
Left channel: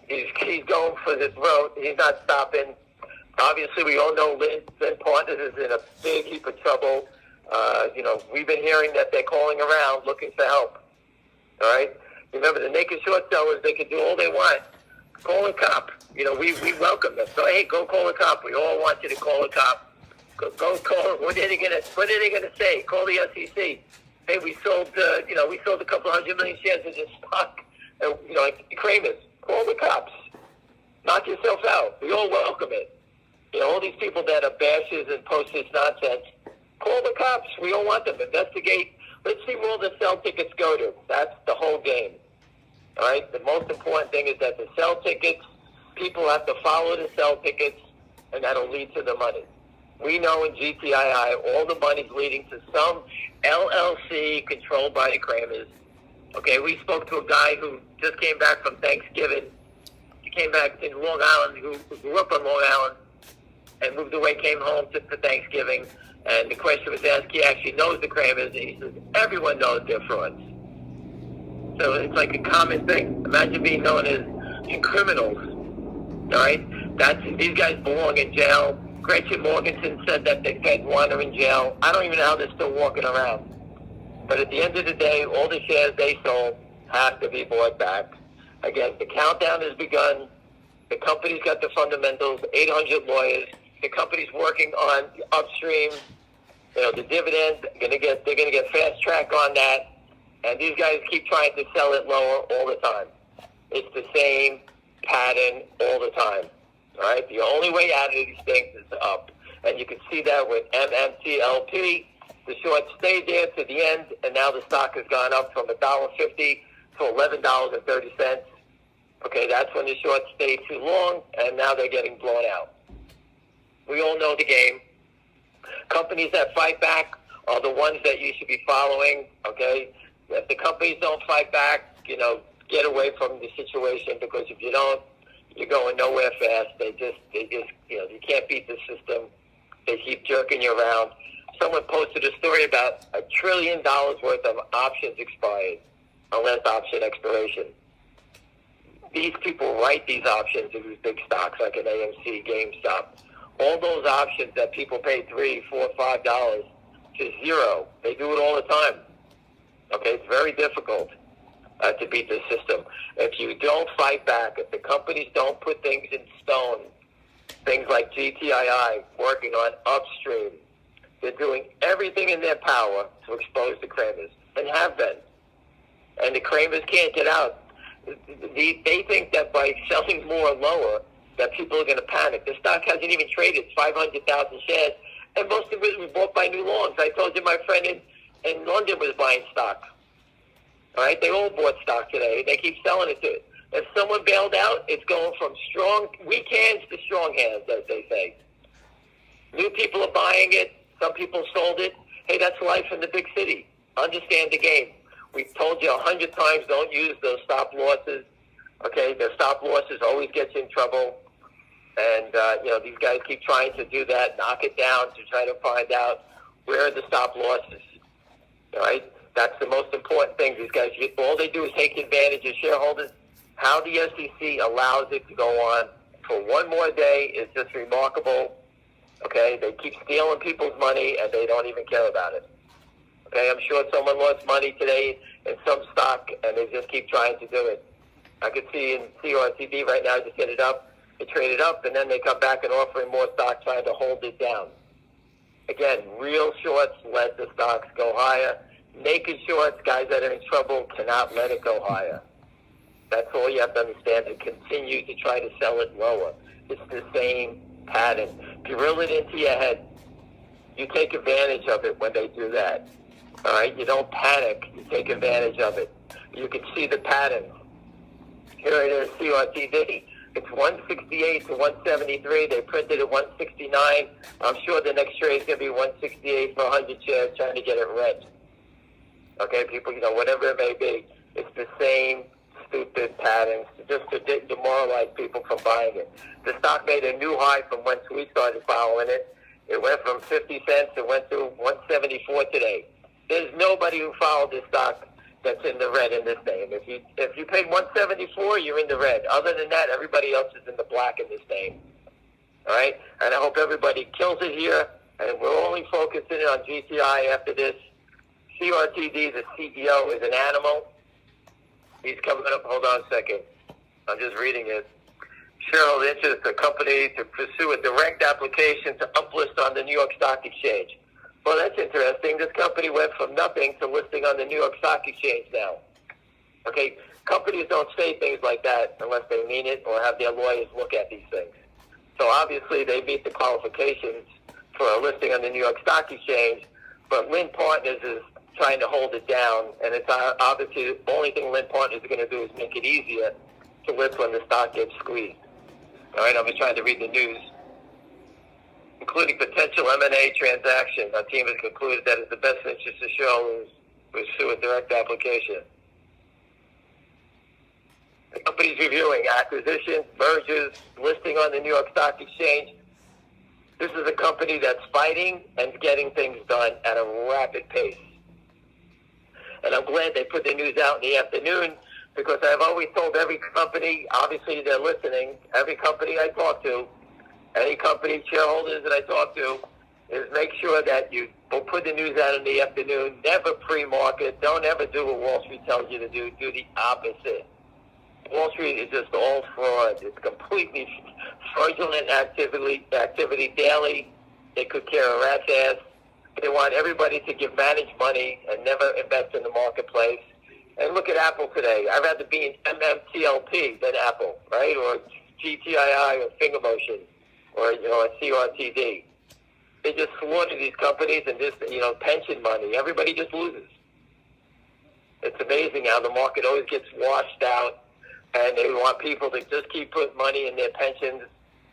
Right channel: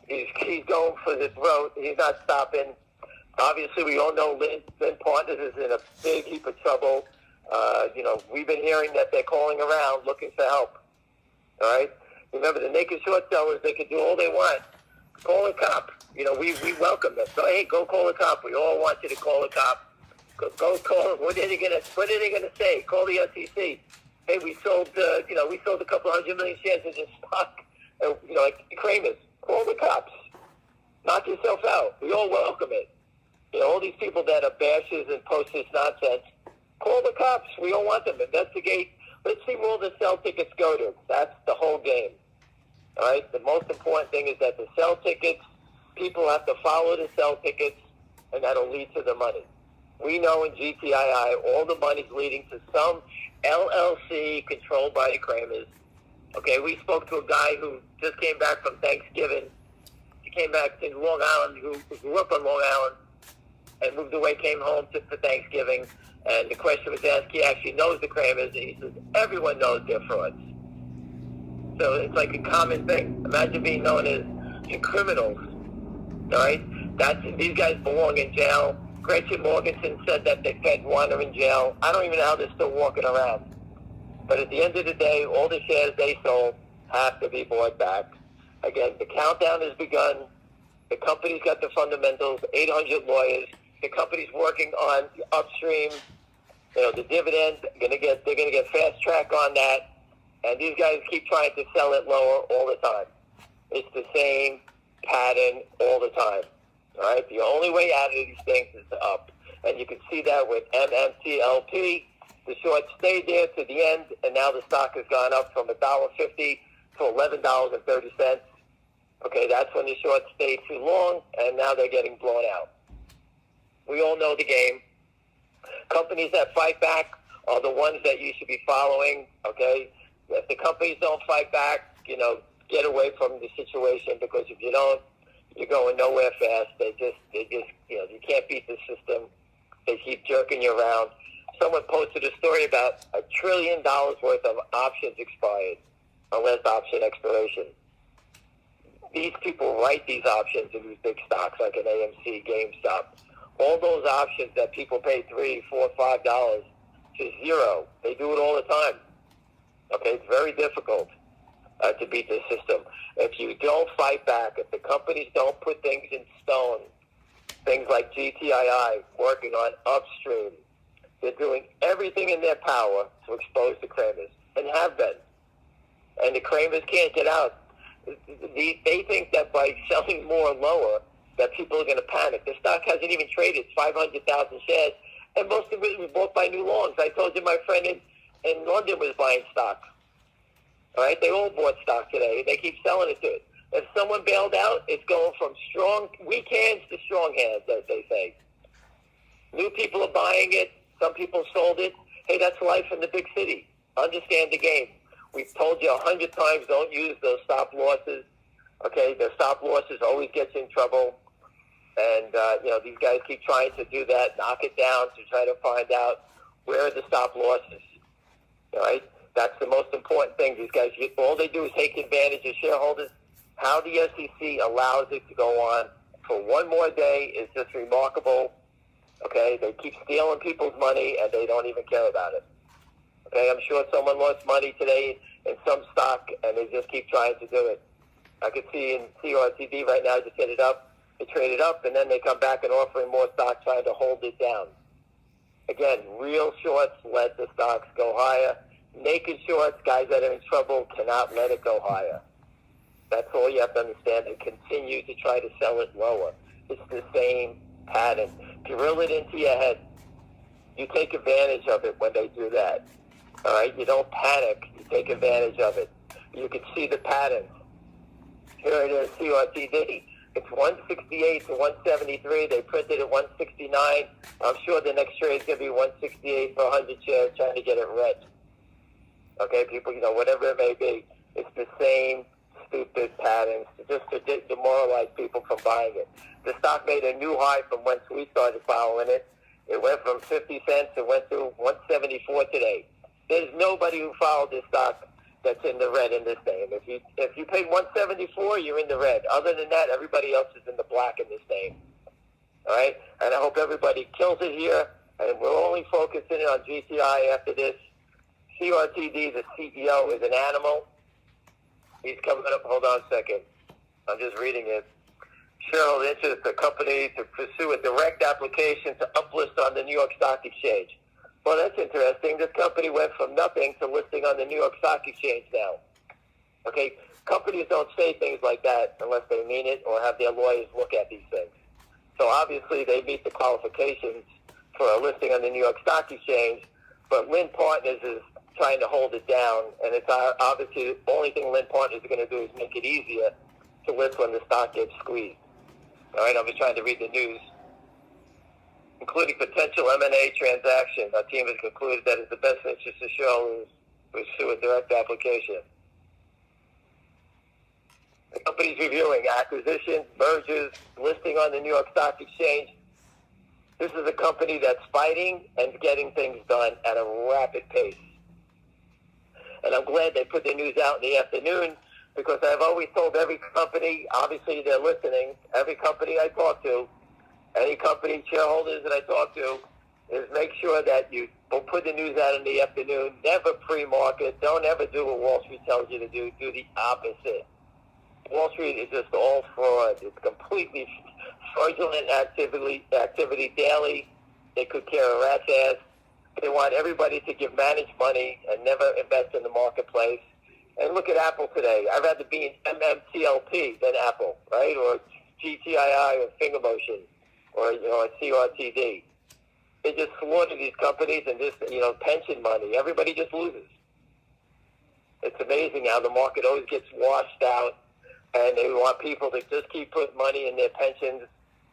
He's going for this road. He's not stopping. Obviously, we all know that Partners is in a big heap of trouble. We've been hearing that they're calling around looking for help. All right? Remember, the naked short sellers, they can do all they want. Call a cop. We welcome them. So, hey, go call a cop. We all want you to call a cop. Go call them. What are they gonna say? Call the SEC. Hey, we sold a couple 100 million shares in this stock. Like the Kramers. Call the cops. Knock yourself out. We all welcome it. All these people that are bashes and post this nonsense, call the cops. We all want them. Investigate. Let's see where all the sell tickets go to. That's the whole game. All right? The most important thing is that the sell tickets, people have to follow the sell tickets, and that'll lead to the money. We know in GTII, all the money's leading to some LLC controlled by the Kramers. Okay, we spoke to a guy who just came back from Thanksgiving. He came back to Long Island. He grew up on Long Island and moved away, came home to Thanksgiving. And the question was asked, he actually knows the Kramers. He says, everyone knows they're frauds. So it's like a common thing. Imagine being known as criminals. All right? These guys belong in jail. Gretchen Morganson said that they can't wander in jail. I don't even know how they're still walking around. But at the end of the day, all the shares they sold have to be bought back. Again, the countdown has begun. The company's got the fundamentals, 800 lawyers. The company's working on upstream, the dividends. They're gonna get fast track on that. And these guys keep trying to sell it lower all the time. It's the same pattern all the time. All right? The only way out of these things is up. And you can see that with MMTLP. The short stayed there to the end, and now the stock has gone up from $1.50 to $11.30. Okay, that's when the short stayed too long, and now they're getting blown out. We all know the game. Companies that fight back are the ones that you should be following. Okay, if the companies don't fight back, get away from the situation, because if you don't, you're going nowhere fast. They just you can't beat the system. They keep jerking you around. Someone posted a story about $1 trillion worth of options expired, or less option expiration. These people write these options in these big stocks like an AMC, GameStop. All those options that people pay $3, $4, $5 to zero. They do it all the time. Okay, it's very difficult to beat the system. If you don't fight back, if the companies don't put things in stone, things like GTII, working on upstream, they're doing everything in their power to expose the Kramers, and have been. And the Kramers can't get out. They think that by selling more lower, that people are going to panic. The stock hasn't even traded 500,000 shares, and most of it was bought by New Orleans. I told you my friend in London was buying stock. Right? They all bought stock today. They keep selling it to it. If someone bailed out, it's going from weak hands to strong hands, as they say. New people are buying it. Some people sold it. Hey, that's life in the big city. Understand the game. We've told you 100 times, don't use those stop losses. Okay, the stop losses always get you in trouble. And, these guys keep trying to do that, knock it down to try to find out where are the stop losses. Right? That's the most important thing. These guys, all they do is take advantage of shareholders. How the SEC allows it to go on for one more day is just remarkable. Okay? They keep stealing people's money, and they don't even care about it. Okay? I'm sure someone lost money today in some stock, and they just keep trying to do it. I can see in CRTD right now, just hit it up, they trade it up, and then they come back and offering more stock, trying to hold it down. Again, real shorts let the stocks go higher. Naked shorts, guys that are in trouble, cannot let it go higher. That's all you have to understand, to continue to try to sell it lower. It's the same pattern. Drill it into your head. You take advantage of it when they do that. All right? You don't panic. You take advantage of it. You can see the patterns. Here it is, CRTD. It's 168 to 173. They printed at 169. I'm sure the next trade is going to be 168 for 100 shares, trying to get it red. Okay, people, whatever it may be. It's the same stupid pattern, just to demoralize people from buying it. The stock made a new high from when we started following it. It went from 50 cents, it went to 174 today. There's nobody who followed this stock that's in the red in this name. If you pay 174, you're in the red. Other than that, everybody else is in the black in this name. All right? And I hope everybody kills it here. And if we're only focusing on GTI after this, CRTD, the CEO, is an animal. He's coming up. Hold on a second. I'm just reading it. Cheryl interested the company to pursue a direct application to uplist on the New York Stock Exchange. Well, that's interesting. This company went from nothing to listing on the New York Stock Exchange now. Okay? Companies don't say things like that unless they mean it or have their lawyers look at these things. So obviously they meet the qualifications for a listing on the New York Stock Exchange, but Lynn Partners is trying to hold it down, and it's obviously the only thing Lynn Partners is going to do is make it easier to list when the stock gets squeezed. All right, I'm just trying to read the news. Including potential M&A transaction, our team has concluded that it's the best interest of shareholders to pursue a direct application. The company's reviewing acquisitions, mergers, listing on the New York Stock Exchange. This is a company that's fighting and getting things done at a rapid pace. And I'm glad they put the news out in the afternoon, because I've always told every company, obviously they're listening, every company I talk to, any company shareholders that I talk to, is make sure that you will put the news out in the afternoon. Never pre-market. Don't ever do what Wall Street tells you to do. Do the opposite. Wall Street is just all fraud. It's completely fraudulent activity daily. They could care a rat's ass. They want everybody to give managed money and never invest in the marketplace. And look at Apple today. I'd rather be an MFTLP than Apple, right? Or GTII or Finger Motion or a CRTD. They just slaughtered these companies and just, pension money. Everybody just loses. It's amazing how the market always gets washed out, and they want people to just keep putting money in their pensions.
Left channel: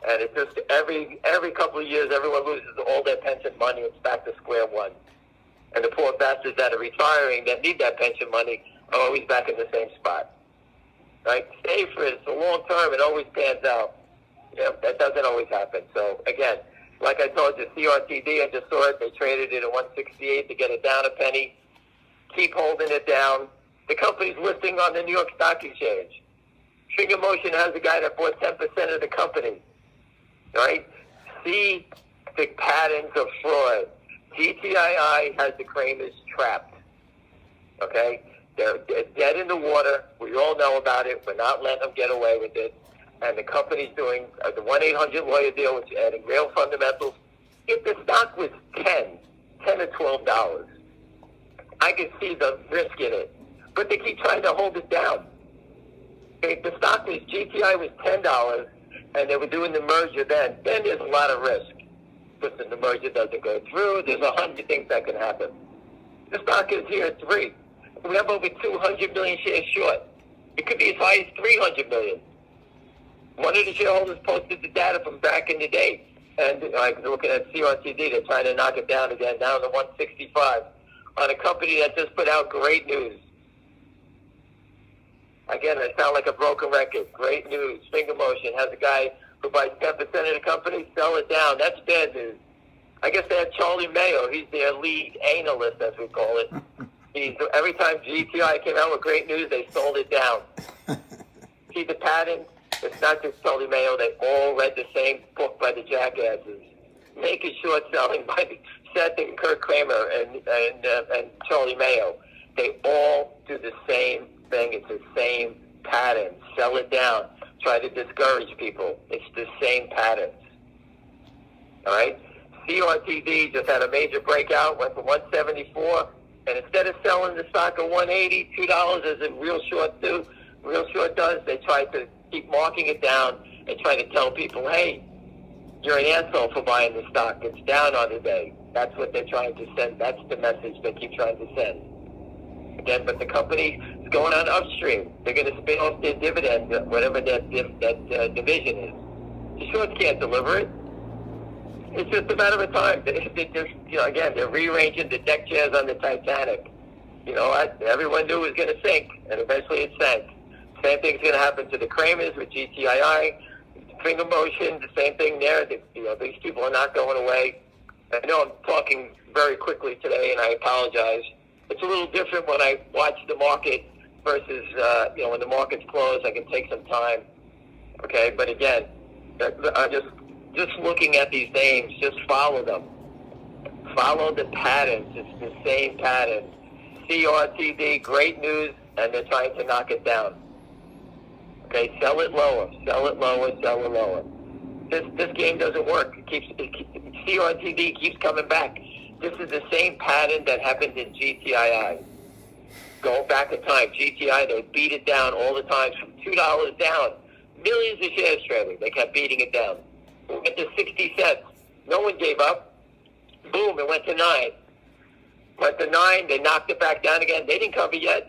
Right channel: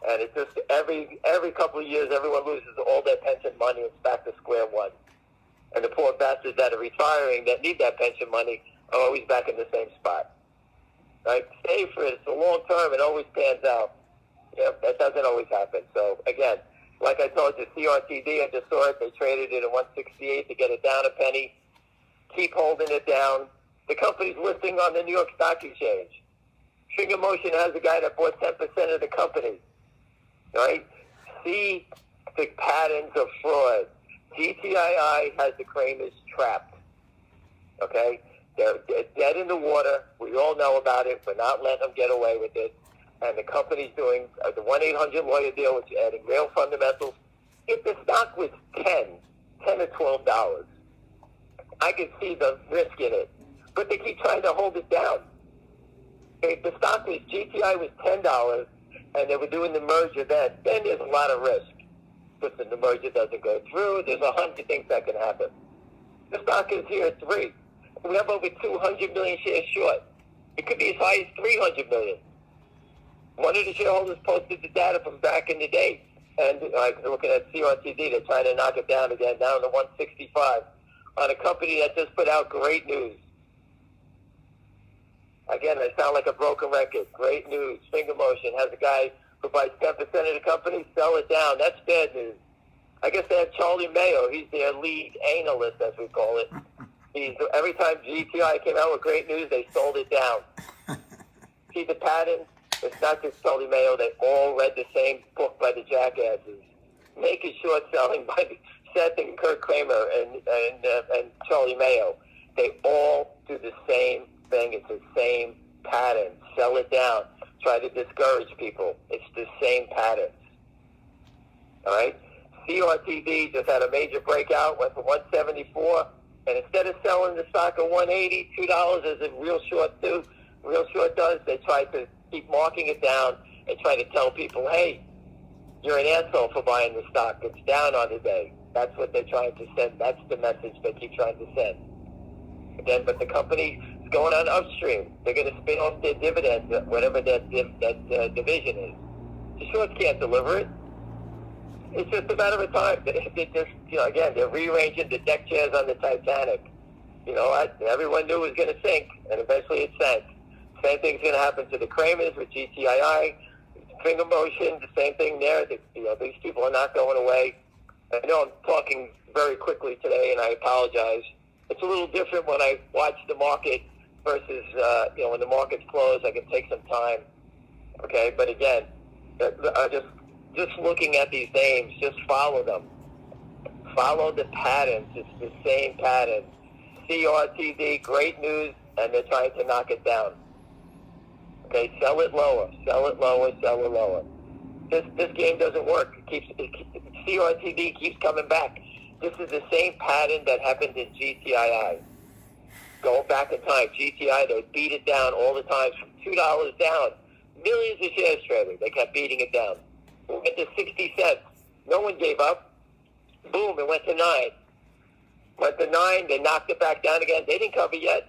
And it's just every couple of years, everyone loses all their pension money. It's back to square one. And the poor bastards that are retiring that need that pension money are always back in the same spot. Right? Stay for a long time, it always pans out. Yeah, that doesn't always happen. So again, like I told you, CRTD, I just saw it. They traded it at 168 to get it down a penny. Keep holding it down. The company's listing on the New York Stock Exchange. Finger Motion has a guy that bought 10% of the company. Right? See the patterns of fraud. GTII has the Kramers trapped. Okay? They're dead in the water. We all know about it. We're not letting them get away with it. And the company's doing the 1-800-lawyer deal, which is adding real fundamentals. If the stock was $10 or $12, I can see the risk in it. But they keep trying to hold it down. If the stock was GTI was $10 and they were doing the merger then there's a lot of risk. Listen, the merger doesn't go through. There's 100 things that can happen. The stock is here at 3. We have over 200 million shares short. It could be as high as 300 million. One of the shareholders posted the data from back in the day. And I was looking at CRTD, they're trying to knock it down again, down to 165. On a company that just put out great news. Again, I sound like a broken record. Great news. Finger Motion has a guy who buys 10% of the company, sell it down. That's bad news. I guess they have Charlie Mayo. He's their lead analyst, as we call it. Every time GTI came out with great news, they sold it down. See the pattern? It's not just Charlie Mayo. They all read the same book by the jackasses. Naked short selling by Seth and Kurt Kramer and Charlie Mayo. They all do the same thing. It's the same pattern. Sell it down. Try to discourage people. It's the same patterns. All right? CRTD just had a major breakout, went to 174, and instead of selling the stock at 180, $2 as in real short does, they tried to keep marking it down and trying to tell people, hey, you're an asshole for buying the stock. It's down on the day. That's what they're trying to send. That's the message they keep trying to send. Again, but the company is going on upstream. They're going to spin off their dividend, whatever that division is. The shorts can't deliver it. It's just a matter of time. They just, again, they're rearranging the deck chairs on the Titanic. Everyone knew it was going to sink, and eventually it sank. Same thing's going to happen to the Kramers with GTII, Finger Motion, the same thing there. These people are not going away. I know I'm talking very quickly today, and I apologize. It's a little different when I watch the market versus, when the market's closed, I can take some time. Okay, but again, I'm just looking at these names, just follow them. Follow the patterns. It's the same pattern. CRTD, great news, and they're trying to knock it down. Okay, sell it lower, sell it lower, sell it lower. This game doesn't work. CRTD keeps coming back. This is the same pattern that happened in GTII. Go back in time, GTI, they would beat it down all the time from $2 down. Millions of shares trading. They kept beating it down. It went to 60 cents. No one gave up. Boom, it went to 9. Went to 9, they knocked it back down again. They didn't cover yet.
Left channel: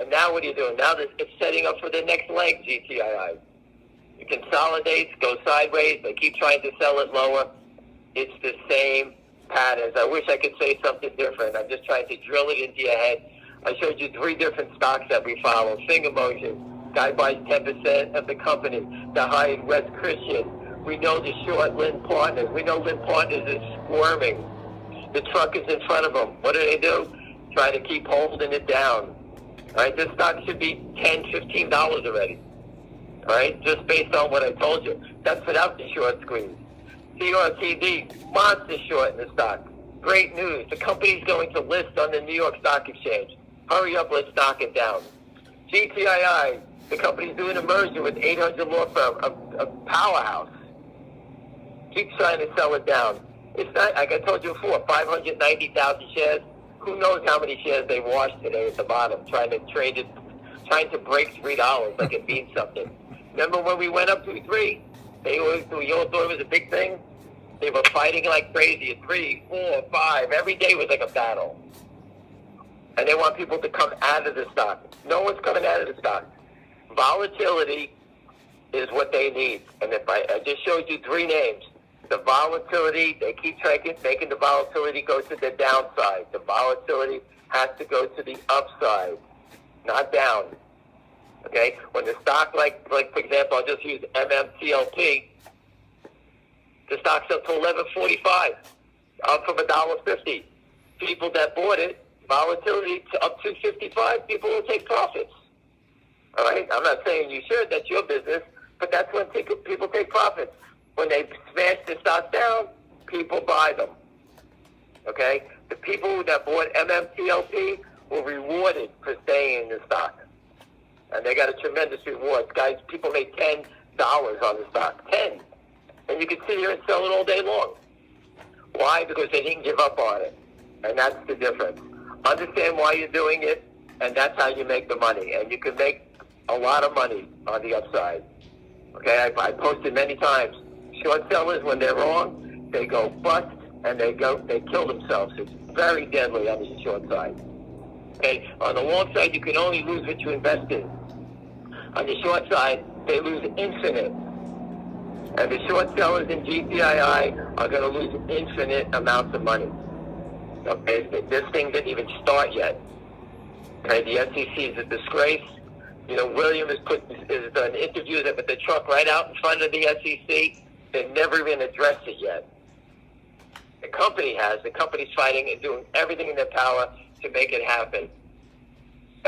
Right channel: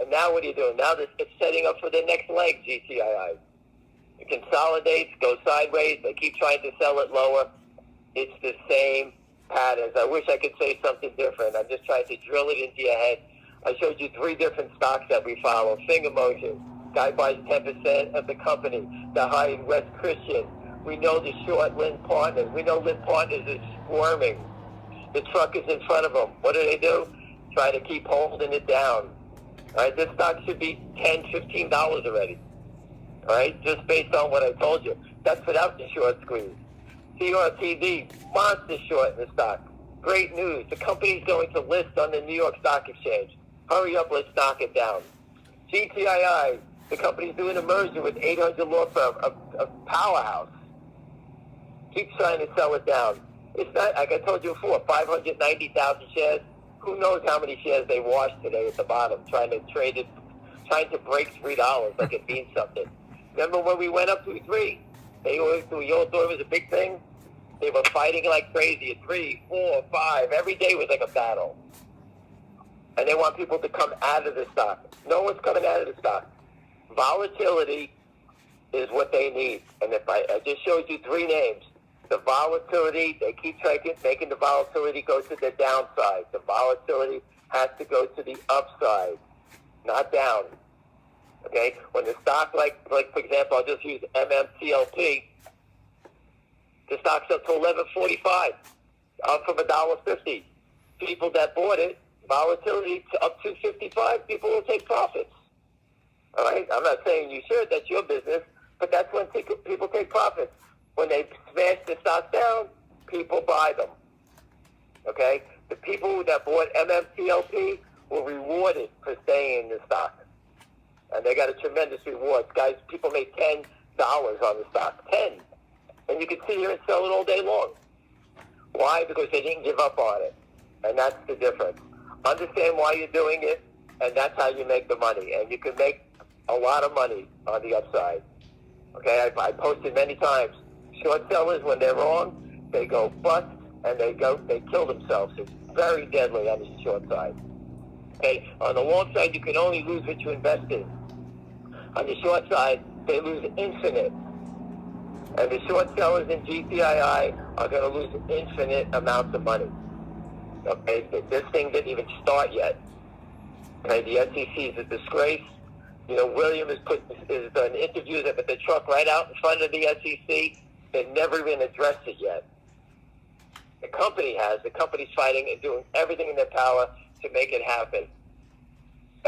And now what do you do? Now it's setting up for the next leg, GTII. It consolidates, goes sideways. They keep trying to sell it lower. It's the same patterns. I wish I could say something different. I'm just trying to drill it into your head. I showed you 3 different stocks that we follow. Finger motion, guy buys 10% of the company. The high West Christian. We know the short Lynn Partners. We know Lynn Partners is squirming. The truck is in front of them. What do? Trying to keep holding it down. Right? This stock should be $10, $15 already. All right? Just based on what I told you. That's without the short squeeze. CRTD, monster short in the stock. Great news. The company's going to list on the New York Stock Exchange. Hurry up, let's knock it down. GTII, the company's doing a merger with 800 law firm, a powerhouse. Keep trying to sell it down. It's not, like I told you before, 590,000 shares. Who knows how many shares they washed today at the bottom, trying to trade it, trying to break $3 like it means something. Remember when we went up to 3? We all thought it was a big thing. They were fighting like crazy at 3, 4, 5. Every day was like a battle. And they want people to come out of the stock. No one's coming out of the stock. Volatility is what they need. And if I just showed you 3 names. The volatility, they keep making the volatility go to the downside. The volatility has to go to the upside, not down. Okay? When the stock, like for example, I'll just use MMTLP, the stock's up to $11.45, up from $1.50. People that bought it, volatility up to $55, people will take profits. All right? I'm not saying you should, that's your business, but that's when people take profits. When they smash the stock down, people buy them. Okay? The people that bought MMTLP were rewarded for staying in the stock. And they got a tremendous reward. Guys, people make $10 on the stock. 10. And you can sit here and sell it all day long. Why? Because they didn't give up on it. And that's the difference. Understand why you're doing it, and that's how you make the money. And you can make a lot of money on the upside. Okay? I posted many times. Short sellers, when they're wrong, they go bust and they kill themselves. It's very deadly on the short side. Okay, on the long side, you can only lose what you invest in. On the short side, they lose infinite. And the short sellers in GTII are going to lose infinite amounts of money. Okay, this thing didn't even start yet. Okay, the SEC is a disgrace. You know, William has done interviews with the truck right out in front of the SEC. They've never even addressed it yet. The company has. The company's fighting and doing everything in their power to make it happen.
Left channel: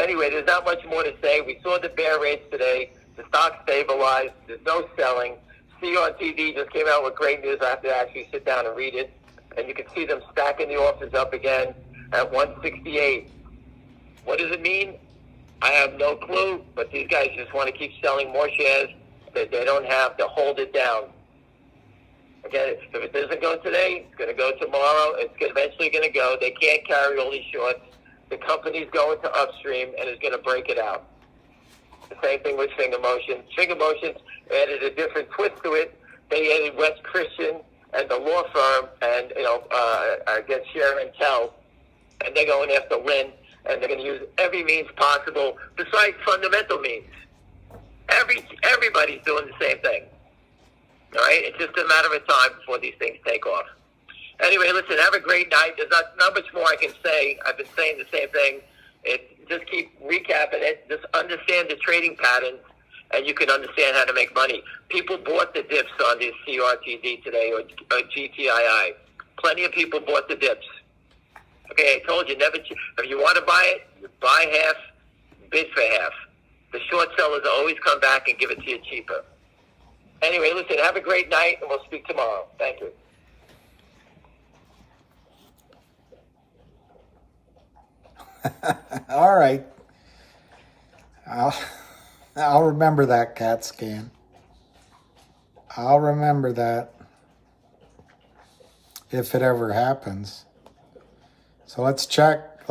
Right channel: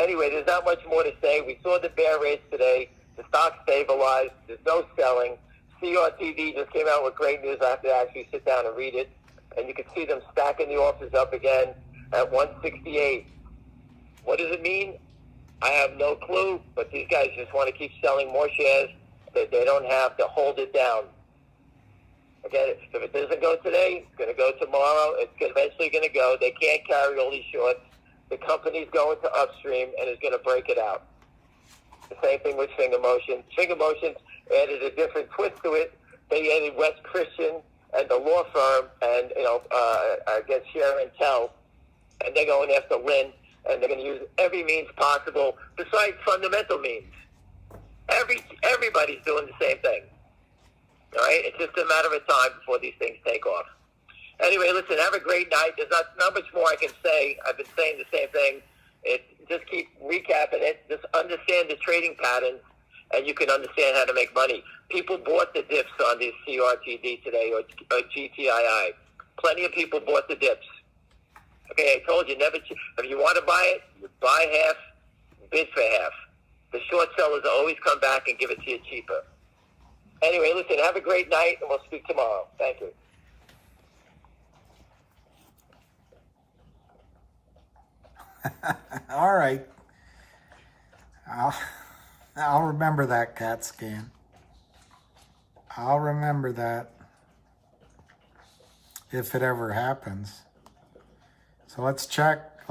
Anyway, there's not much more to say. We saw the bear range today. The stock stabilized. There's no selling. CRTD just came out with great news. I have to actually sit down and read it. And you can see them stacking the offers up again at 168. What does it mean? I have no clue. But these guys just want to keep selling more shares that they don't have to hold it down. Okay, if it doesn't go today, it's going to go tomorrow. It's eventually going to go. They can't carry all these shorts. The company's going to upstream and is going to break it out. The same thing with Finger Motion. Finger Motion added a different twist to it. They added West Christian and the law firm and, I guess Share and Tell. And they're going after Lynn. And they're going to use every means possible besides fundamental means. Everybody's doing the same thing. All right? It's just a matter of time before these things take off. Anyway, listen, have a great night. There's not much more I can say. I've been saying the same thing. Just keep recapping it. Just understand the trading patterns, and you can understand how to make money. People bought the dips on this CRTD today, or GTII. Plenty of people bought the dips. Okay, I told you, if you want to buy it, buy half, bid for half. The short sellers always come back and give it to you cheaper. Anyway, listen, have a great night, and we'll speak tomorrow. Thank you. All right. I'll remember that, CAT scan. I'll remember that if it ever happens. So let's check.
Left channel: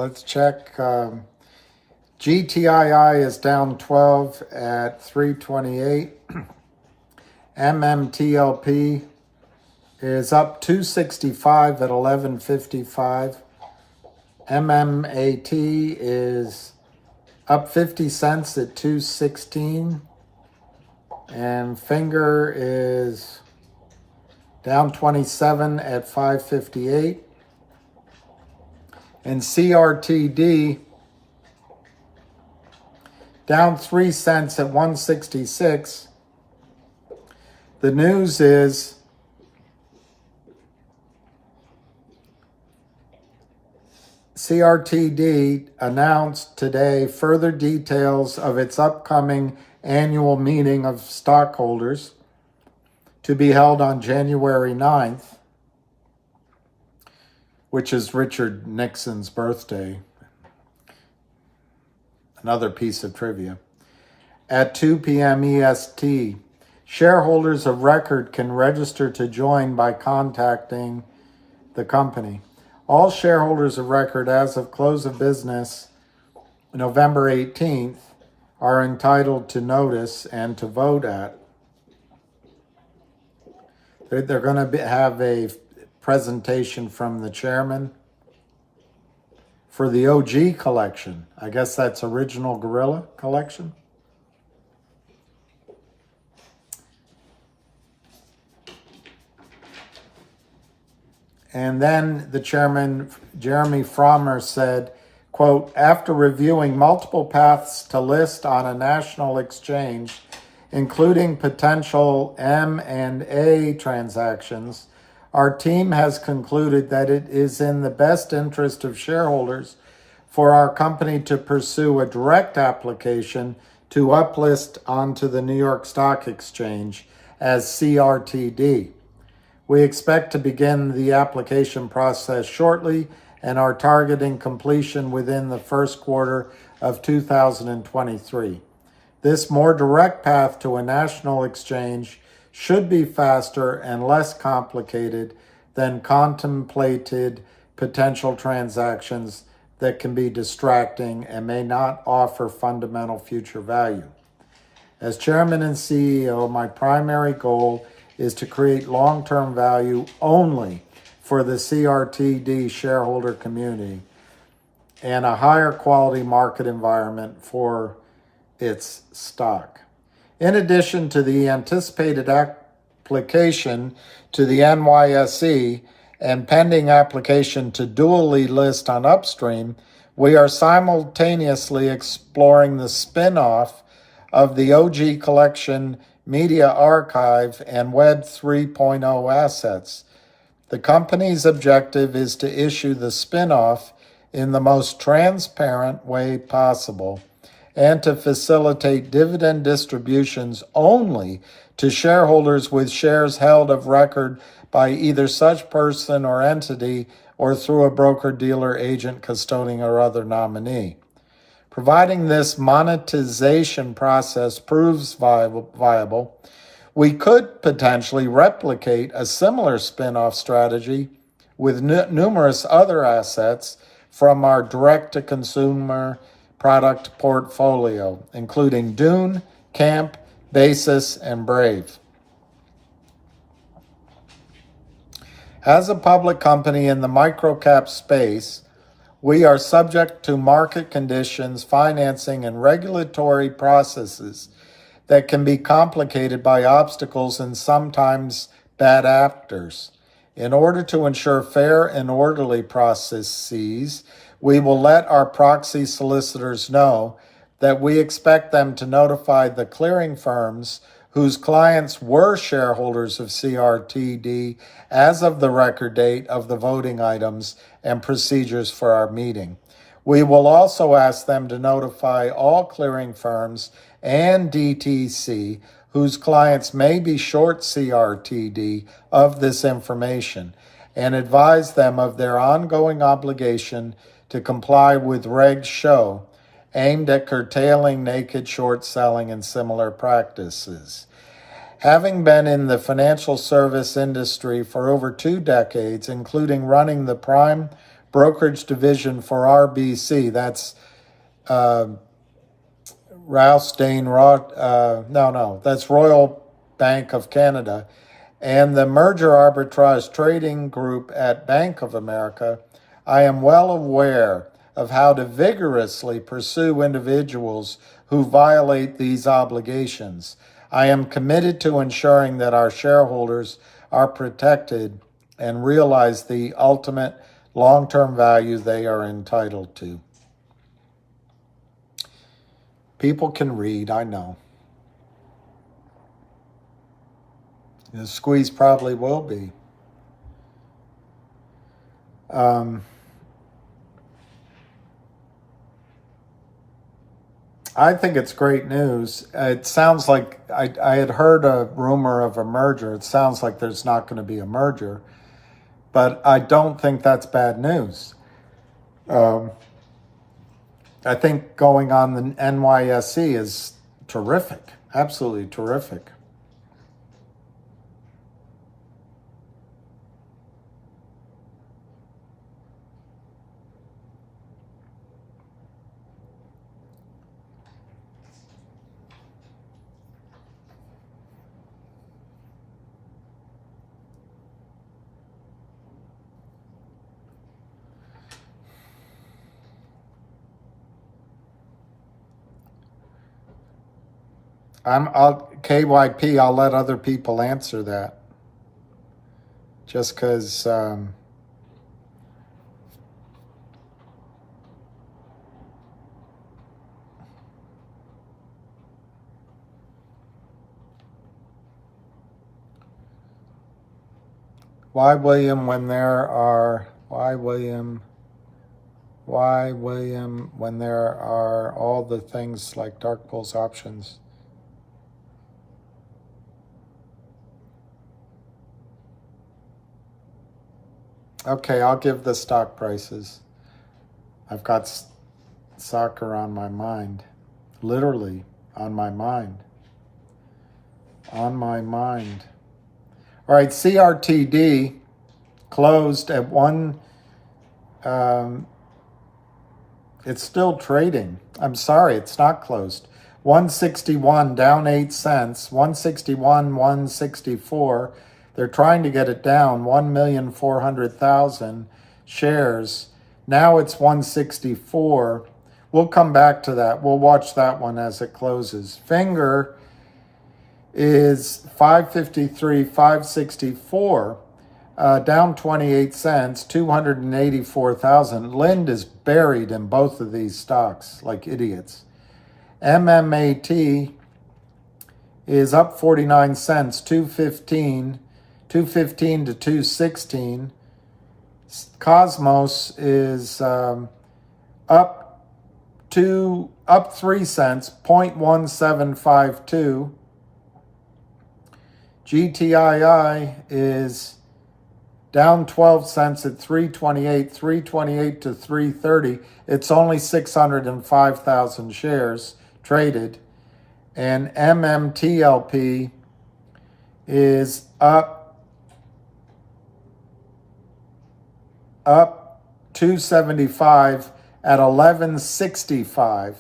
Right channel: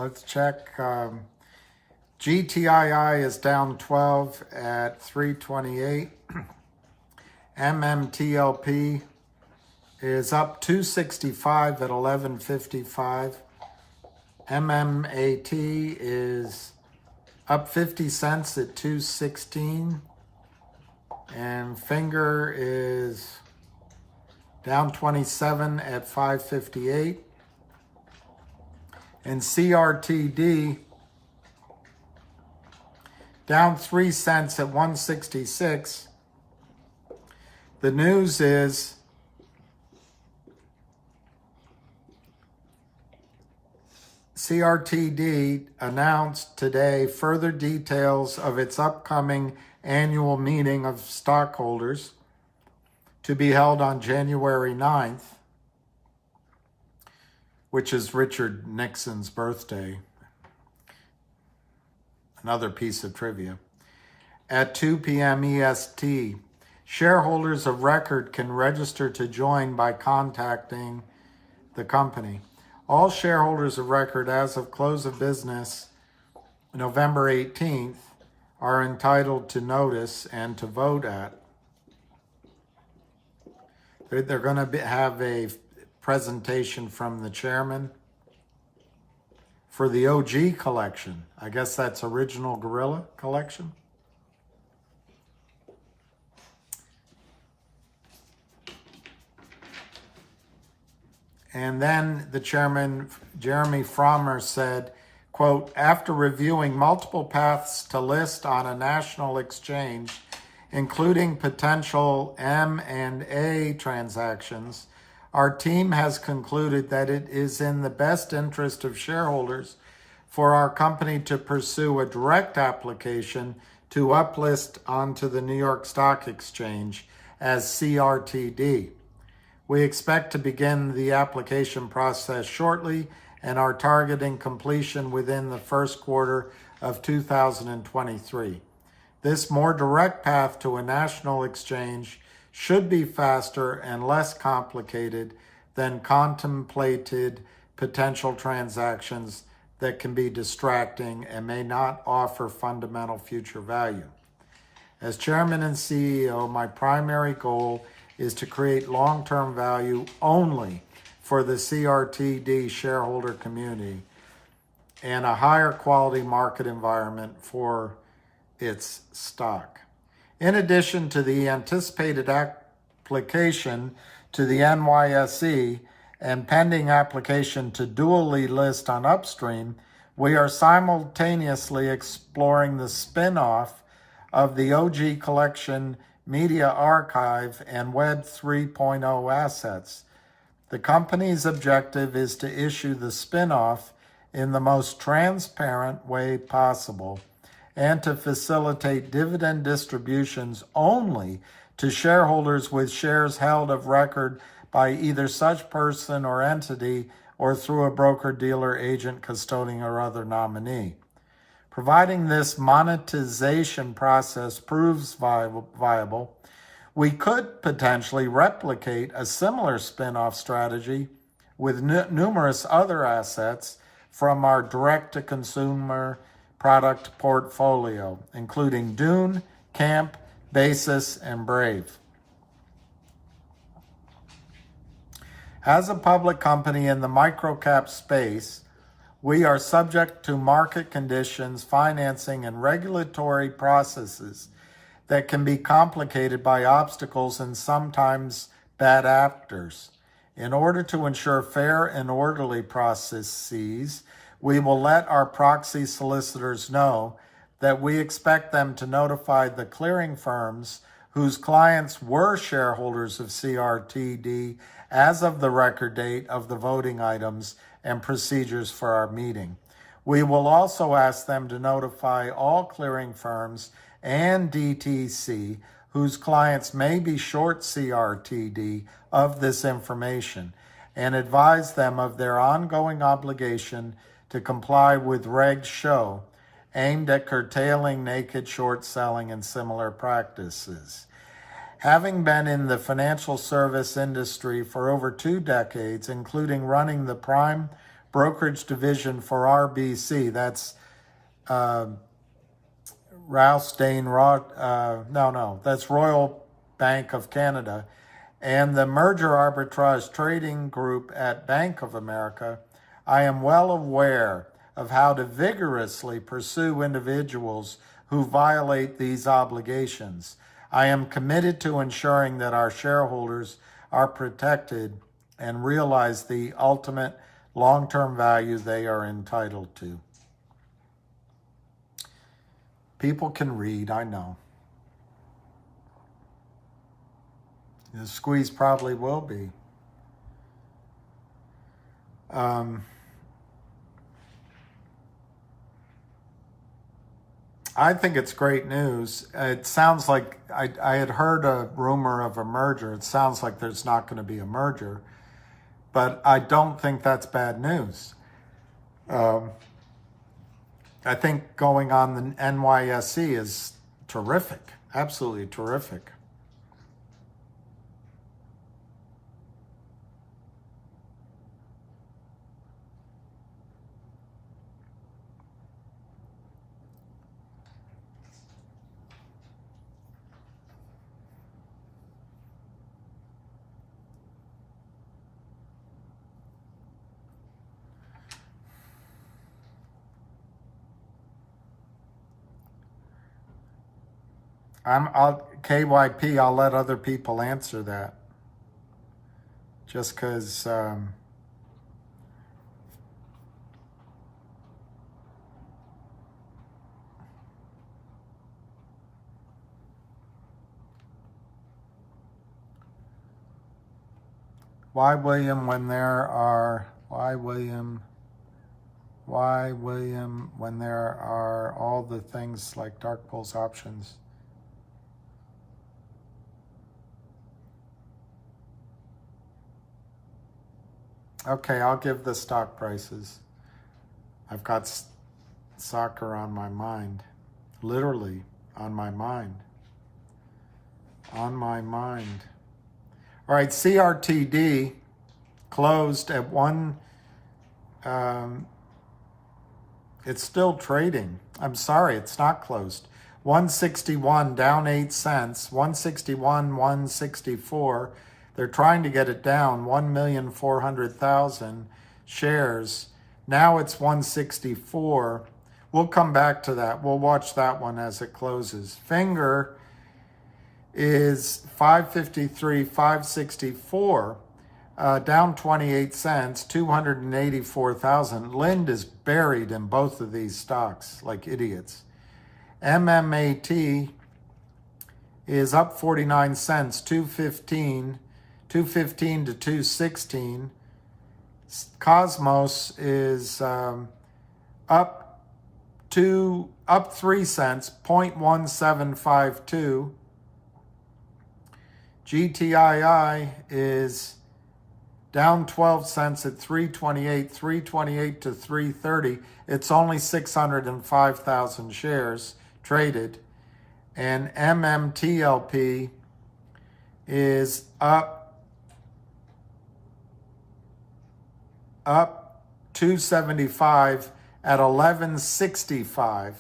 GTII is down 12 at 328. MMTLP is up 265 at 1155. MMAT is up 50 cents at 216. And Finger is down 27 at 558. And CRTD down 3 cents at 166. The news is CRTD announced today further details of its upcoming annual meeting of stockholders to be held on January 9th, which is Richard Nixon's birthday. Another piece of trivia. At 2 p.m. EST, shareholders of record can register to join by contacting the company. All shareholders of record as of close of business November 18th are entitled to notice and to vote at. They're going to have a presentation from the chairman for the OG collection. I guess that's Original Gorilla collection. And then the chairman, Jeremy Frommer, said, quote, after reviewing multiple paths to list on a national exchange, including potential M&A transactions, our team has concluded that it is in the best interest of shareholders for our company to pursue a direct application to uplist onto the New York Stock Exchange as CRTD. We expect to begin the application process shortly and are targeting completion within the first quarter of 2023. This more direct path to a national exchange should be faster and less complicated than contemplated potential transactions that can be distracting and may not offer fundamental future value. As chairman and CEO, my primary goal is to create long-term value only for the CRTD shareholder community and a higher quality market environment for its stock. In addition to the anticipated application to the NYSE and pending application to dually list on Upstream, we are simultaneously exploring the spin-off of the OG Collection Media Archive and Web 3.0 assets. The company's objective is to issue the spin-off in the most transparent way possible and to facilitate dividend distributions only to shareholders with shares held of record by either such person or entity or through a broker, dealer, agent, custodian, or other nominee. Providing this monetization process proves viable, we could potentially replicate a similar spin-off strategy with numerous other assets from our direct-to-consumer product portfolio, including Dune, Camp, Basis, and Brave. As a public company in the microcap space, we are subject to market conditions, financing, and regulatory processes that can be complicated by obstacles and sometimes bad actors. In order to ensure fair and orderly processes, we will let our proxy solicitors know that we expect them to notify the clearing firms whose clients were shareholders of CRTD as of the record date of the voting items and procedures for our meeting. We will also ask them to notify all clearing firms and DTC whose clients may be short CRTD of this information and advise them of their ongoing obligation to comply with Reg Show aimed at curtailing naked short selling and similar practices. Having been in the financial service industry for over 2 decades, including running the prime brokerage division for RBC, that's that's Royal Bank of Canada, and the merger arbitrage trading group at Bank of America, I am well aware of how to vigorously pursue individuals who violate these obligations. I am committed to ensuring that our shareholders are protected and realize the ultimate long-term value they are entitled to. People can read, I know. The squeeze probably will be. I think it's great news. It sounds like I had heard a rumor of a merger. It sounds like there's not going to be a merger, but I don't think that's bad news. I think going on the NYSE is terrific, absolutely terrific. KYP, I'll let other people answer that. Just because why William when there are all the things like dark pools options? Okay, I'll give the stock prices. I've got soccer on my mind. Literally on my mind. On my mind. All right, CRTD closed at it's still trading. I'm sorry, it's not closed. 161, down 8 cents. 161, 164. They're trying to get it down, 1,400,000 shares. Now it's 164. We'll come back to that. We'll watch that one as it closes. Finger is 553, 564, down 28 cents, 284,000. Lind is buried in both of these stocks like idiots. MMAT is up 49 cents, 215 to 216. Cosmos is up 3 cents, 0.1752. GTII is down 12 cents at 328 to 330. It's only 605,000 shares traded. And MMTLP is up 275 at 1165.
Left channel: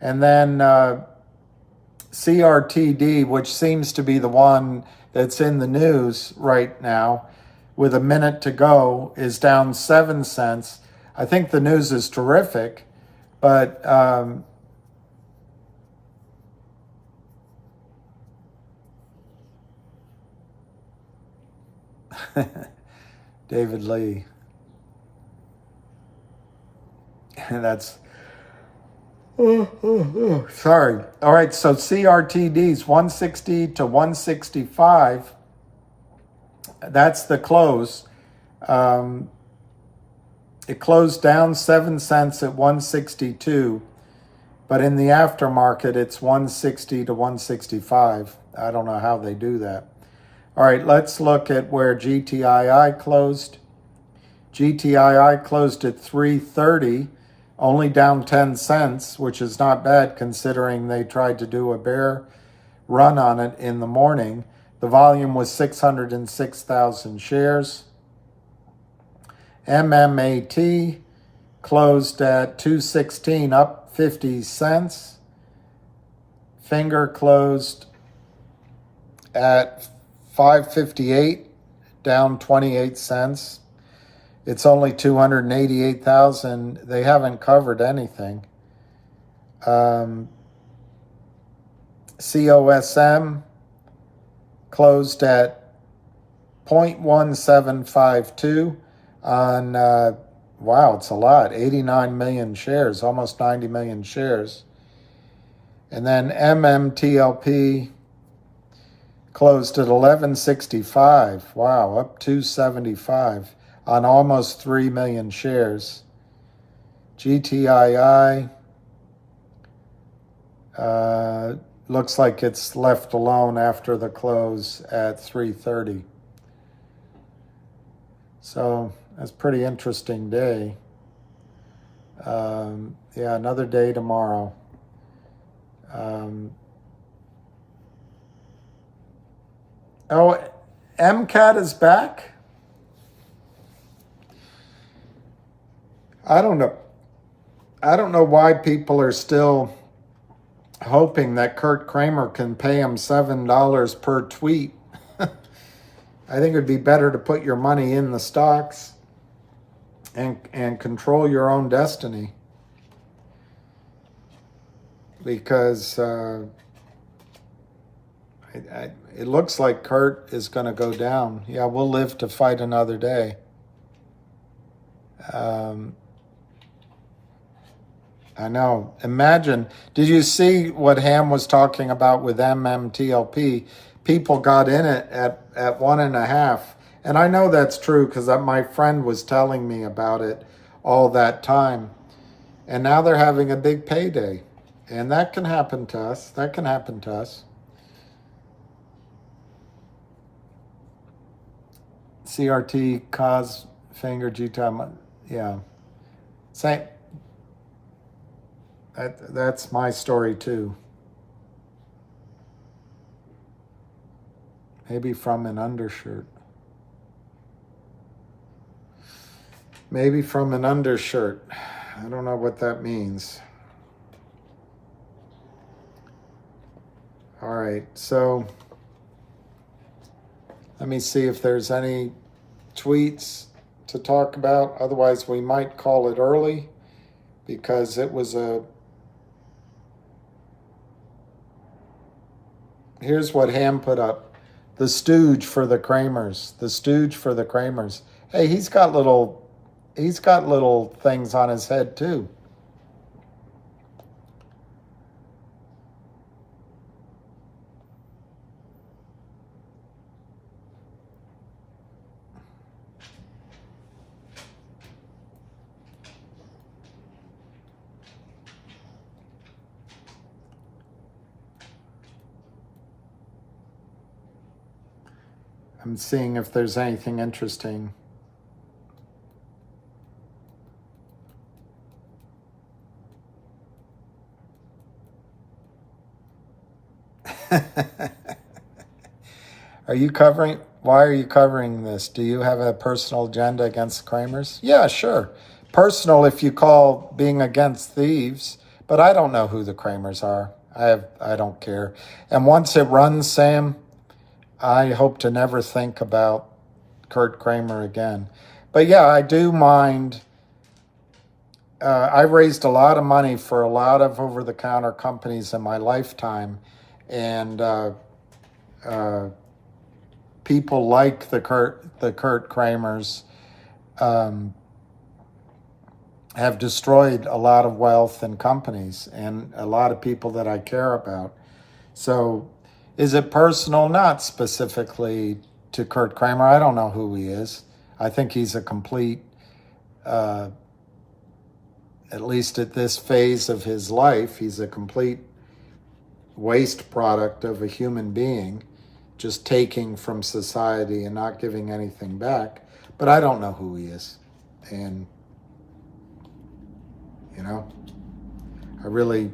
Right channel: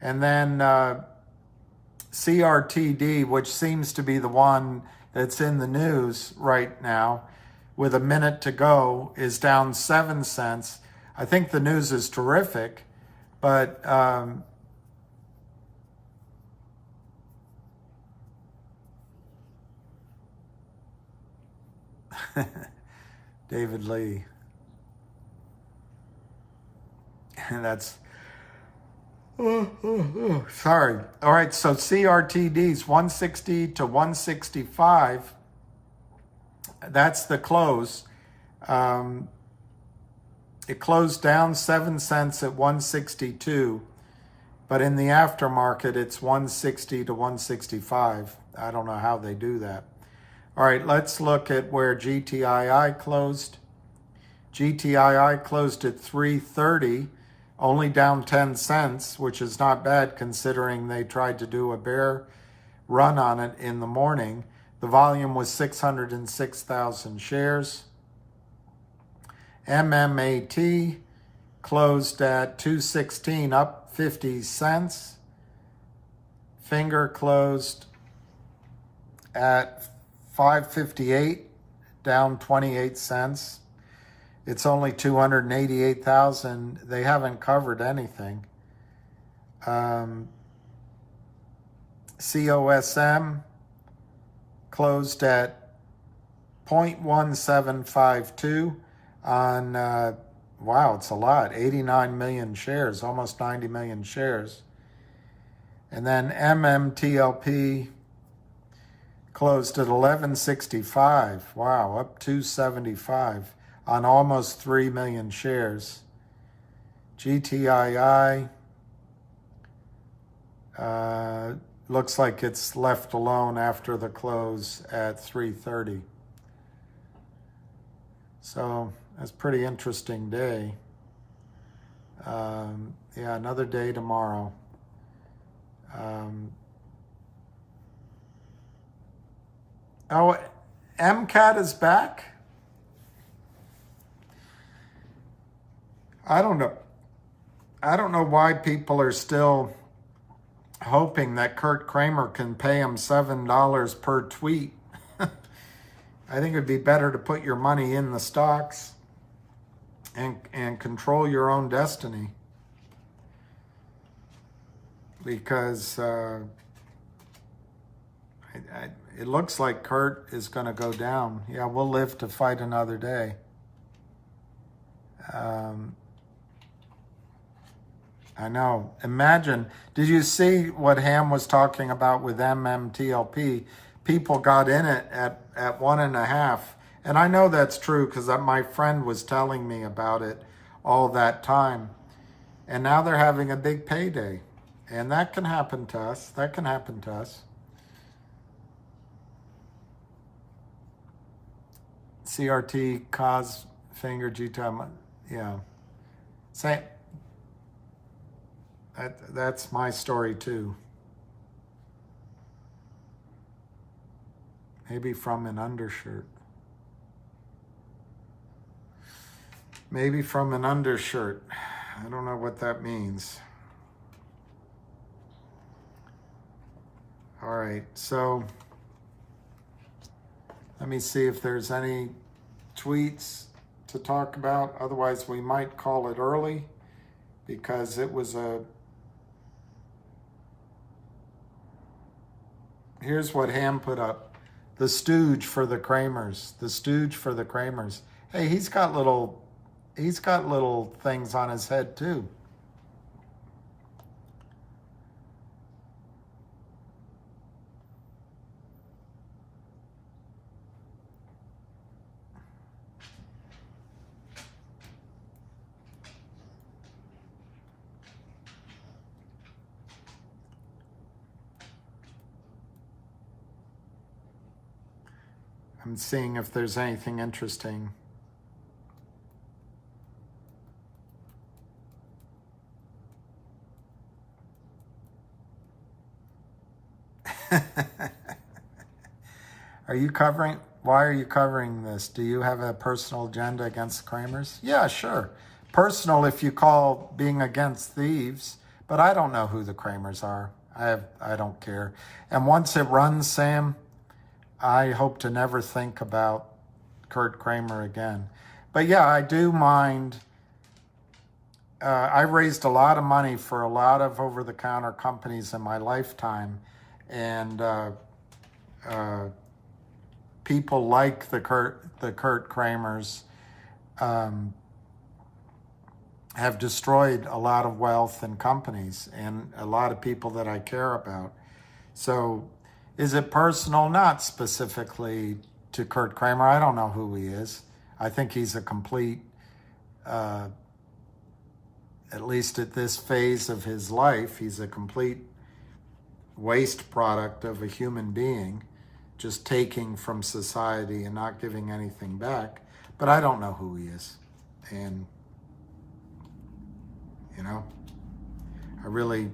And then CRTD, which seems to be the one that's in the news right now, with a minute to go, is down 7 cents. I think the news is terrific, but David Lee. That's sorry. All right, so CRTD's 160 to 165. That's the close. It closed down 7 cents at 162, but in the aftermarket, it's 160 to 165. I don't know how they do that. All right, let's look at where GTII closed. GTII closed at 330, only down 10 cents, which is not bad considering they tried to do a bear run on it in the morning. The volume was 606,000 shares. MMAT closed at 216, up 50 cents. Finger closed at 558, down 28 cents. It's only 288,000. They haven't covered anything. COSM closed at 0.1752 on, wow, it's a lot, 89 million shares, almost 90 million shares. And then MMTLP closed at 1165. Wow, up 275 on almost 3 million shares. GTII looks like it's left alone after the close at 330. So that's a pretty interesting day. Yeah, another day tomorrow. Oh, MCAT is back? I don't know. I don't know why people are still hoping that Kurt Kramer can pay him $7 per tweet. I think it'd be better to put your money in the stocks and control your own destiny. Because it looks like Kurt is going to go down. Yeah, we'll live to fight another day. I know. Imagine, did you see what Ham was talking about with MMTLP? People got in it at 1.5. And I know that's true because my friend was telling me about it all that time. And now they're having a big payday. And that can happen to us. That can happen to us. CRT, cause, finger, GTIILIVE. Yeah. Same. That's my story too. Maybe from an undershirt. Maybe from an undershirt. I don't know what that means. All right, so let me see if there's any tweets to talk about. Otherwise, we might call it early because it was a... Here's what Ham put up. The stooge for the Kramers. The stooge for the Kramers. Hey, he's got little things on his head too. I'm seeing if there's anything interesting. Are you covering? Why are you covering this? Do you have a personal agenda against Kramers? Yeah, sure. Personal if you call being against thieves, but I don't know who the Kramers are. I don't care. And once it runs, Sam, I hope to never think about Kurt Kramer again. But yeah, I do mind. I raised a lot of money for a lot of over-the-counter companies in my lifetime. And people like the Kurt Kramers have destroyed a lot of wealth and companies and a lot of people that I care about. So is it personal? Not specifically to Kurt Kramer. I don't know who he is. I think he's a complete, at least at this phase of his life, he's a complete waste product of a human being, just taking from society and not giving anything back. But I don't know who he is. And, you know, I really,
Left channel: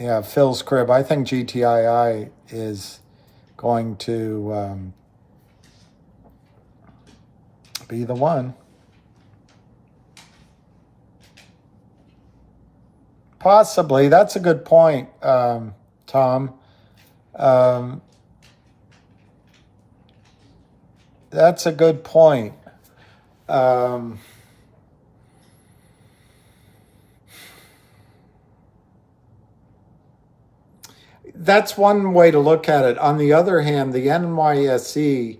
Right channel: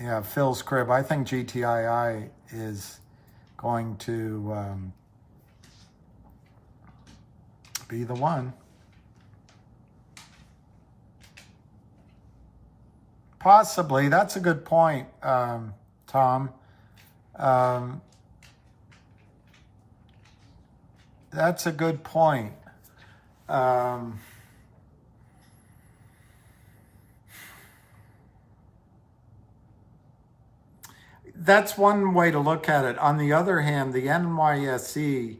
yeah, Phil's crib. I think GTII is going to be the one. Possibly. That's a good point, Tom. That's a good point. That's one way to look at it. On the other hand, the NYSE,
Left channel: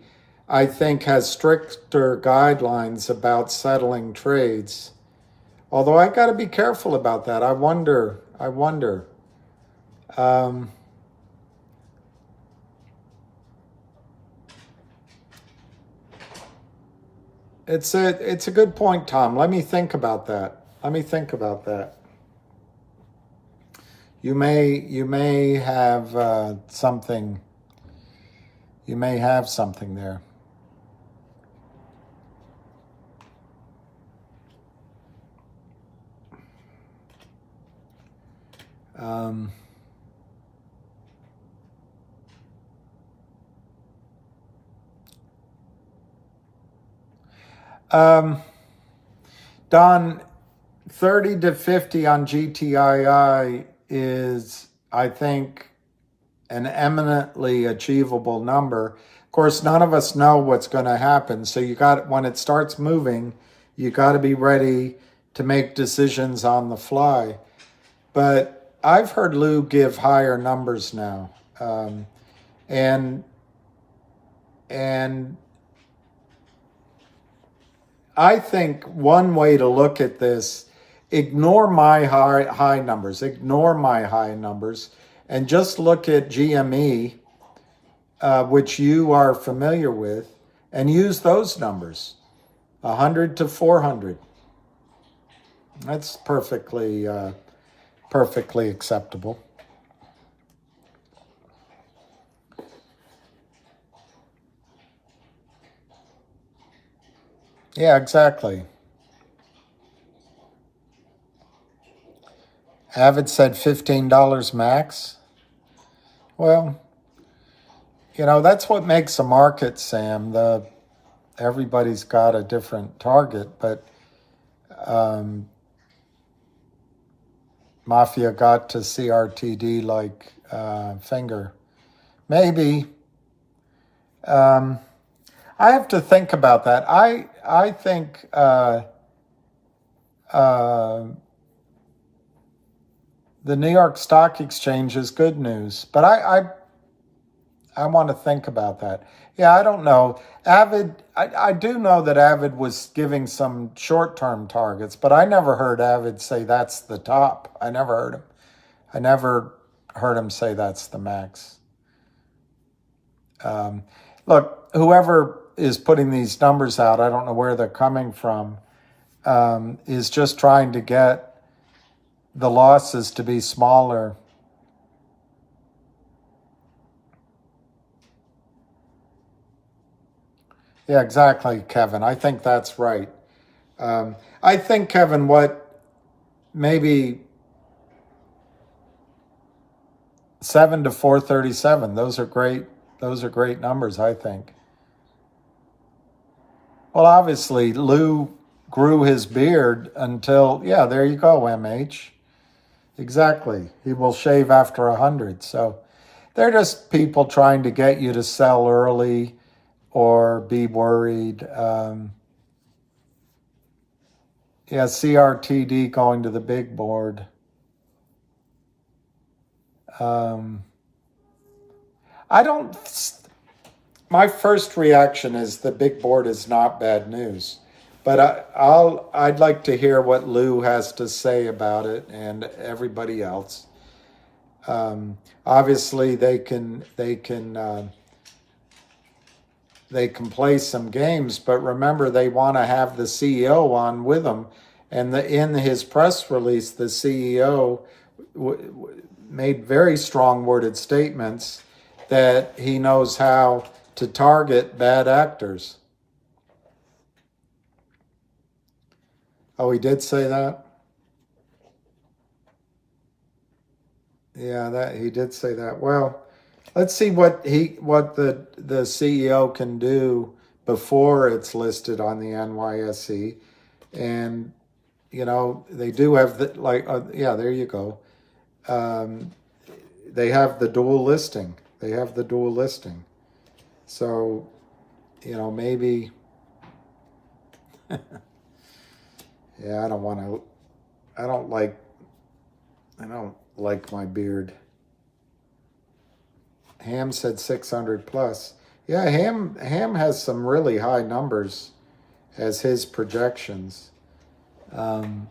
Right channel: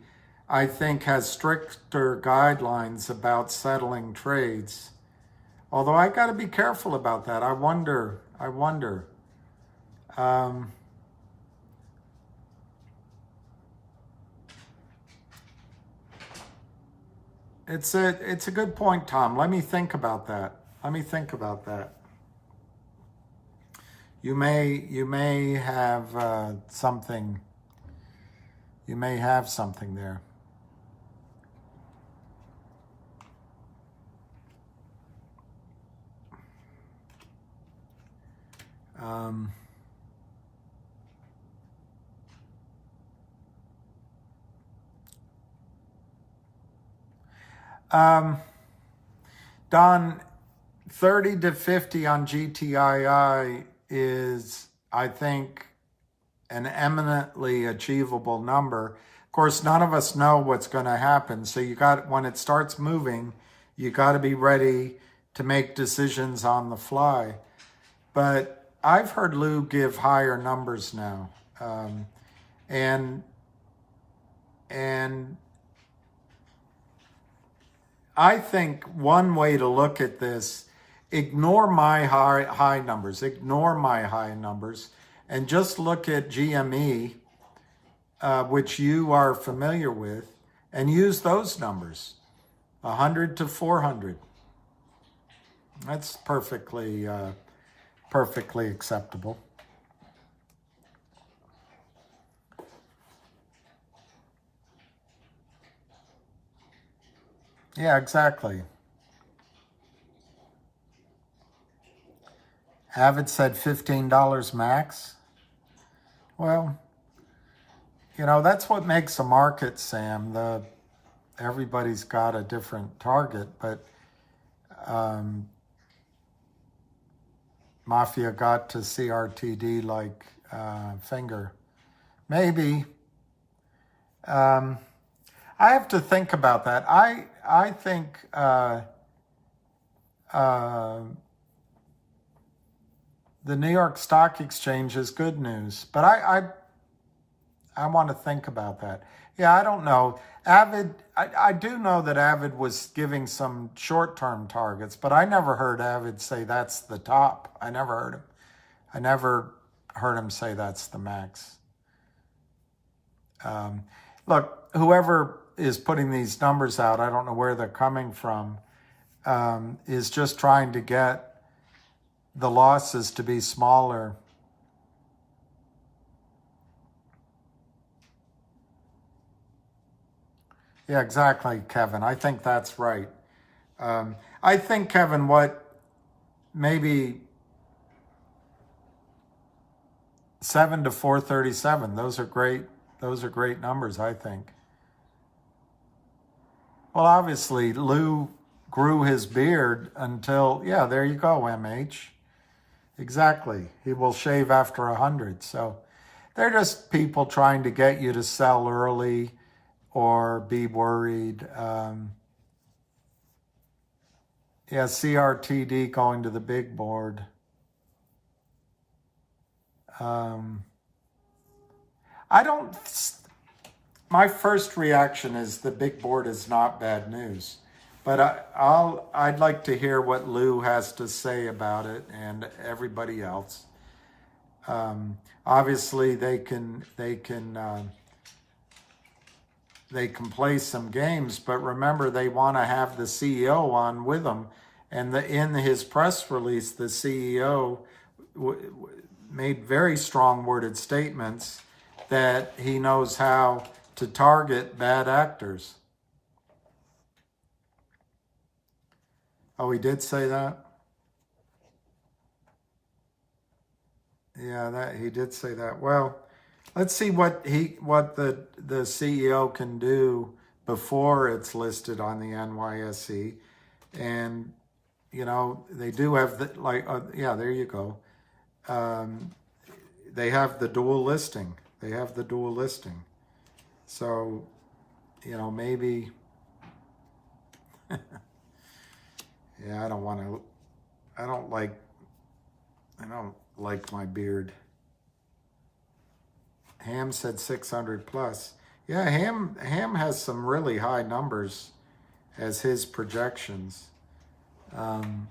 I think, has stricter guidelines about settling trades. Although I got to be careful about that. I wonder. It's a good point, Tom. Let me think about that. You may have something. You may have something there. Don, 30 to 50 on GTII is, I think, an eminently achievable number. Of course, none of us know what's going to happen. So when it starts moving, you got to be ready to make decisions on the fly. But I've heard Lou give higher numbers now. And I think one way to look at this, ignore my high numbers, and just look at GME, which you are familiar with, and use those numbers, 100 to 400. That's perfectly acceptable. Yeah, exactly. Avid said $15 max. Well, that's what makes a market, Sam. Everybody's got a different target, but Mafia got to CRTD like finger. Maybe. I have to think about that. I think the New York Stock Exchange is good news, but I want to think about that. Yeah, I don't know. Avid, I do know that Avid was giving some short-term targets, but I never heard Avid say that's the top. I never heard him say that's the max. Look, whoever is putting these numbers out, I don't know where they're coming from, is just trying to get the losses to be smaller. Yeah, exactly, Kevin. I think that's right. I think, Kevin, maybe 7 to 437. Those are great numbers, I think. Well, obviously, Lou grew his beard until, yeah, there you go, MH. Exactly. He will shave after 100. So they're just people trying to get you to sell early or be worried. Yeah, CRTD going to the big board. My first reaction is the big board is not bad news, but I'd like to hear what Lou has to say about it and everybody else. Obviously, they can play some games, but remember they want to have the CEO on with them. And in his press release, the CEO made very strong worded statements that he knows how to target bad actors. Oh, he did say that? Yeah, he did say that. Well, let's see what the CEO can do before it's listed on the NYSE. And, they do have there you go. They have the dual listing. So, maybe, yeah, I don't like my beard. Ham said 600 plus. Yeah, Ham has some really high numbers as his projections. Well,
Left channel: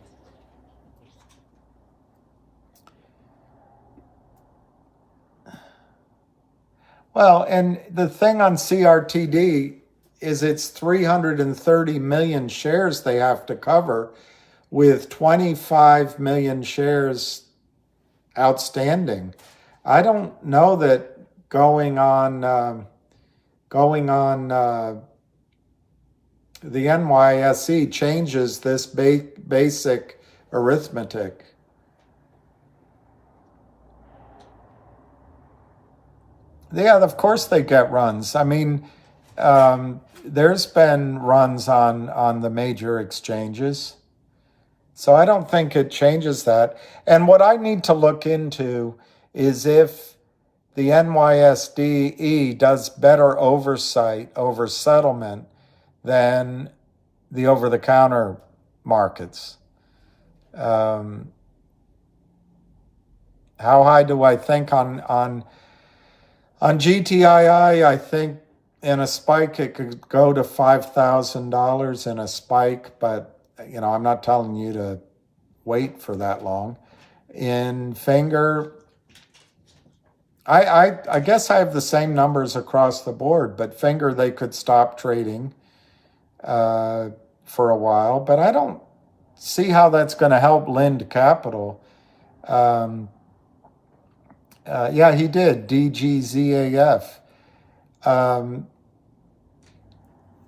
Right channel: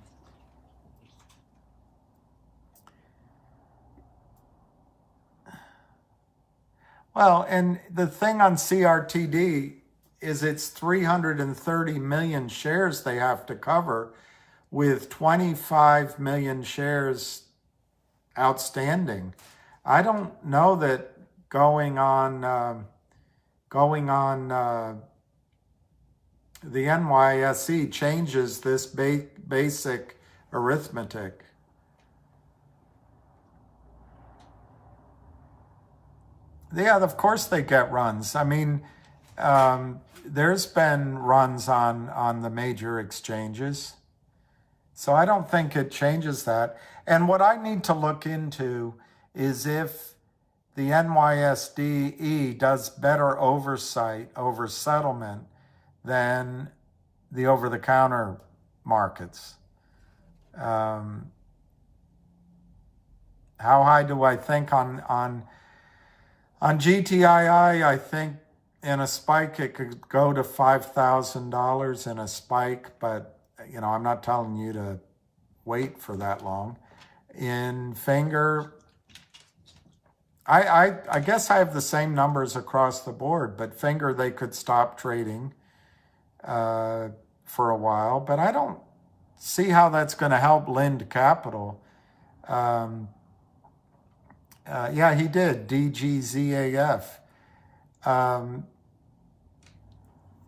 and the thing on CRTD is it's 330 million shares they have to cover with 25 million shares outstanding. I don't know that going on the NYSE changes this basic arithmetic. Yeah, of course they get runs. I mean, there's been runs on the major exchanges. So I don't think it changes that. And what I need to look into is if the NYSE does better oversight over settlement than the over-the-counter markets. How high do I think on GTII? I think in a spike it could go to $5,000 in a spike, but you know, I'm not telling you to wait for that long. In Finger, I guess I have the same numbers across the board, but Finger, they could stop trading for a while, but I don't see how that's going to help Lind Capital. Yeah, he did, DGZAF.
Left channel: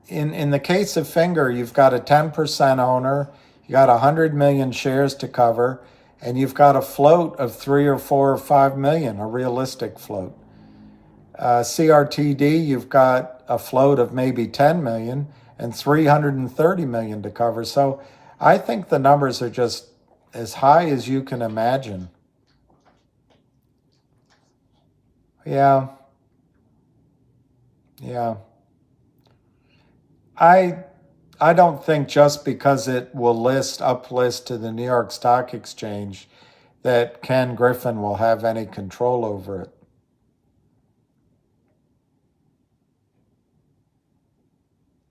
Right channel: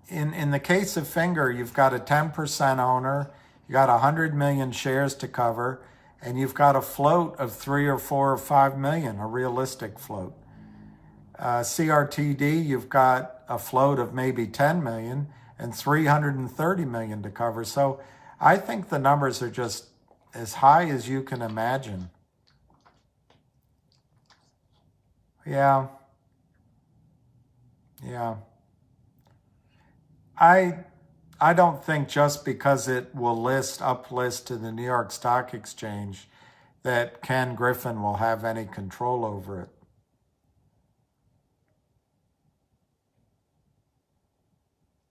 In the case of Finger, you've got a 10% owner, you got 100 million shares to cover, and you've got a float of 3 or 4 or 5 million, a realistic float. CRTD, you've got a float of maybe 10 million and 330 million to cover. So I think the numbers are just as high as you can imagine. Yeah. I don't think just because it will uplist to the New York Stock Exchange that Ken Griffin will have any control over it.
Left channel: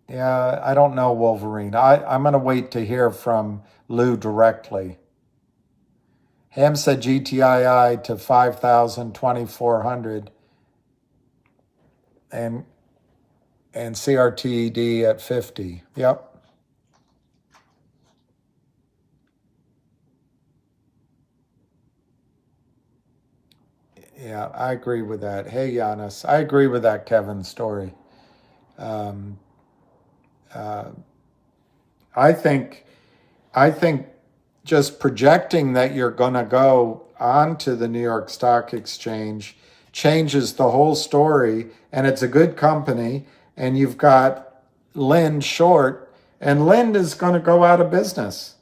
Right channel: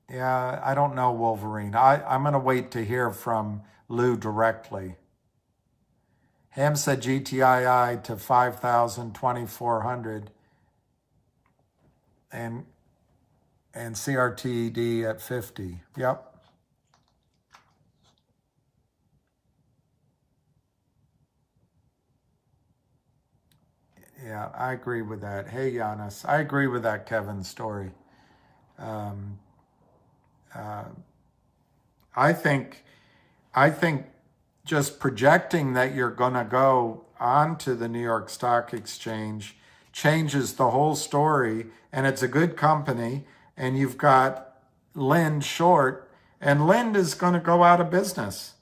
Yeah, I don't know, Wolverine. I'm going to wait to hear from Lou directly. Ham said GTII to 5,000, 2,400. And CRTD at 50. Yep. Yeah, I agree with that. Hey, Giannis, I agree with that Kevin story. I think just projecting that you're going to go onto the New York Stock Exchange changes the whole story, and it's a good company, and you've got Lind short, and Lind is going to go out of business.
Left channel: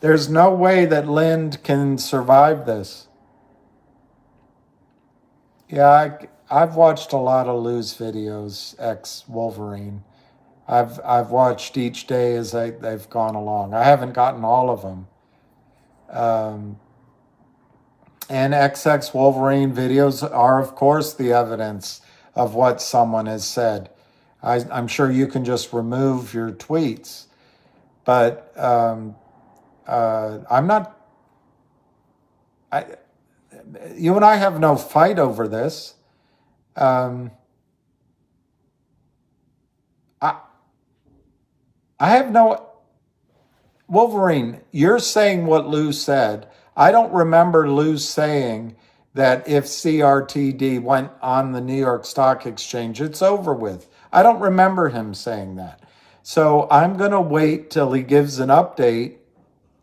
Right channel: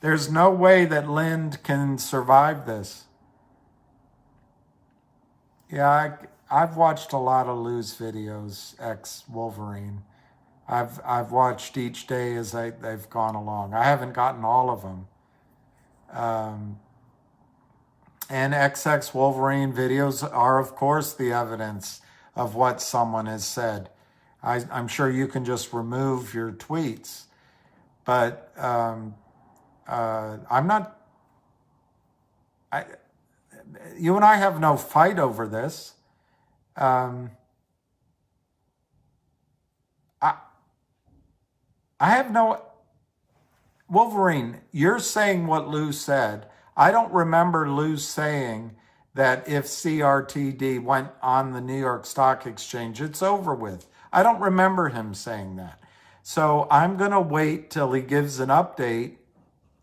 There's no way that Lind can survive this. Yeah, I've watched a lot of Lou's videos, ex-Wolverine. I've watched each day as they've gone along. I haven't gotten all of them. And XX Wolverine videos are, of course, the evidence of what someone has said. I'm sure you can just remove your tweets, but I'm not. You and I have no fight over this. I have no... Wolverine, you're saying what Lou said. I don't remember Lou saying that if CRTD went on the New York Stock Exchange, it's over with. I don't remember him saying that. So I'm going to wait till he gives an update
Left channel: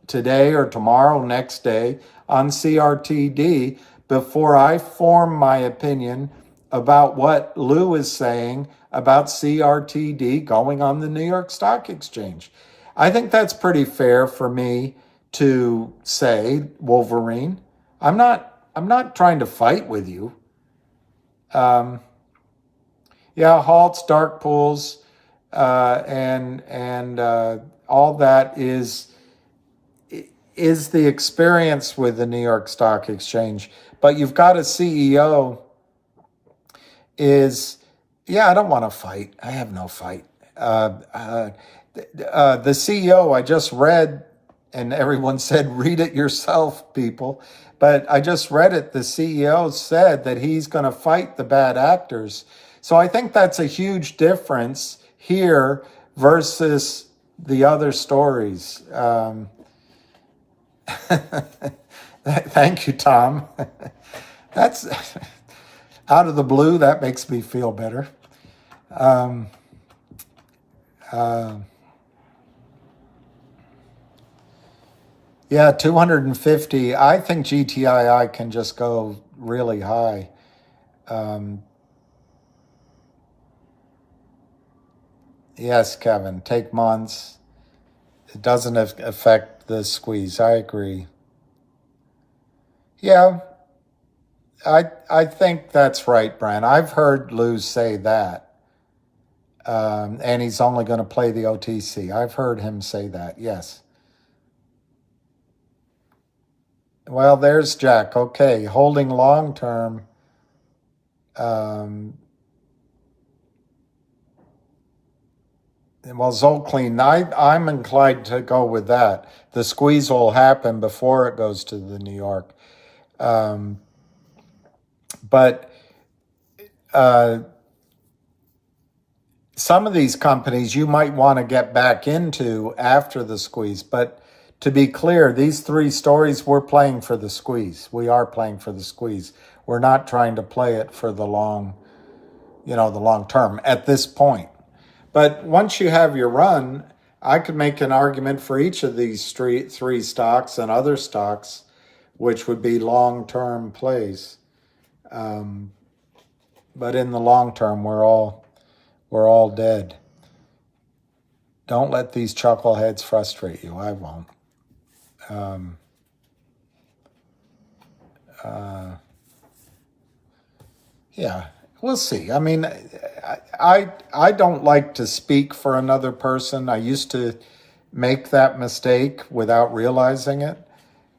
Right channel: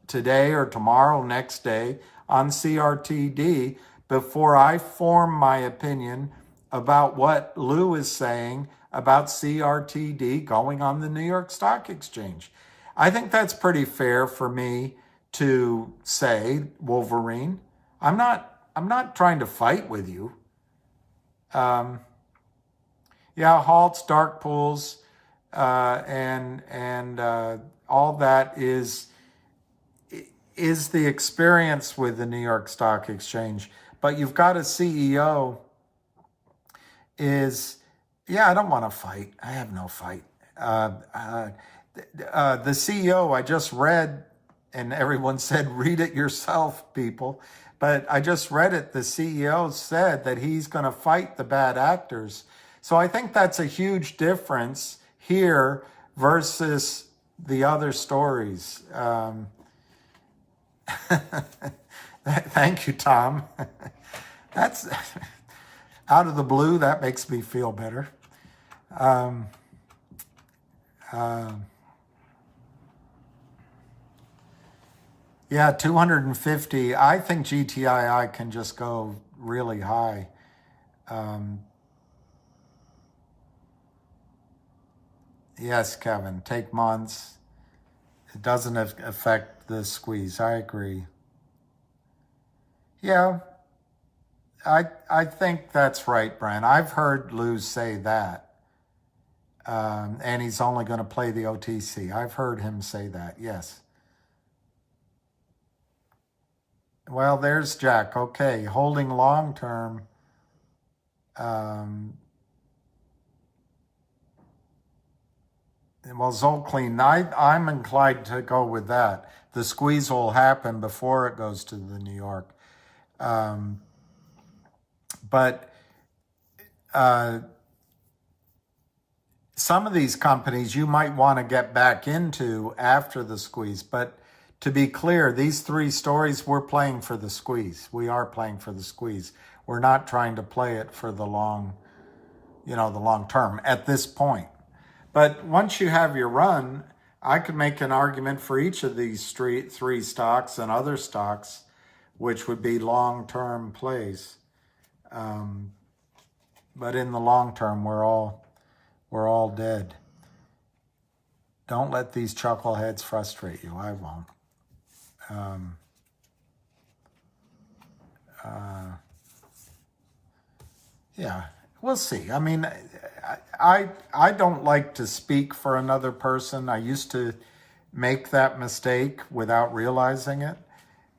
today or tomorrow, next day, on CRTD before I form my opinion about what Lou is saying about CRTD going on the New York Stock Exchange. I think that's pretty fair for me to say, Wolverine. I'm not trying to fight with you. Yeah, halts, dark pools, and all that is the experience with the New York Stock Exchange. But you've got a CEO is Yeah, I don't want to fight. I have no fight. The CEO, I just read, and everyone said, read it yourself, people. But I just read it. The CEO said that he's going to fight the bad actors. So I think that's a huge difference here versus the other stories. Thank you, Tom. That's out of the blue. That makes me feel better. Yeah, 250. I think GTII can just go really high. Yes, Kevin, take months. It doesn't affect the squeeze. I agree. Yeah, I think that's right, Brent. I've heard Lou say that. And he's only going to play the OTC. I've heard him say that, yes. Well, there's Jack. Okay, holding long term. Well, Zolclean, I'm inclined to go with that. The squeeze will happen before it goes to the New York. But some of these companies you might want to get back into after the squeeze. But to be clear, these three stories, we're playing for the squeeze. We are playing for the squeeze. We're not trying to play it for the long term at this point. But once you have your run, I could make an argument for each of these three stocks and other stocks, which would be long-term plays. But in the long term, we're all dead. Don't let these chuckleheads frustrate you. I won't. Yeah, we'll see. I mean, I don't like to speak for another person. I used to make that mistake without realizing it.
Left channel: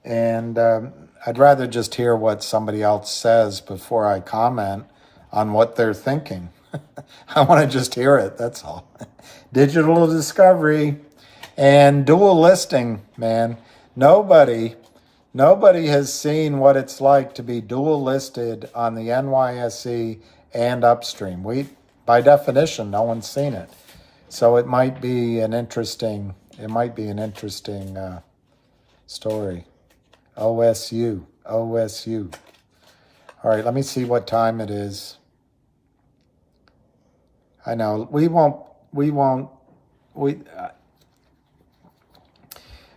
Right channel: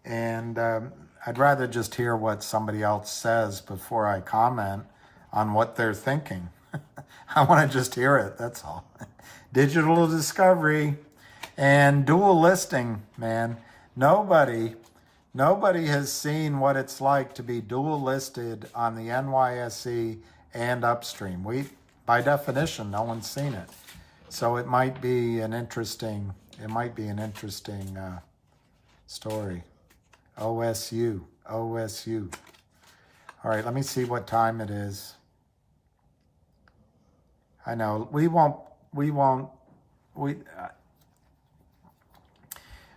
And I'd rather just hear what somebody else says before I comment on what they're thinking. I want to just hear it, that's all. Digital discovery and dual listing, man. Nobody has seen what it's like to be dual listed on the NYSE and upstream. By definition, no one's seen it. So it might be an interesting story. OSU. All right, let me see what time it is. I know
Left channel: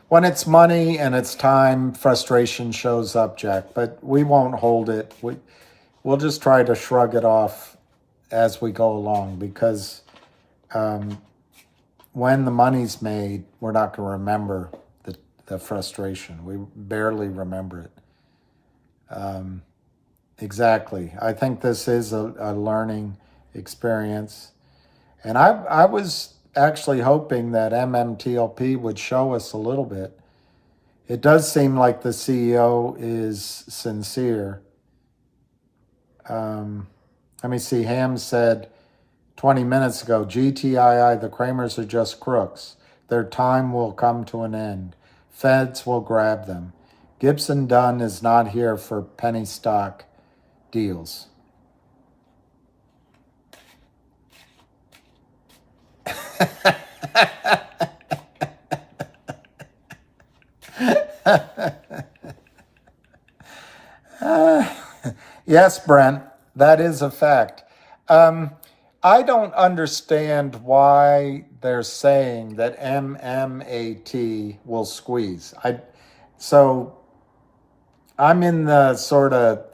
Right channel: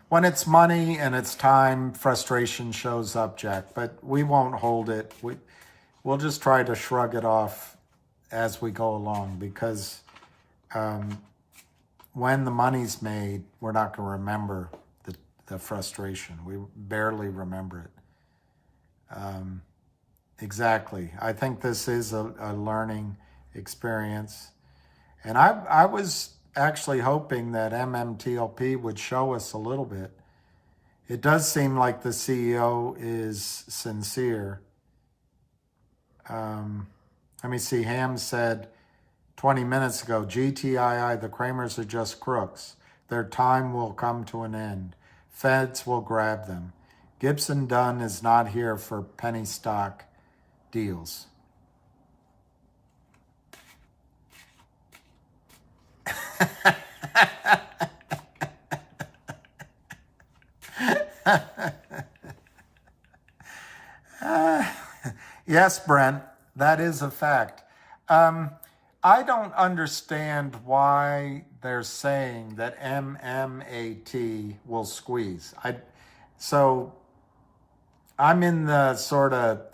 when it's money and it's time, frustration shows up, Jack, but we won't hold it. We'll just try to shrug it off as we go along, because when the money's made, we're not going to remember the frustration. We barely remember it. Exactly. I think this is a learning experience. And I was actually hoping that MMTLP would show us a little bit. It does seem like the CEO is sincere. Let me see. Ham said 20 minutes ago, GTII, the Kramers are just crooks. Their time will come to an end. Feds will grab them. Gibson Dunn is not here for penny stock deals. Yes, Brent, that is a fact. I don't understand why they're saying that MMAT will squeeze. So I'm in the sort of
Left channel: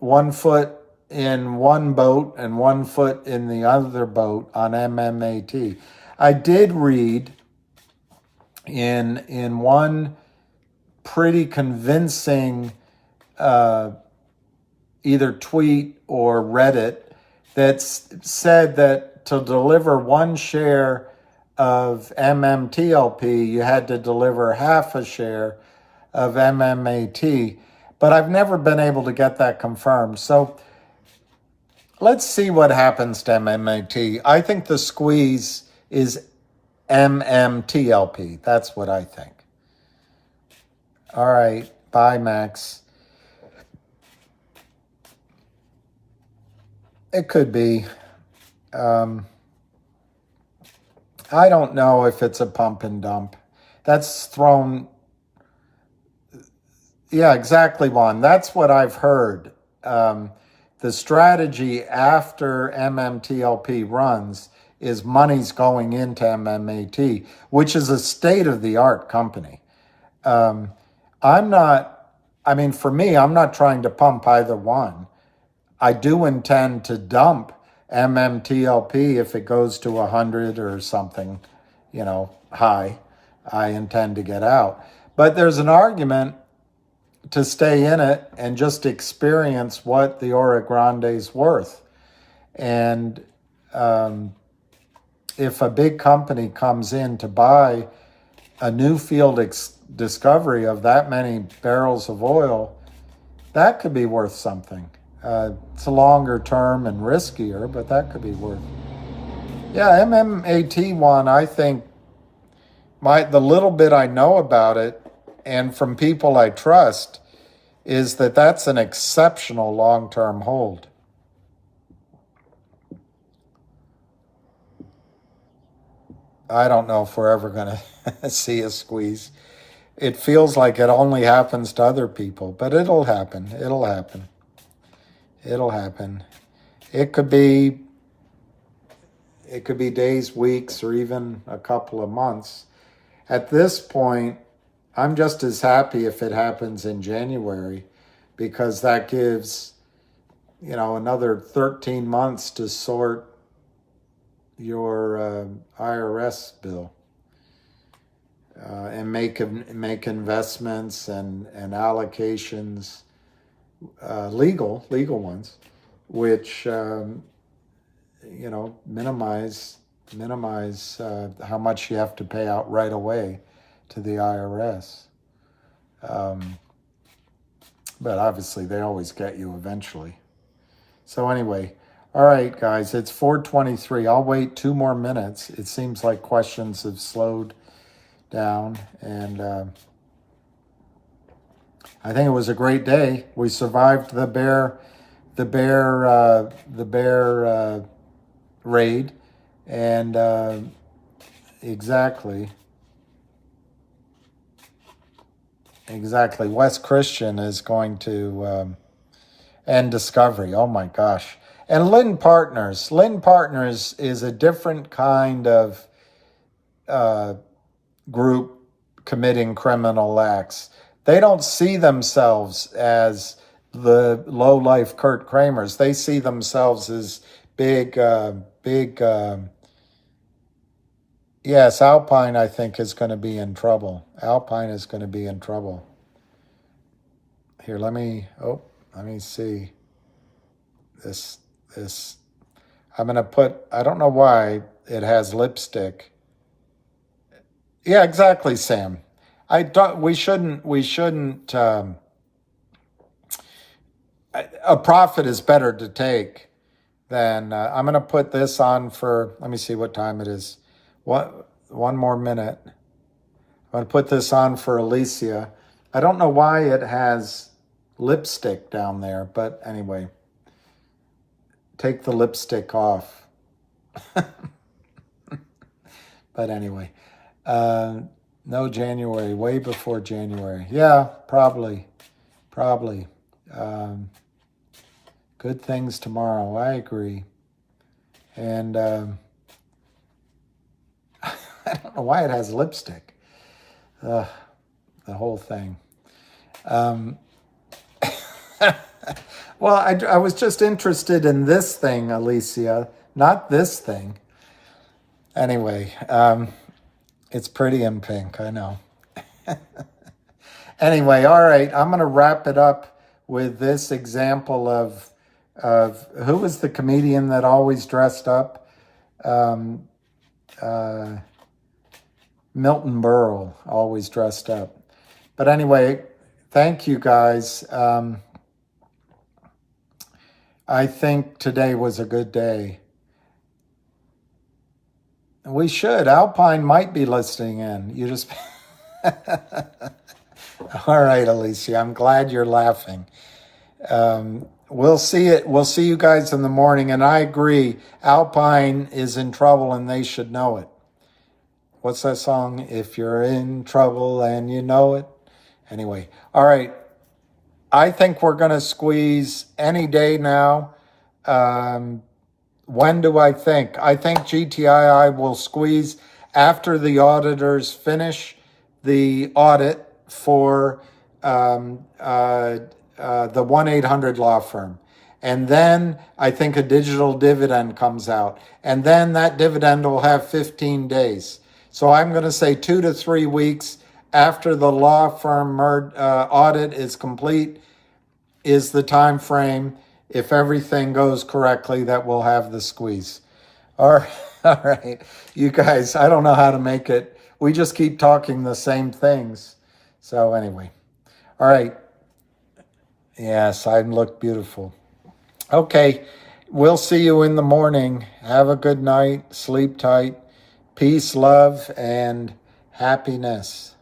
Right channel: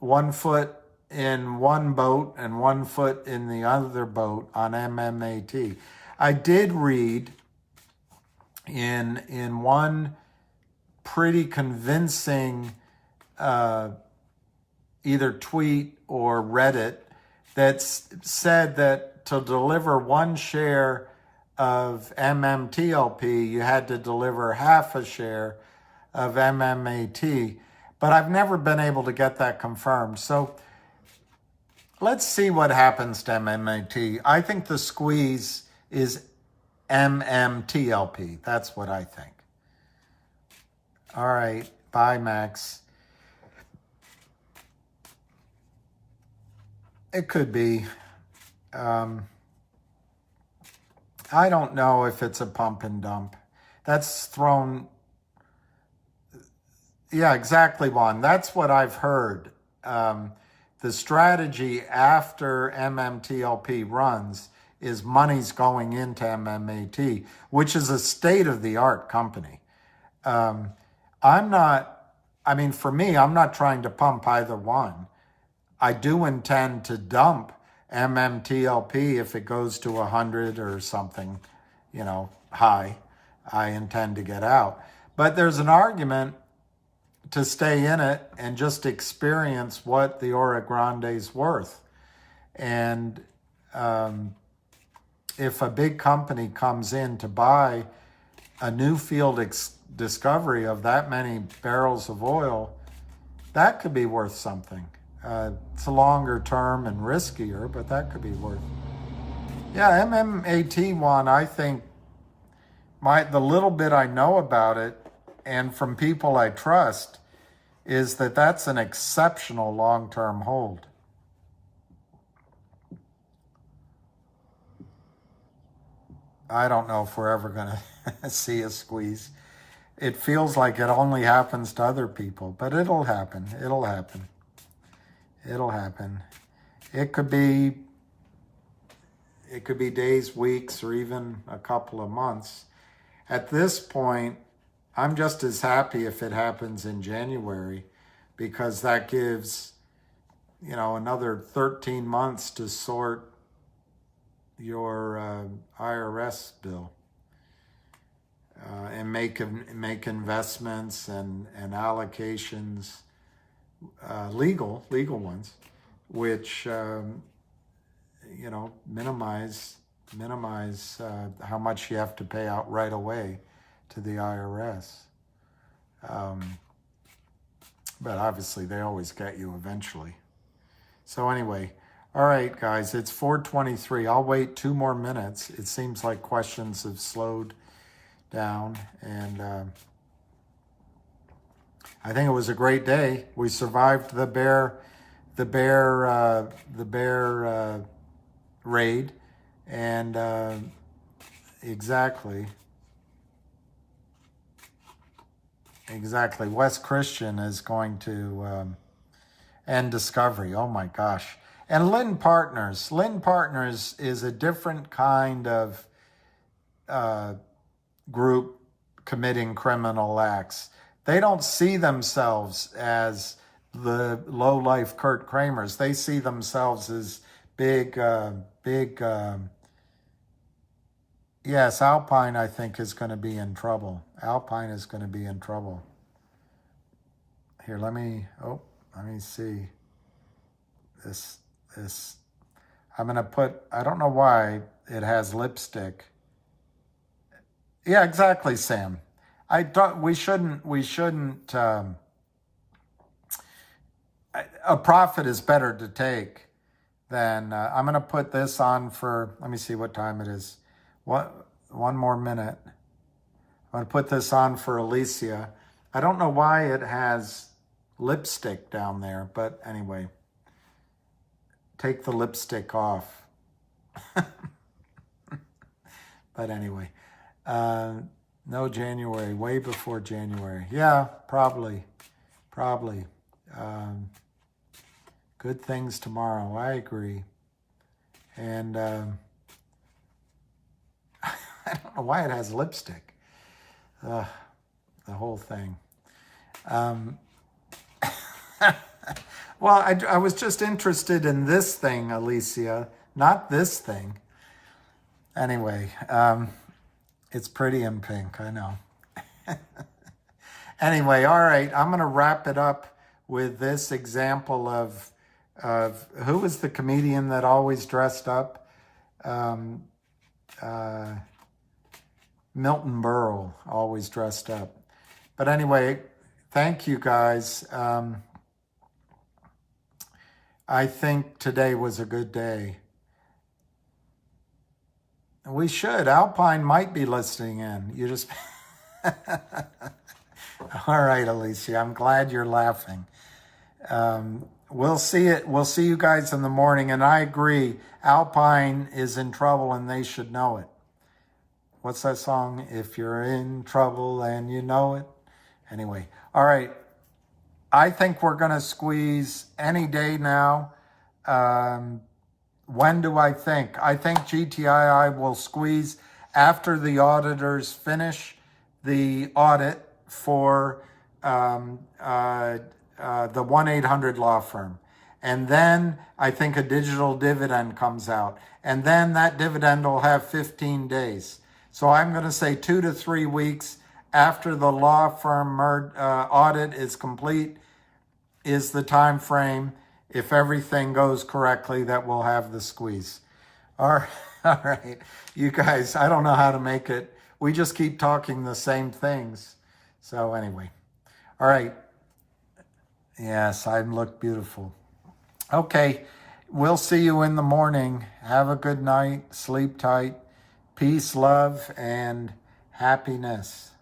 1 foot in one boat and 1 foot in the other boat on MMAT. I did read in one pretty convincing either tweet or Reddit that said that to deliver 1 share of MMTLP, you had to deliver half a share of MMAT. But I've never been able to get that confirmed. So let's see what happens to MMAT. I think the squeeze is MMTLP. That's what I think. All right. Bye, Max. It could be. I don't know if it's a pump and dump. That's thrown. Yeah, exactly, Juan. That's what I've heard. The strategy after MMTLP runs is money's going into MMAT, which is a state-of-the-art company. For me, I'm not trying to pump either one. I do intend to dump MMTLP if it goes to 100 or something, high. I intend to get out. But there's an argument to stay in it and just experience what the Oro Grande's worth. And if a big company comes in to buy a new field discovery of that many barrels of oil, that could be worth something. It's a longer term and riskier, but that could be worth. Yeah, MMAT one, I think the little bit I know about it and from people I trust is that that's an exceptional long-term hold. I don't know if we're ever going to see a squeeze. It feels like it only happens to other people, but it'll happen. It'll happen. It'll happen. It could be days, weeks, or even a couple of months. At this point, I'm just as happy if it happens in January, because that gives, another 13 months to sort your IRS bill and make investments and allocations, legal ones, which minimize how much you have to pay out right away to the IRS. But obviously they always get you eventually. So anyway, all right, guys, it's 4:23. I'll wait 2 more minutes. It seems like questions have slowed down, and I think it was a great day. We survived the bear raid, and exactly. West Christian is going to end Discovery. Oh my gosh. And Lynn Partners is a different kind of group committing criminal acts. They don't see themselves as the low-life Kurt Kramers. They see themselves as big, yes, Alpine, I think, is going to be in trouble. Alpine is going to be in trouble. Here, let me see. This, I'm going to put, I don't know why it has lipstick. Yeah, exactly, Sam. We shouldn't, a profit is better to take than, I'm going to put this on for, let me see what time it is. One more minute. I'm going to put this on for Alicia. I don't know why it has lipstick down there, but anyway, take the lipstick off. But anyway, no January, way before January. Yeah, probably. Good things tomorrow, I agree. And I don't know why it has lipstick. The whole thing. Well, I was just interested in this thing, Alicia, not this thing. Anyway, it's pretty in pink, I know. Anyway, all right, I'm going to wrap it up with this example of who was the comedian that always dressed up? Milton Berle, always dressed up. But anyway, thank you guys. I think today was a good day. We should. Alpine might be listening in. You just... All right, Alicia, I'm glad you're laughing. We'll see it. We'll see you guys in the morning. And I agree, Alpine is in trouble and they should know it. What's that song? If you're in trouble and you know it. Anyway, all right. I think we're going to squeeze any day now. When do I think? I think GTII will squeeze after the auditors finish the audit for the 1-800 law firm. And then I think a digital dividend comes out. And then that dividend will have 15 days. So I'm going to say 2 to 3 weeks after the law firm audit is complete is the time frame, if everything goes correctly, that we'll have the squeeze. All right. You guys, I don't know how to make it. We just keep talking the same things. So anyway. All right. Yes, I look beautiful. Okay. We'll see you in the morning. Have a good night. Sleep tight. Peace, love, and happiness.